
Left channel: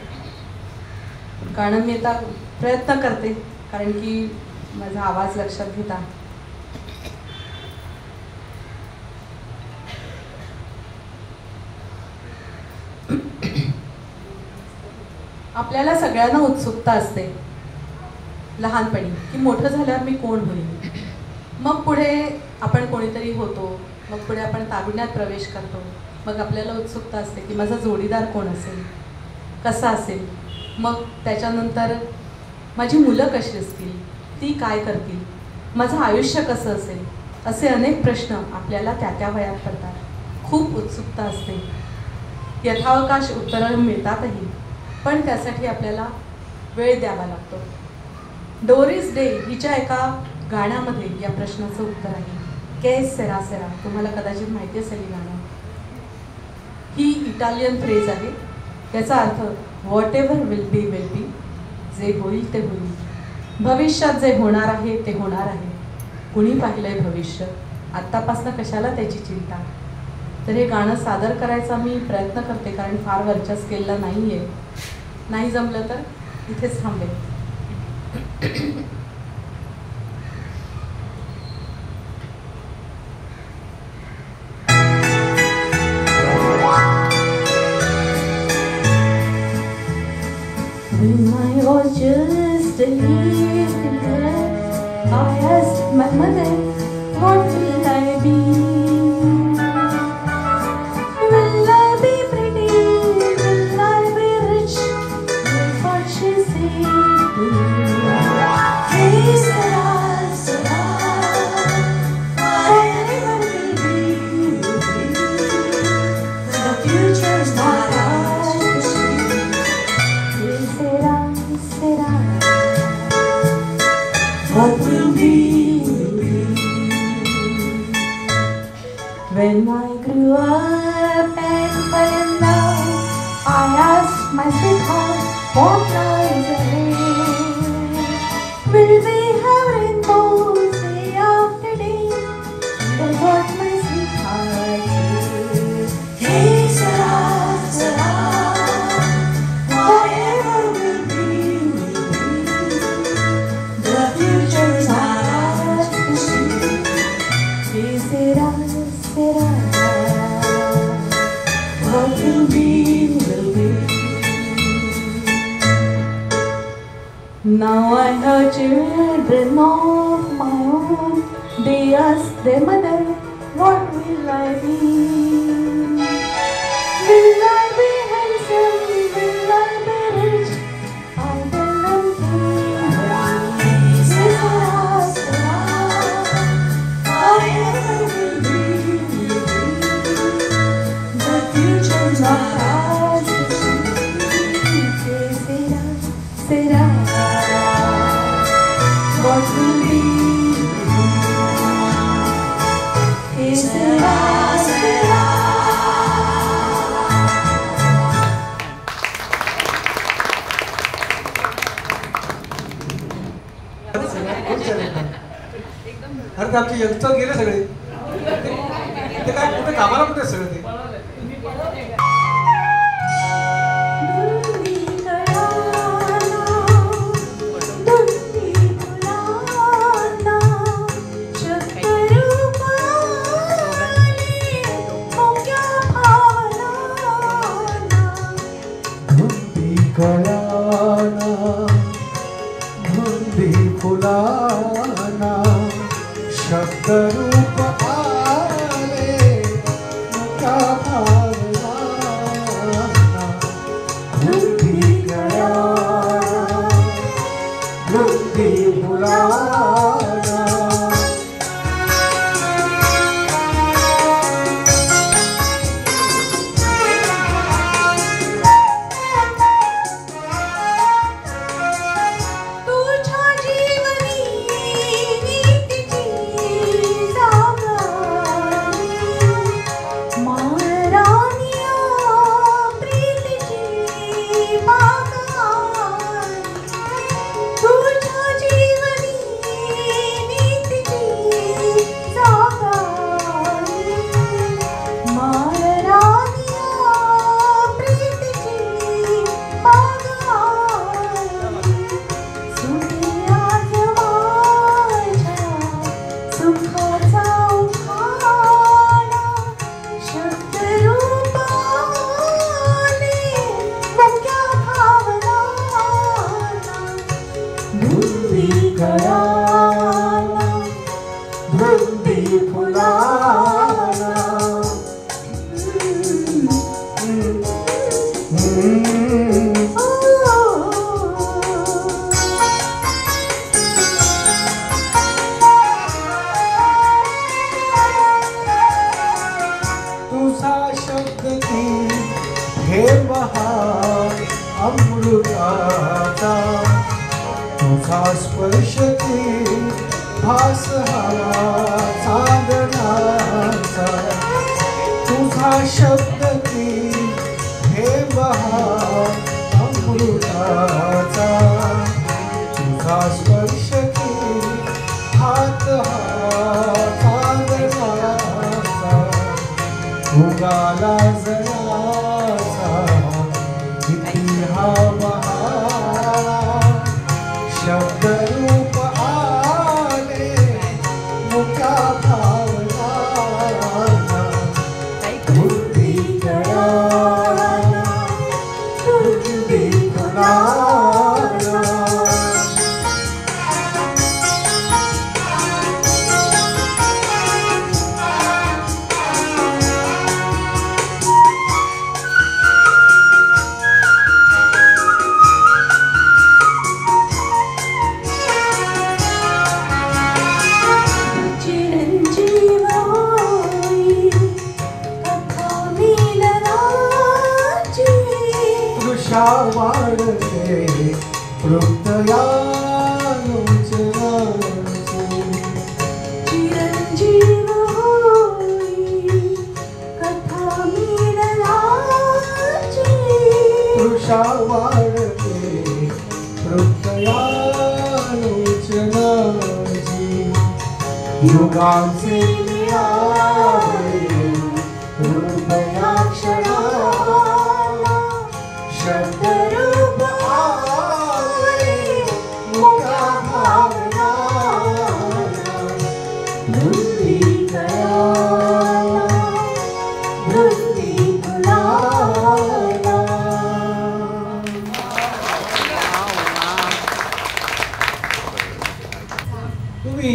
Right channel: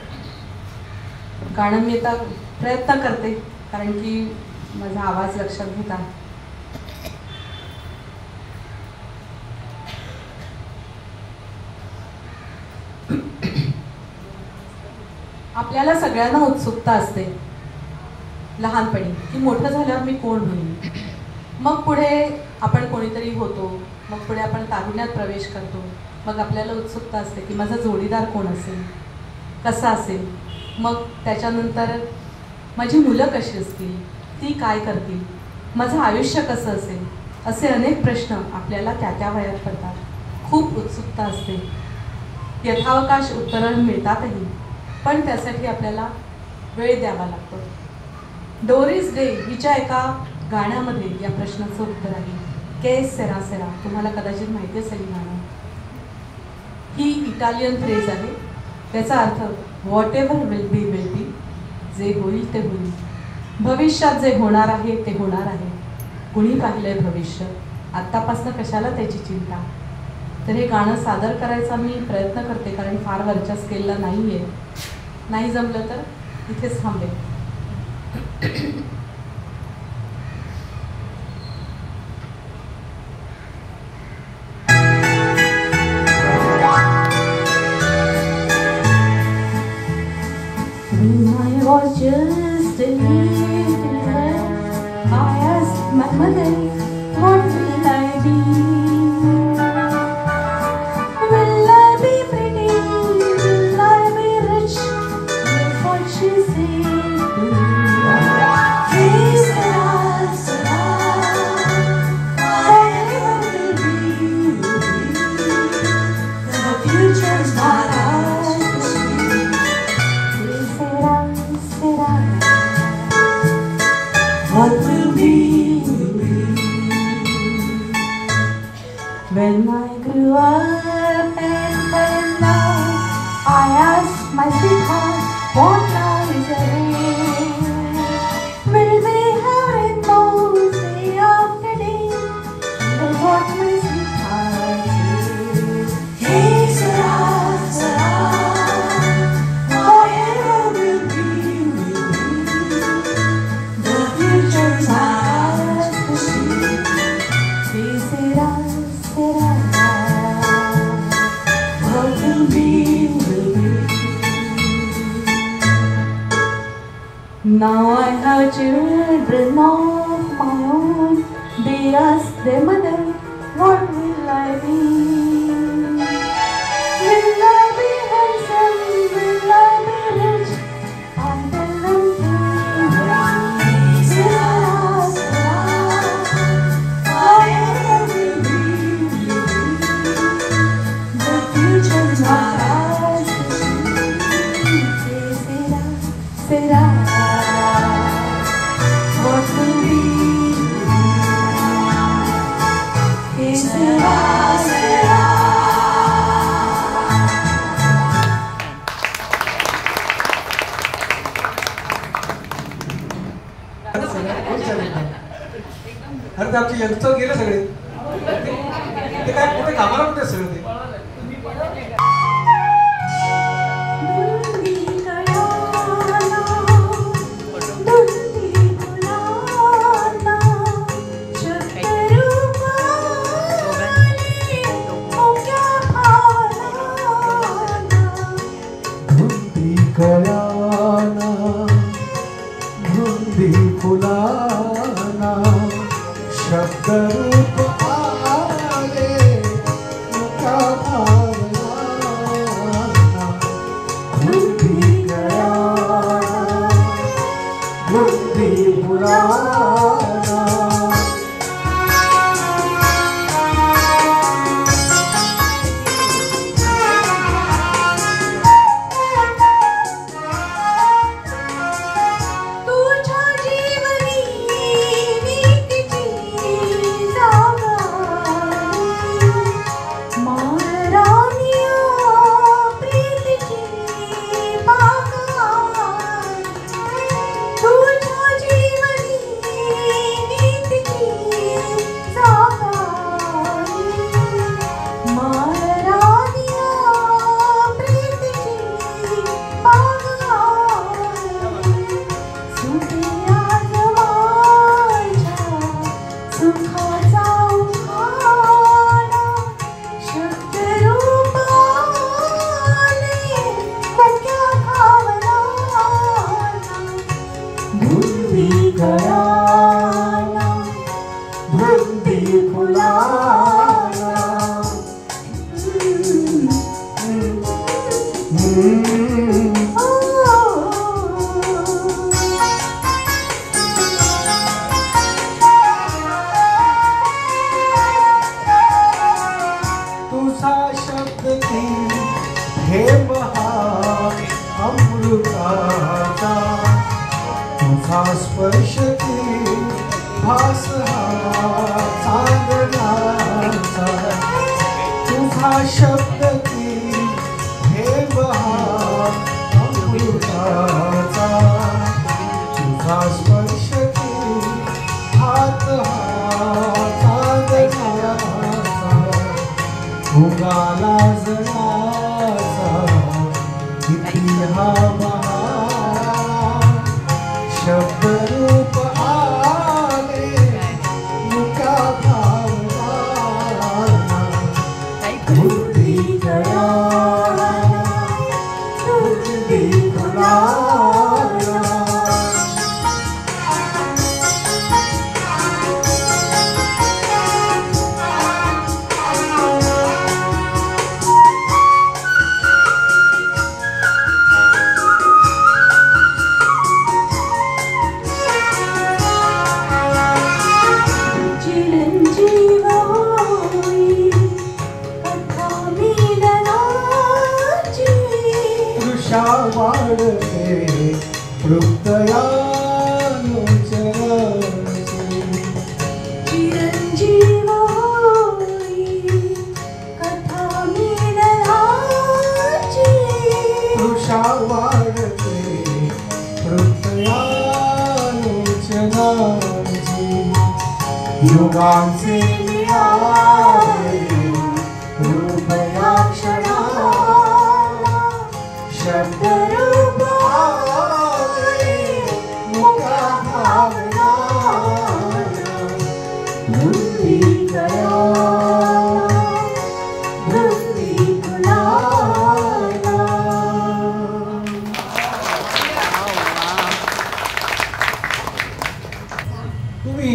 गाणं मी आता प्रयत्न करते, कारण की माझा आवाज लक्षात घेता. आपल्याला सगळ्यांना उत्सुकता असते लहानपणी की मोठं झाल्यावर मी कोण होईल. मग पुढे आपण कोणीतरी होतो, मग पुढे आपण तारुण्यात प्रवेश करतो. मग आपल्याला उत्सुकता असते की माझा जोडीदार कोण असेल, कसा असेल. मग त्याच्यानंतर माझी मुलं कशी असतील, ती काय करतील, माझं आयुष्य कसं असेल, असे अनेक प्रश्न आपल्याला त्या वयात पडतात. खूप उत्सुकता असते, यथावकाश उत्तरं मिळतातही, पण त्यासाठी आपल्याला वेळ द्यावा लागतो. डोरिस डे हिच्या एका गाण्यामध्ये या प्रश्नाचं उत्तर आहे, केस सेरा सेरा. तुम्हाला कदाचित माहिती असेल ही गाणं. ही इटालियन फ्रेज आहे. त्याचा अर्थ what ever will be will be, जे होईल ते होईल. भविष्यात जे होणार आहे ते होणार आहे. कुणी पाहिलंय भविष्य, आत्तापासून कशाला त्याची चिंता. तर हे गाणं सादर करायचा मी प्रयत्न करते, कारण फार वरच्या स्केलला नाही आहे. नाही जमलं तर इथेच थांबेल. When I was just a little girl, I asked my mother, what will I be? Will I be pretty? Will I be rich? That's what she said to me. Hey, Sarah, Sarah, whatever will be, the future's not ours to see. What will be, will be. When I grew up and now I asked my sweetheart, what lies ahead? Will we have rainbows day after day? That's what my sweetheart said. Hey, Sarah, Sarah, whatever will be, the future's ours to see. Hey, Sarah, Sarah, what will be, will be. Now I have children of my own. They ask their mother, what will I be? Will I be handsome? Will I be rich? I tell them the future's not ours to see. Será, what will be? Será. अरे ते आमचे youngster गेले सगळे ते काय कुठे कामाला कुठे सगळे ते शब्दरूप आले मुका भावना बुद्धी बुलाना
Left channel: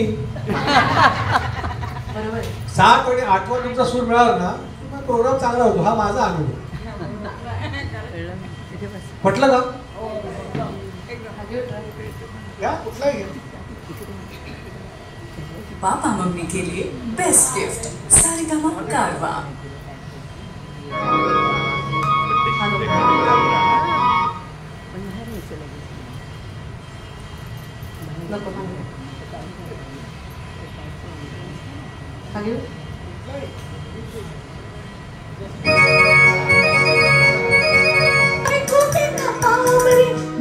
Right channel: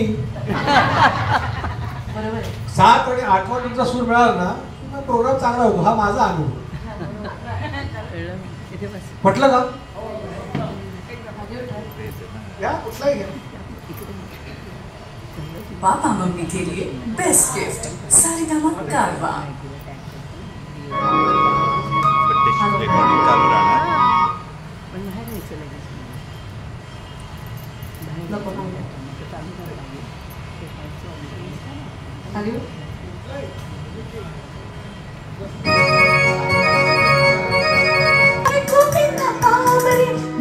मी. बरोबर आहे. 7 आणि 8वा तुमचा सूर मिळाला ना मग प्रोग्राम चांगला होतो. हा माझा अनुभव. इथे बस. म्हटलं का या कुठलाही घ्या. पापा मम्मी के लिए बेस्ट गिफ्ट सारेगामा कारवा. नको खाली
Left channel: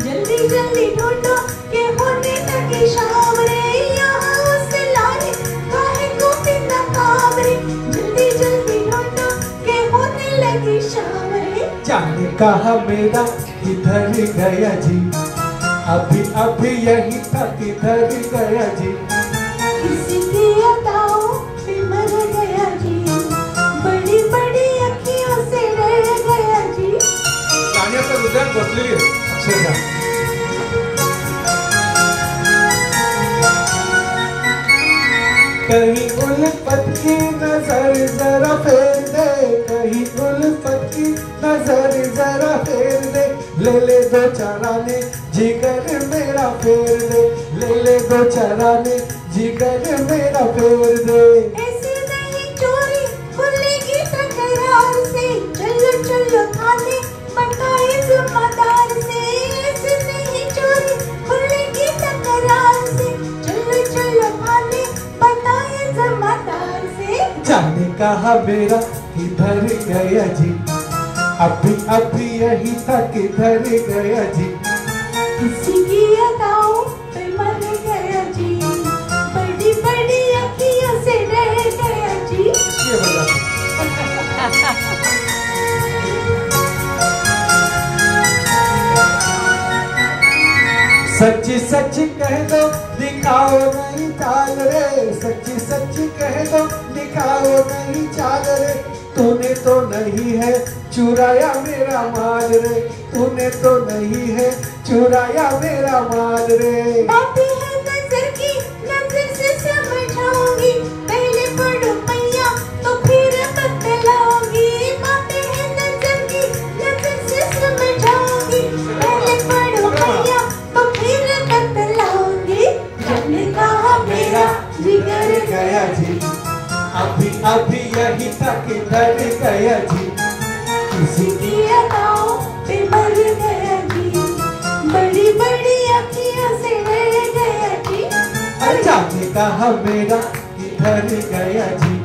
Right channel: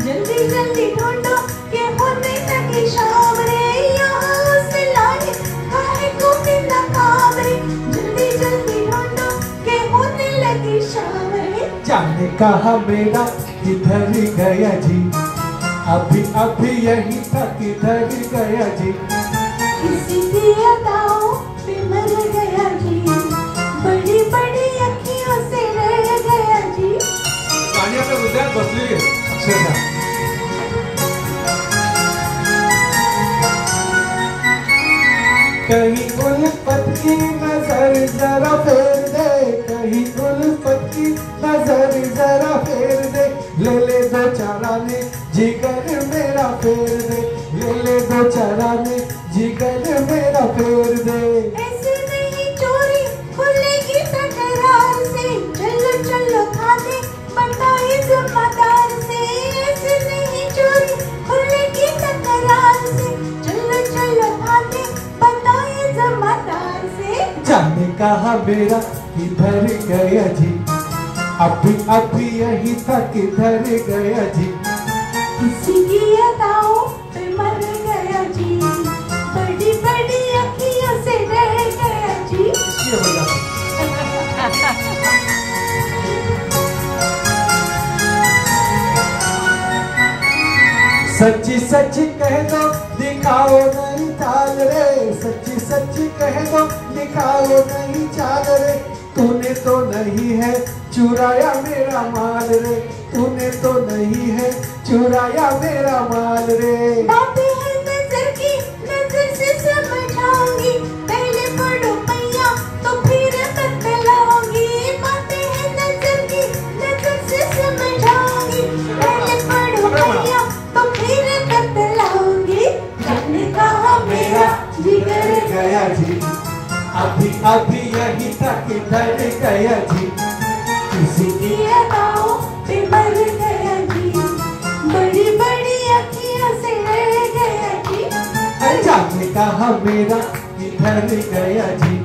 जल्दी जल्दी ढूंढो के होने लगे शाम रे यहाँ से लाए काहे को बिना काम रे. जल्दी जल्दी ढूंढो के होने लगे शाम रे. जाने कहा मेरा किधर गया जी. अभी अभी यही था किधर गया जी. किसी की अदाओं पे मर गया जी. बड़ी बड़ी अखियों से रह गया जी. गाण्याच्या हृदयात बसलेली आहे अक्षरशः. कहीं उल्फत की नजर जरा फेर दे. कहीं उल्फत की नजर जरा फेर दे. ले दो चाराने जिगर मेरा फेर दे. ले दो चाराने जिगर मेरा फेर दे. ऐसी नहीं चोरी खुलेगी तकरार से. चलो चलो थाने बताए जमादार से. ऐसी नहीं चोरी खुलेगी तकरार से. चलो चलो थाने बताए जमादार से. जाने कहा मेरा किधर गया जी. अभी अभी यही था किधर गया जी. किसी की अदाओं पे मर गया जी. बड़ी बड़ी अखियों से रह गया जी. ये वजह से. सच्ची सच्ची कह दो दिखाओ नहीं चाल रे. सच्ची सच्ची कह दो दिखाओ नहीं चाल रे. तूने तो नहीं है चुराया मेरा माल रे. तूने तो नहीं है चुराया मेरा माल रे. बातें हैं नजर की नजर से समझाऊंगी. पहले पढ़ो मैया तो फिर बतलाऊंगी. बातें हैं नजर की नजर से समझाऊंगी. पहले पढ़ो मैया तो फिर बतलाऊंगी. जाने कहा मेरा जिगर गया जी. अभी अभी यही था किधर गया जी. किसी की अदाओं पे मर गया जी. बड़ी बड़ी अखियों से रह गया जी. जाने कहा मेरा किधर गया जी.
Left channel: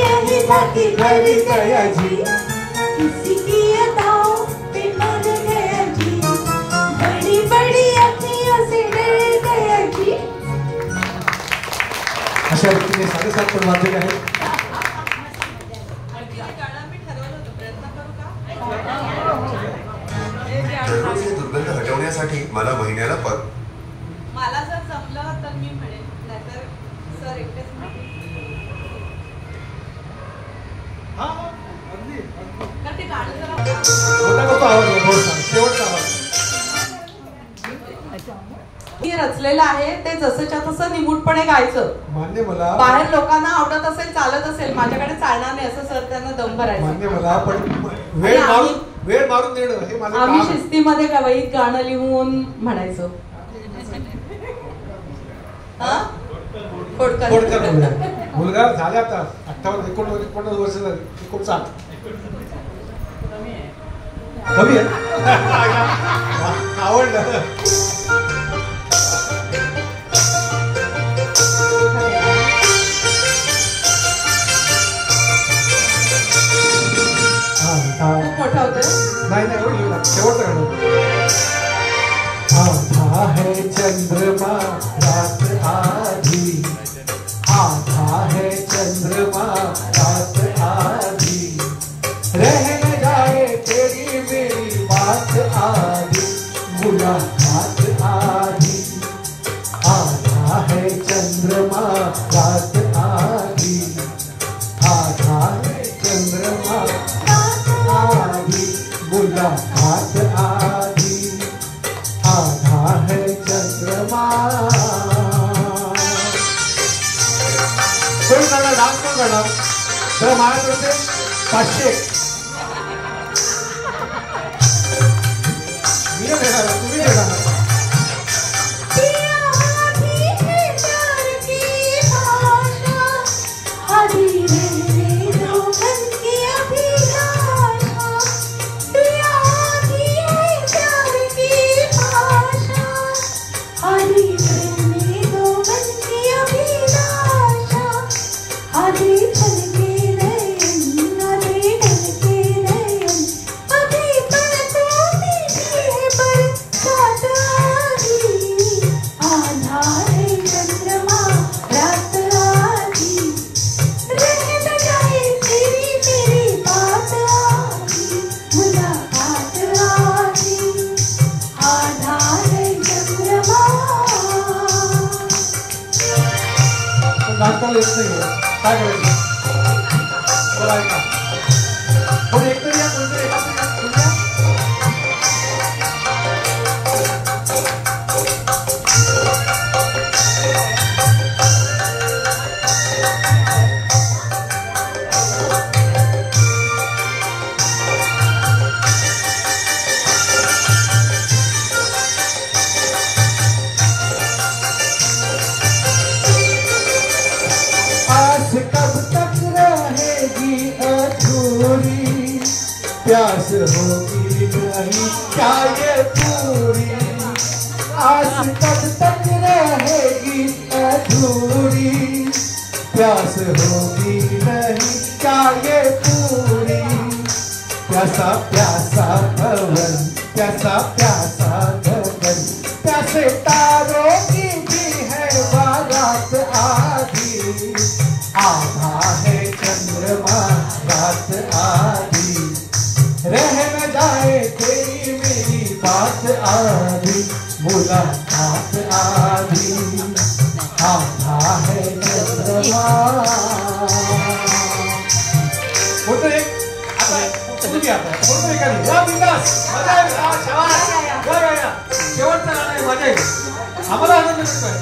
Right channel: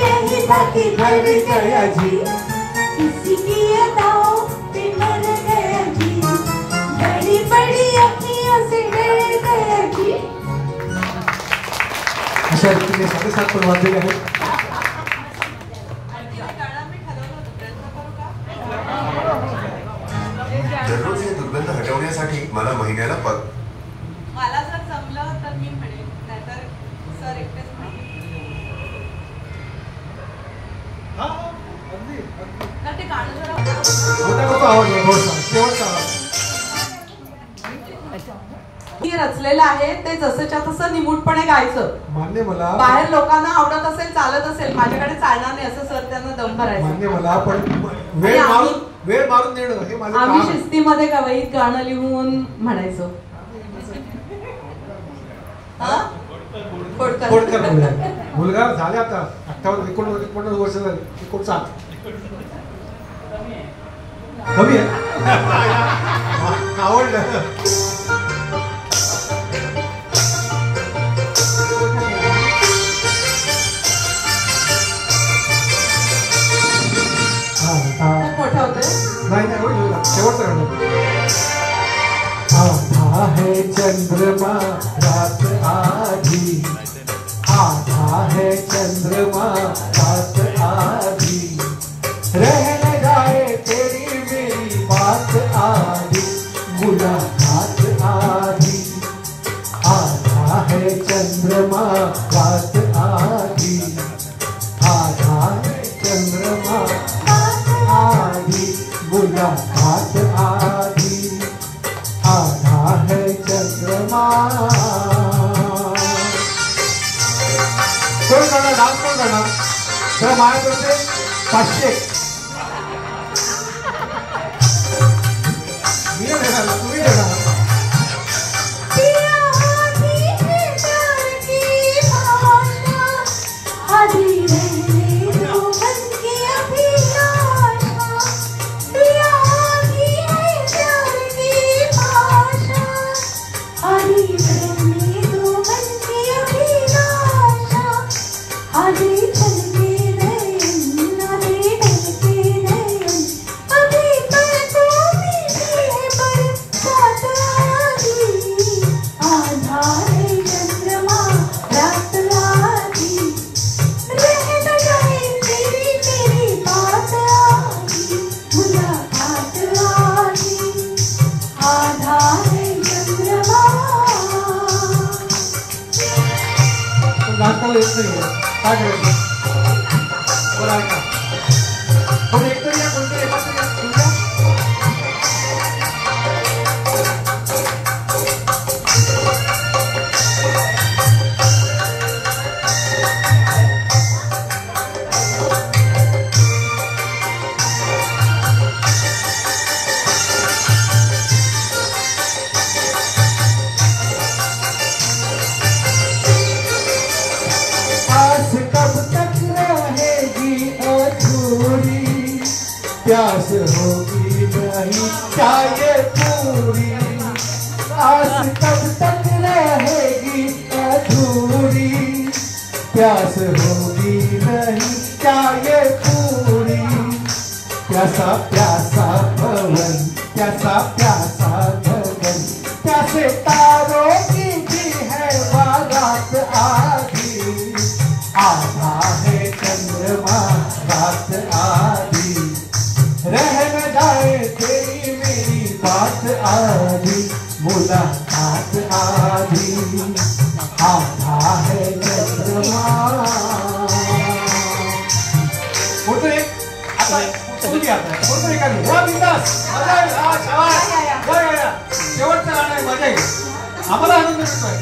यही था किधर गया जी. किसी की अदाओं पे मर गया जी. बड़ी बड़ी अखियों से रह गया जी. अशा रीतीने 7:30 पण वाजलेले आहेत. दररोज हे दुर्गंध हटवण्यासाठी मला महिन्याला मला जर जमलं तर मी म्हणेन, नाहीतर सर एकटेच म्हणेन. तर ते गाणं जरा शेवटचा आवाज. मी रचलेलं आहे ते जसंच्या तसं निमूटपणे गायचं. मान्य मला. बाहेर लोकांना आवडत असेल चालत असेल, माझ्याकडे चालणार नाही असं सर त्यांना दम भरायचं. मान्य मला पण वेळ मारून देणं हे माझं आम्ही काम आहे. शिस्तीमध्ये कवयीत गाणं लिहून म्हणायचं. खोडकर मुलगा झाले आता 58-49 वर्ष झाली. 59 कमी आहे. आवडलं. खूप मोठं होतं. नाही शेवटचं गाणं. आधा है चंद्रमा रात आधी. आधा है चंद्रमा रात आधी. रह न जाए तेरी मेरी बात आधी. मुलाकात आधी. आधा है चंद्रमा रात आधी. आधा है चंद्रमा आधी. मुलाकात आधी. आधा है चंद्रमा करणार तर माझ्याकडे 500 मी देणार तुम्ही देणार नाचताना येत नाही काय करायचं बरं ऐका पण एक तरी या कोणत्या एकाचं प्यास होगी नहीं क्या ये पूरी आस कब तक रहेगी अधूरी प्यास होगी नहीं क्या ये पूरी प्यासा प्यासा भवन प्यासा प्यासा गगन प्यासे तारों की भी है बारात आधी आधा है चंद्रमा रात आधी रह न जाए तेरी मेरी बात आधी मुलाकात आधी आधा है चंद्रमा बोलते शेवटचा गाणं आहे मजा येईल आम्हाला आनंद मिळतोय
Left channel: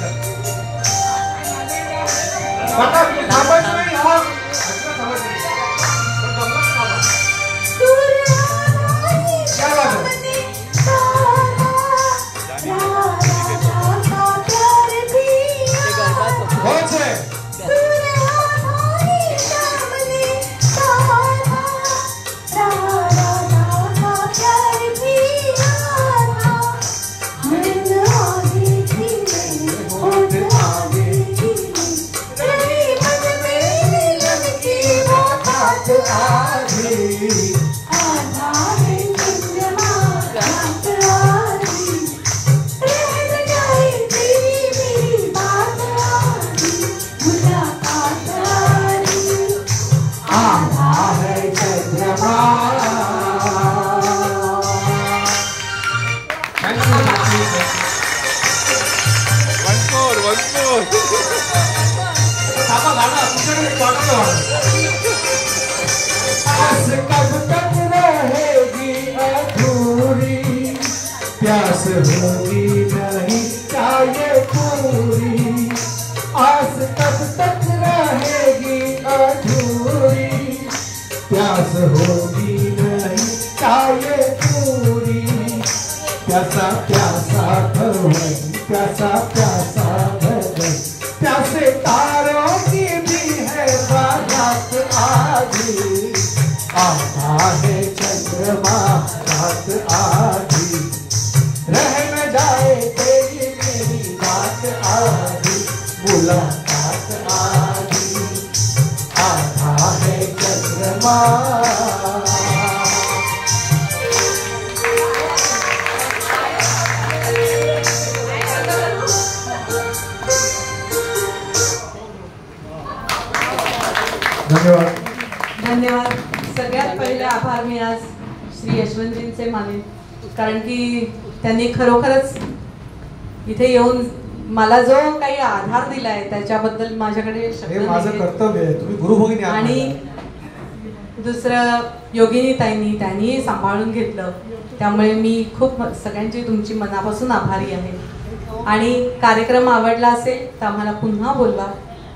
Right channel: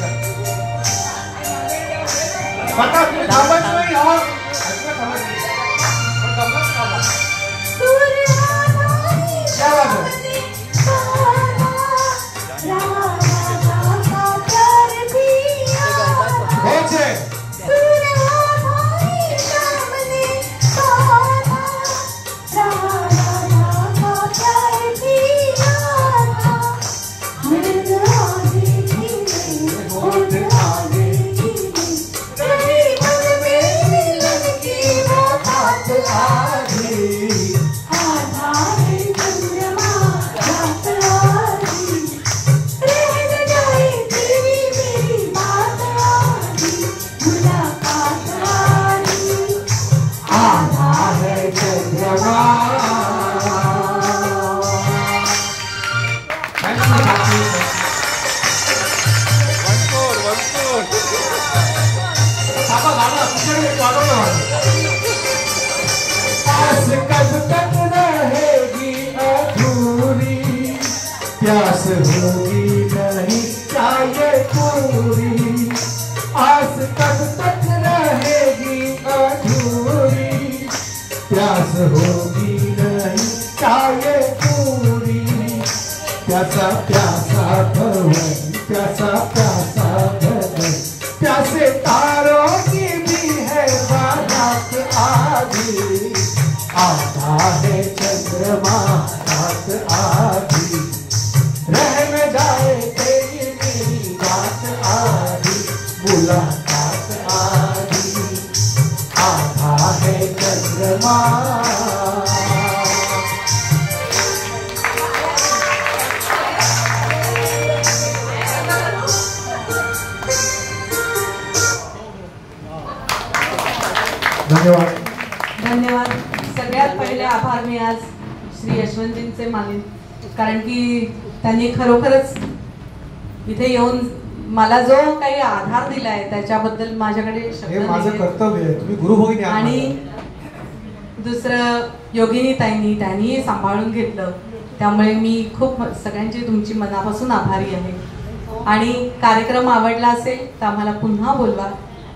थांबायचं नाही क्या बात है बहुत है आस कब तक रहेगी अधूरी प्यास होगी नहीं क्या ये पूरी आस कब तक रहेगी अधूरी प्यास होगी नहीं क्या ये पूरी प्यासा प्यासा भवन प्यासा प्यासा गगन प्यासे तारों की भी है बारात आधी आधा है चंद्रमा रात आधी रह न जाए तेरी मेरी बात आधी मुलाकात आधी आधा है चंद्रमा धन्यवाद धन्यवाद. सगळ्यात पहिले आभार मी आज श्री यशवंतजींचे मानेन, कारण की त्यांनी खरोखरच इथे येऊन मला जो काही आधार दिलाय त्याच्याबद्दल माझ्याकडे शब्द हे माझं नाहीत. कर्तव्य आहे, तुम्ही गुरुभगिनी आहात. आणि दुसरं योगिनी ताईंनी त्यांनी सांभाळून घेतलं, त्यामुळे मी खूप सगळ्यांची तुमची मनापासून आभारी आहे. आणि कार्यक्रम आवडला असेल तर आम्हाला पुन्हा बोलवा.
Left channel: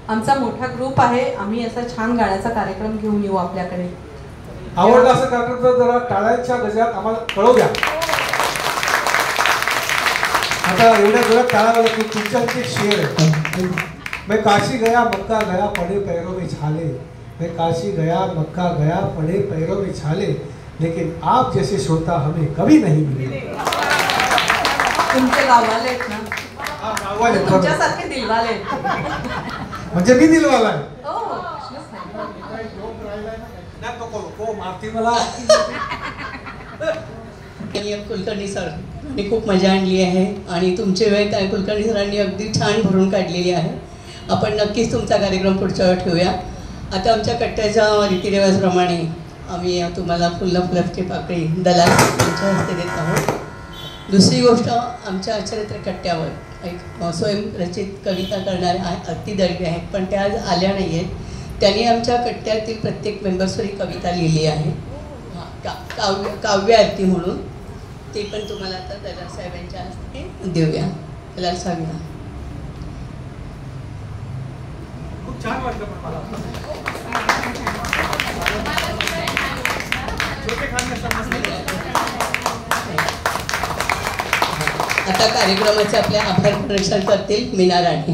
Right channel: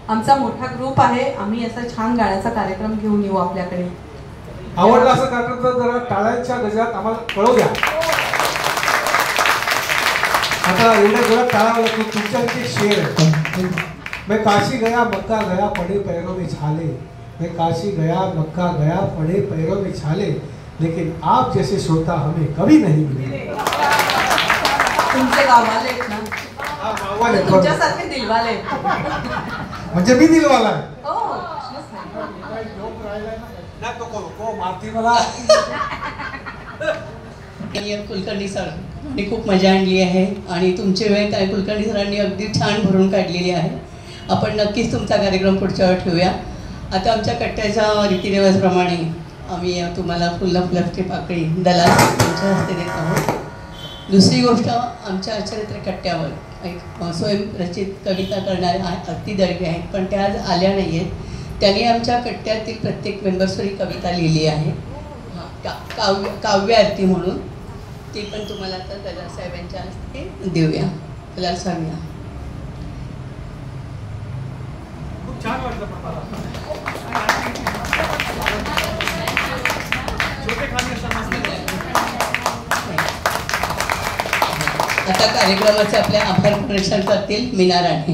आमचा मोठा ग्रुप आहे, आम्ही असा छान गाण्याचा कार्यक्रम घेऊन येऊ आपल्याकडे. आवडला असं कार्यक्रम तर जरा टाळ्यांच्या गजरात आम्हाला कळवू द्या. आता एवढ्या जोरात टाळा तुमच्यासाठी एक शेर आहे. मैं काशी गया मक्का गया पड़े पैरों में छाले, मैं काशी गया मक्का गया पड़े पैरों में छाले, लेकिन आप जैसे श्रोता हमें कभी नहीं मिले. तुमचे गाववाले आहेत ना, गाववाले तुमच्यासारखे दिलवाले. म्हणजे मी दिलवाला आहे. हो, प्रश्नच नाही. तो मारती मला. कुलकर्णी सर आणि खूप मजा आणली आहे आणि तुमची वेळ काय कुलकर्णी सरांनी अगदी छान भरून काढलेली आहे. आपण नक्कीच तुमचा कार्यक्रम पुढच्या वेळी ठेवूया. आता आमच्या कट्ट्याच्या रीतिरिवाजाप्रमाणे आम्ही तुम्हाला फुलाची पाकळी दलाल यांच्या हस्ते देत आहोत. दुसरी गोष्ट, आमच्या चरित्र कट्ट्यावर एक स्वयंरचित कविता करणाऱ्या अति दळगे आहेत, पण त्या आज आल्या नाही आहेत. त्यांनी आमच्या कट्ट्यातील प्रत्येक मेंबर्सवर कविता लिहिली आहे, काव्य आरती म्हणून. ती पण तुम्हाला आता दलाल साहेबांच्या हस्ते देऊया. दलाल साहेबांना खूप छान वाटलं पण मला. आता कार्यक्रमाचे आपले आभार प्रदर्शन करतील मीना राणे.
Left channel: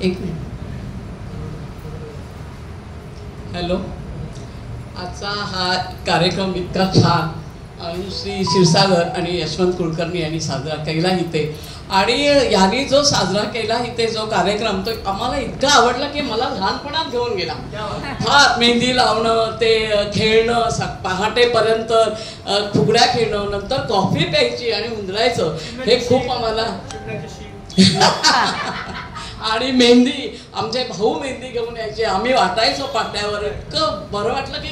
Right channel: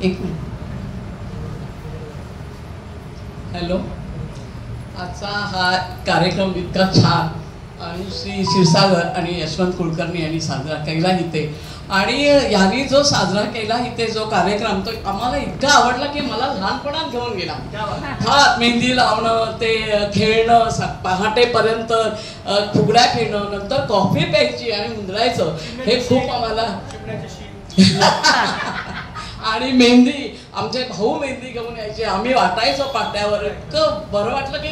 एक मिनिट. हॅलो, आजचा हा कार्यक्रम इतका छान आणि श्री क्षीरसागर आणि यशवंत कुलकर्णी यांनी साजरा केला इथे, आणि यांनी जो साजरा केला इथे जो कार्यक्रम तो आम्हाला इतका आवडला की मला लहानपणात घेऊन गेला. हा मेहंदी लावणं, ते खेळणं, पहाटेपर्यंत फुगड्या खेळणं, नंतर कॉफी प्यायची आणि उंदरायचं, हे खूप आम्हाला. आणि मेहंदी, आमचे भाऊ मेहंदी घेऊन यायचे, आम्ही वाटायचो पाट्यावर. इतकं बरं वाटलं की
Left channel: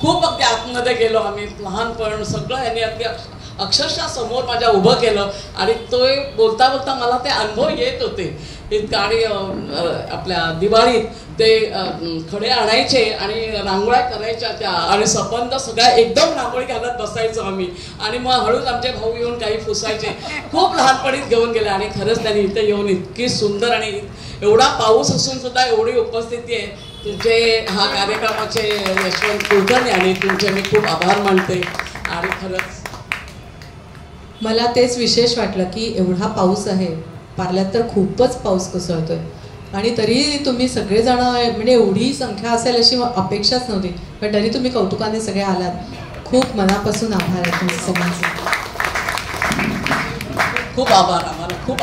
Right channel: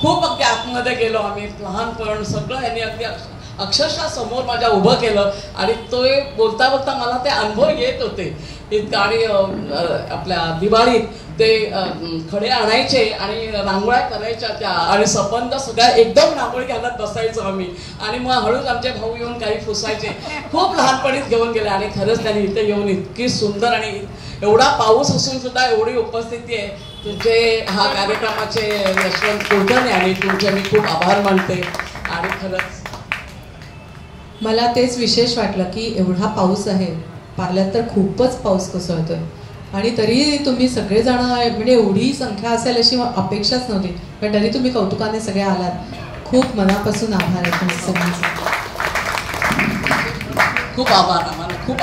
खूप अगदी आतमध्ये गेलो आम्ही. लहानपण सगळं यांनी अगदी अक्षरशः समोर माझ्या उभं केलं आणि तो बोलता बोलता मला ते अनुभव येत होते इतकं. आणि आपल्या दिवाळीत ते खडे आणायचे आणि रांगोळ्या करायच्या त्या, आणि संबंध सगळ्या एकदम रांगोळी घालत बसायचो आम्ही, आणि मग हळूच आमचे भाऊ येऊन काही फुसायचे. खूप लहानपणीच घेऊन गेले आणि खरंच त्यांनी इथे येऊन इतकी सुंदर, आणि एवढा पाऊस असून सुद्धा एवढी उपस्थिती आहे. तुमचे हा कार्यक्रमाचे यशवंत कुलकर्णी आणि तुमचे मी खूप आभार मानते. आणि खरंच मला तेच विशेष वाटलं की एवढा पाऊस आहे, पार्ल्यात तर खूपच पाऊस कोसळतोय, आणि तरी तुम्ही सगळेजण, म्हणजे एवढी संख्या असेल अशी अपेक्षाच नव्हती, पण तरी तुम्ही कौतुकाने सगळे आलात. खूप मनापासून आभार आहे तुमचे सगळ्यांचे. खूप आभार, आम्हाला खूप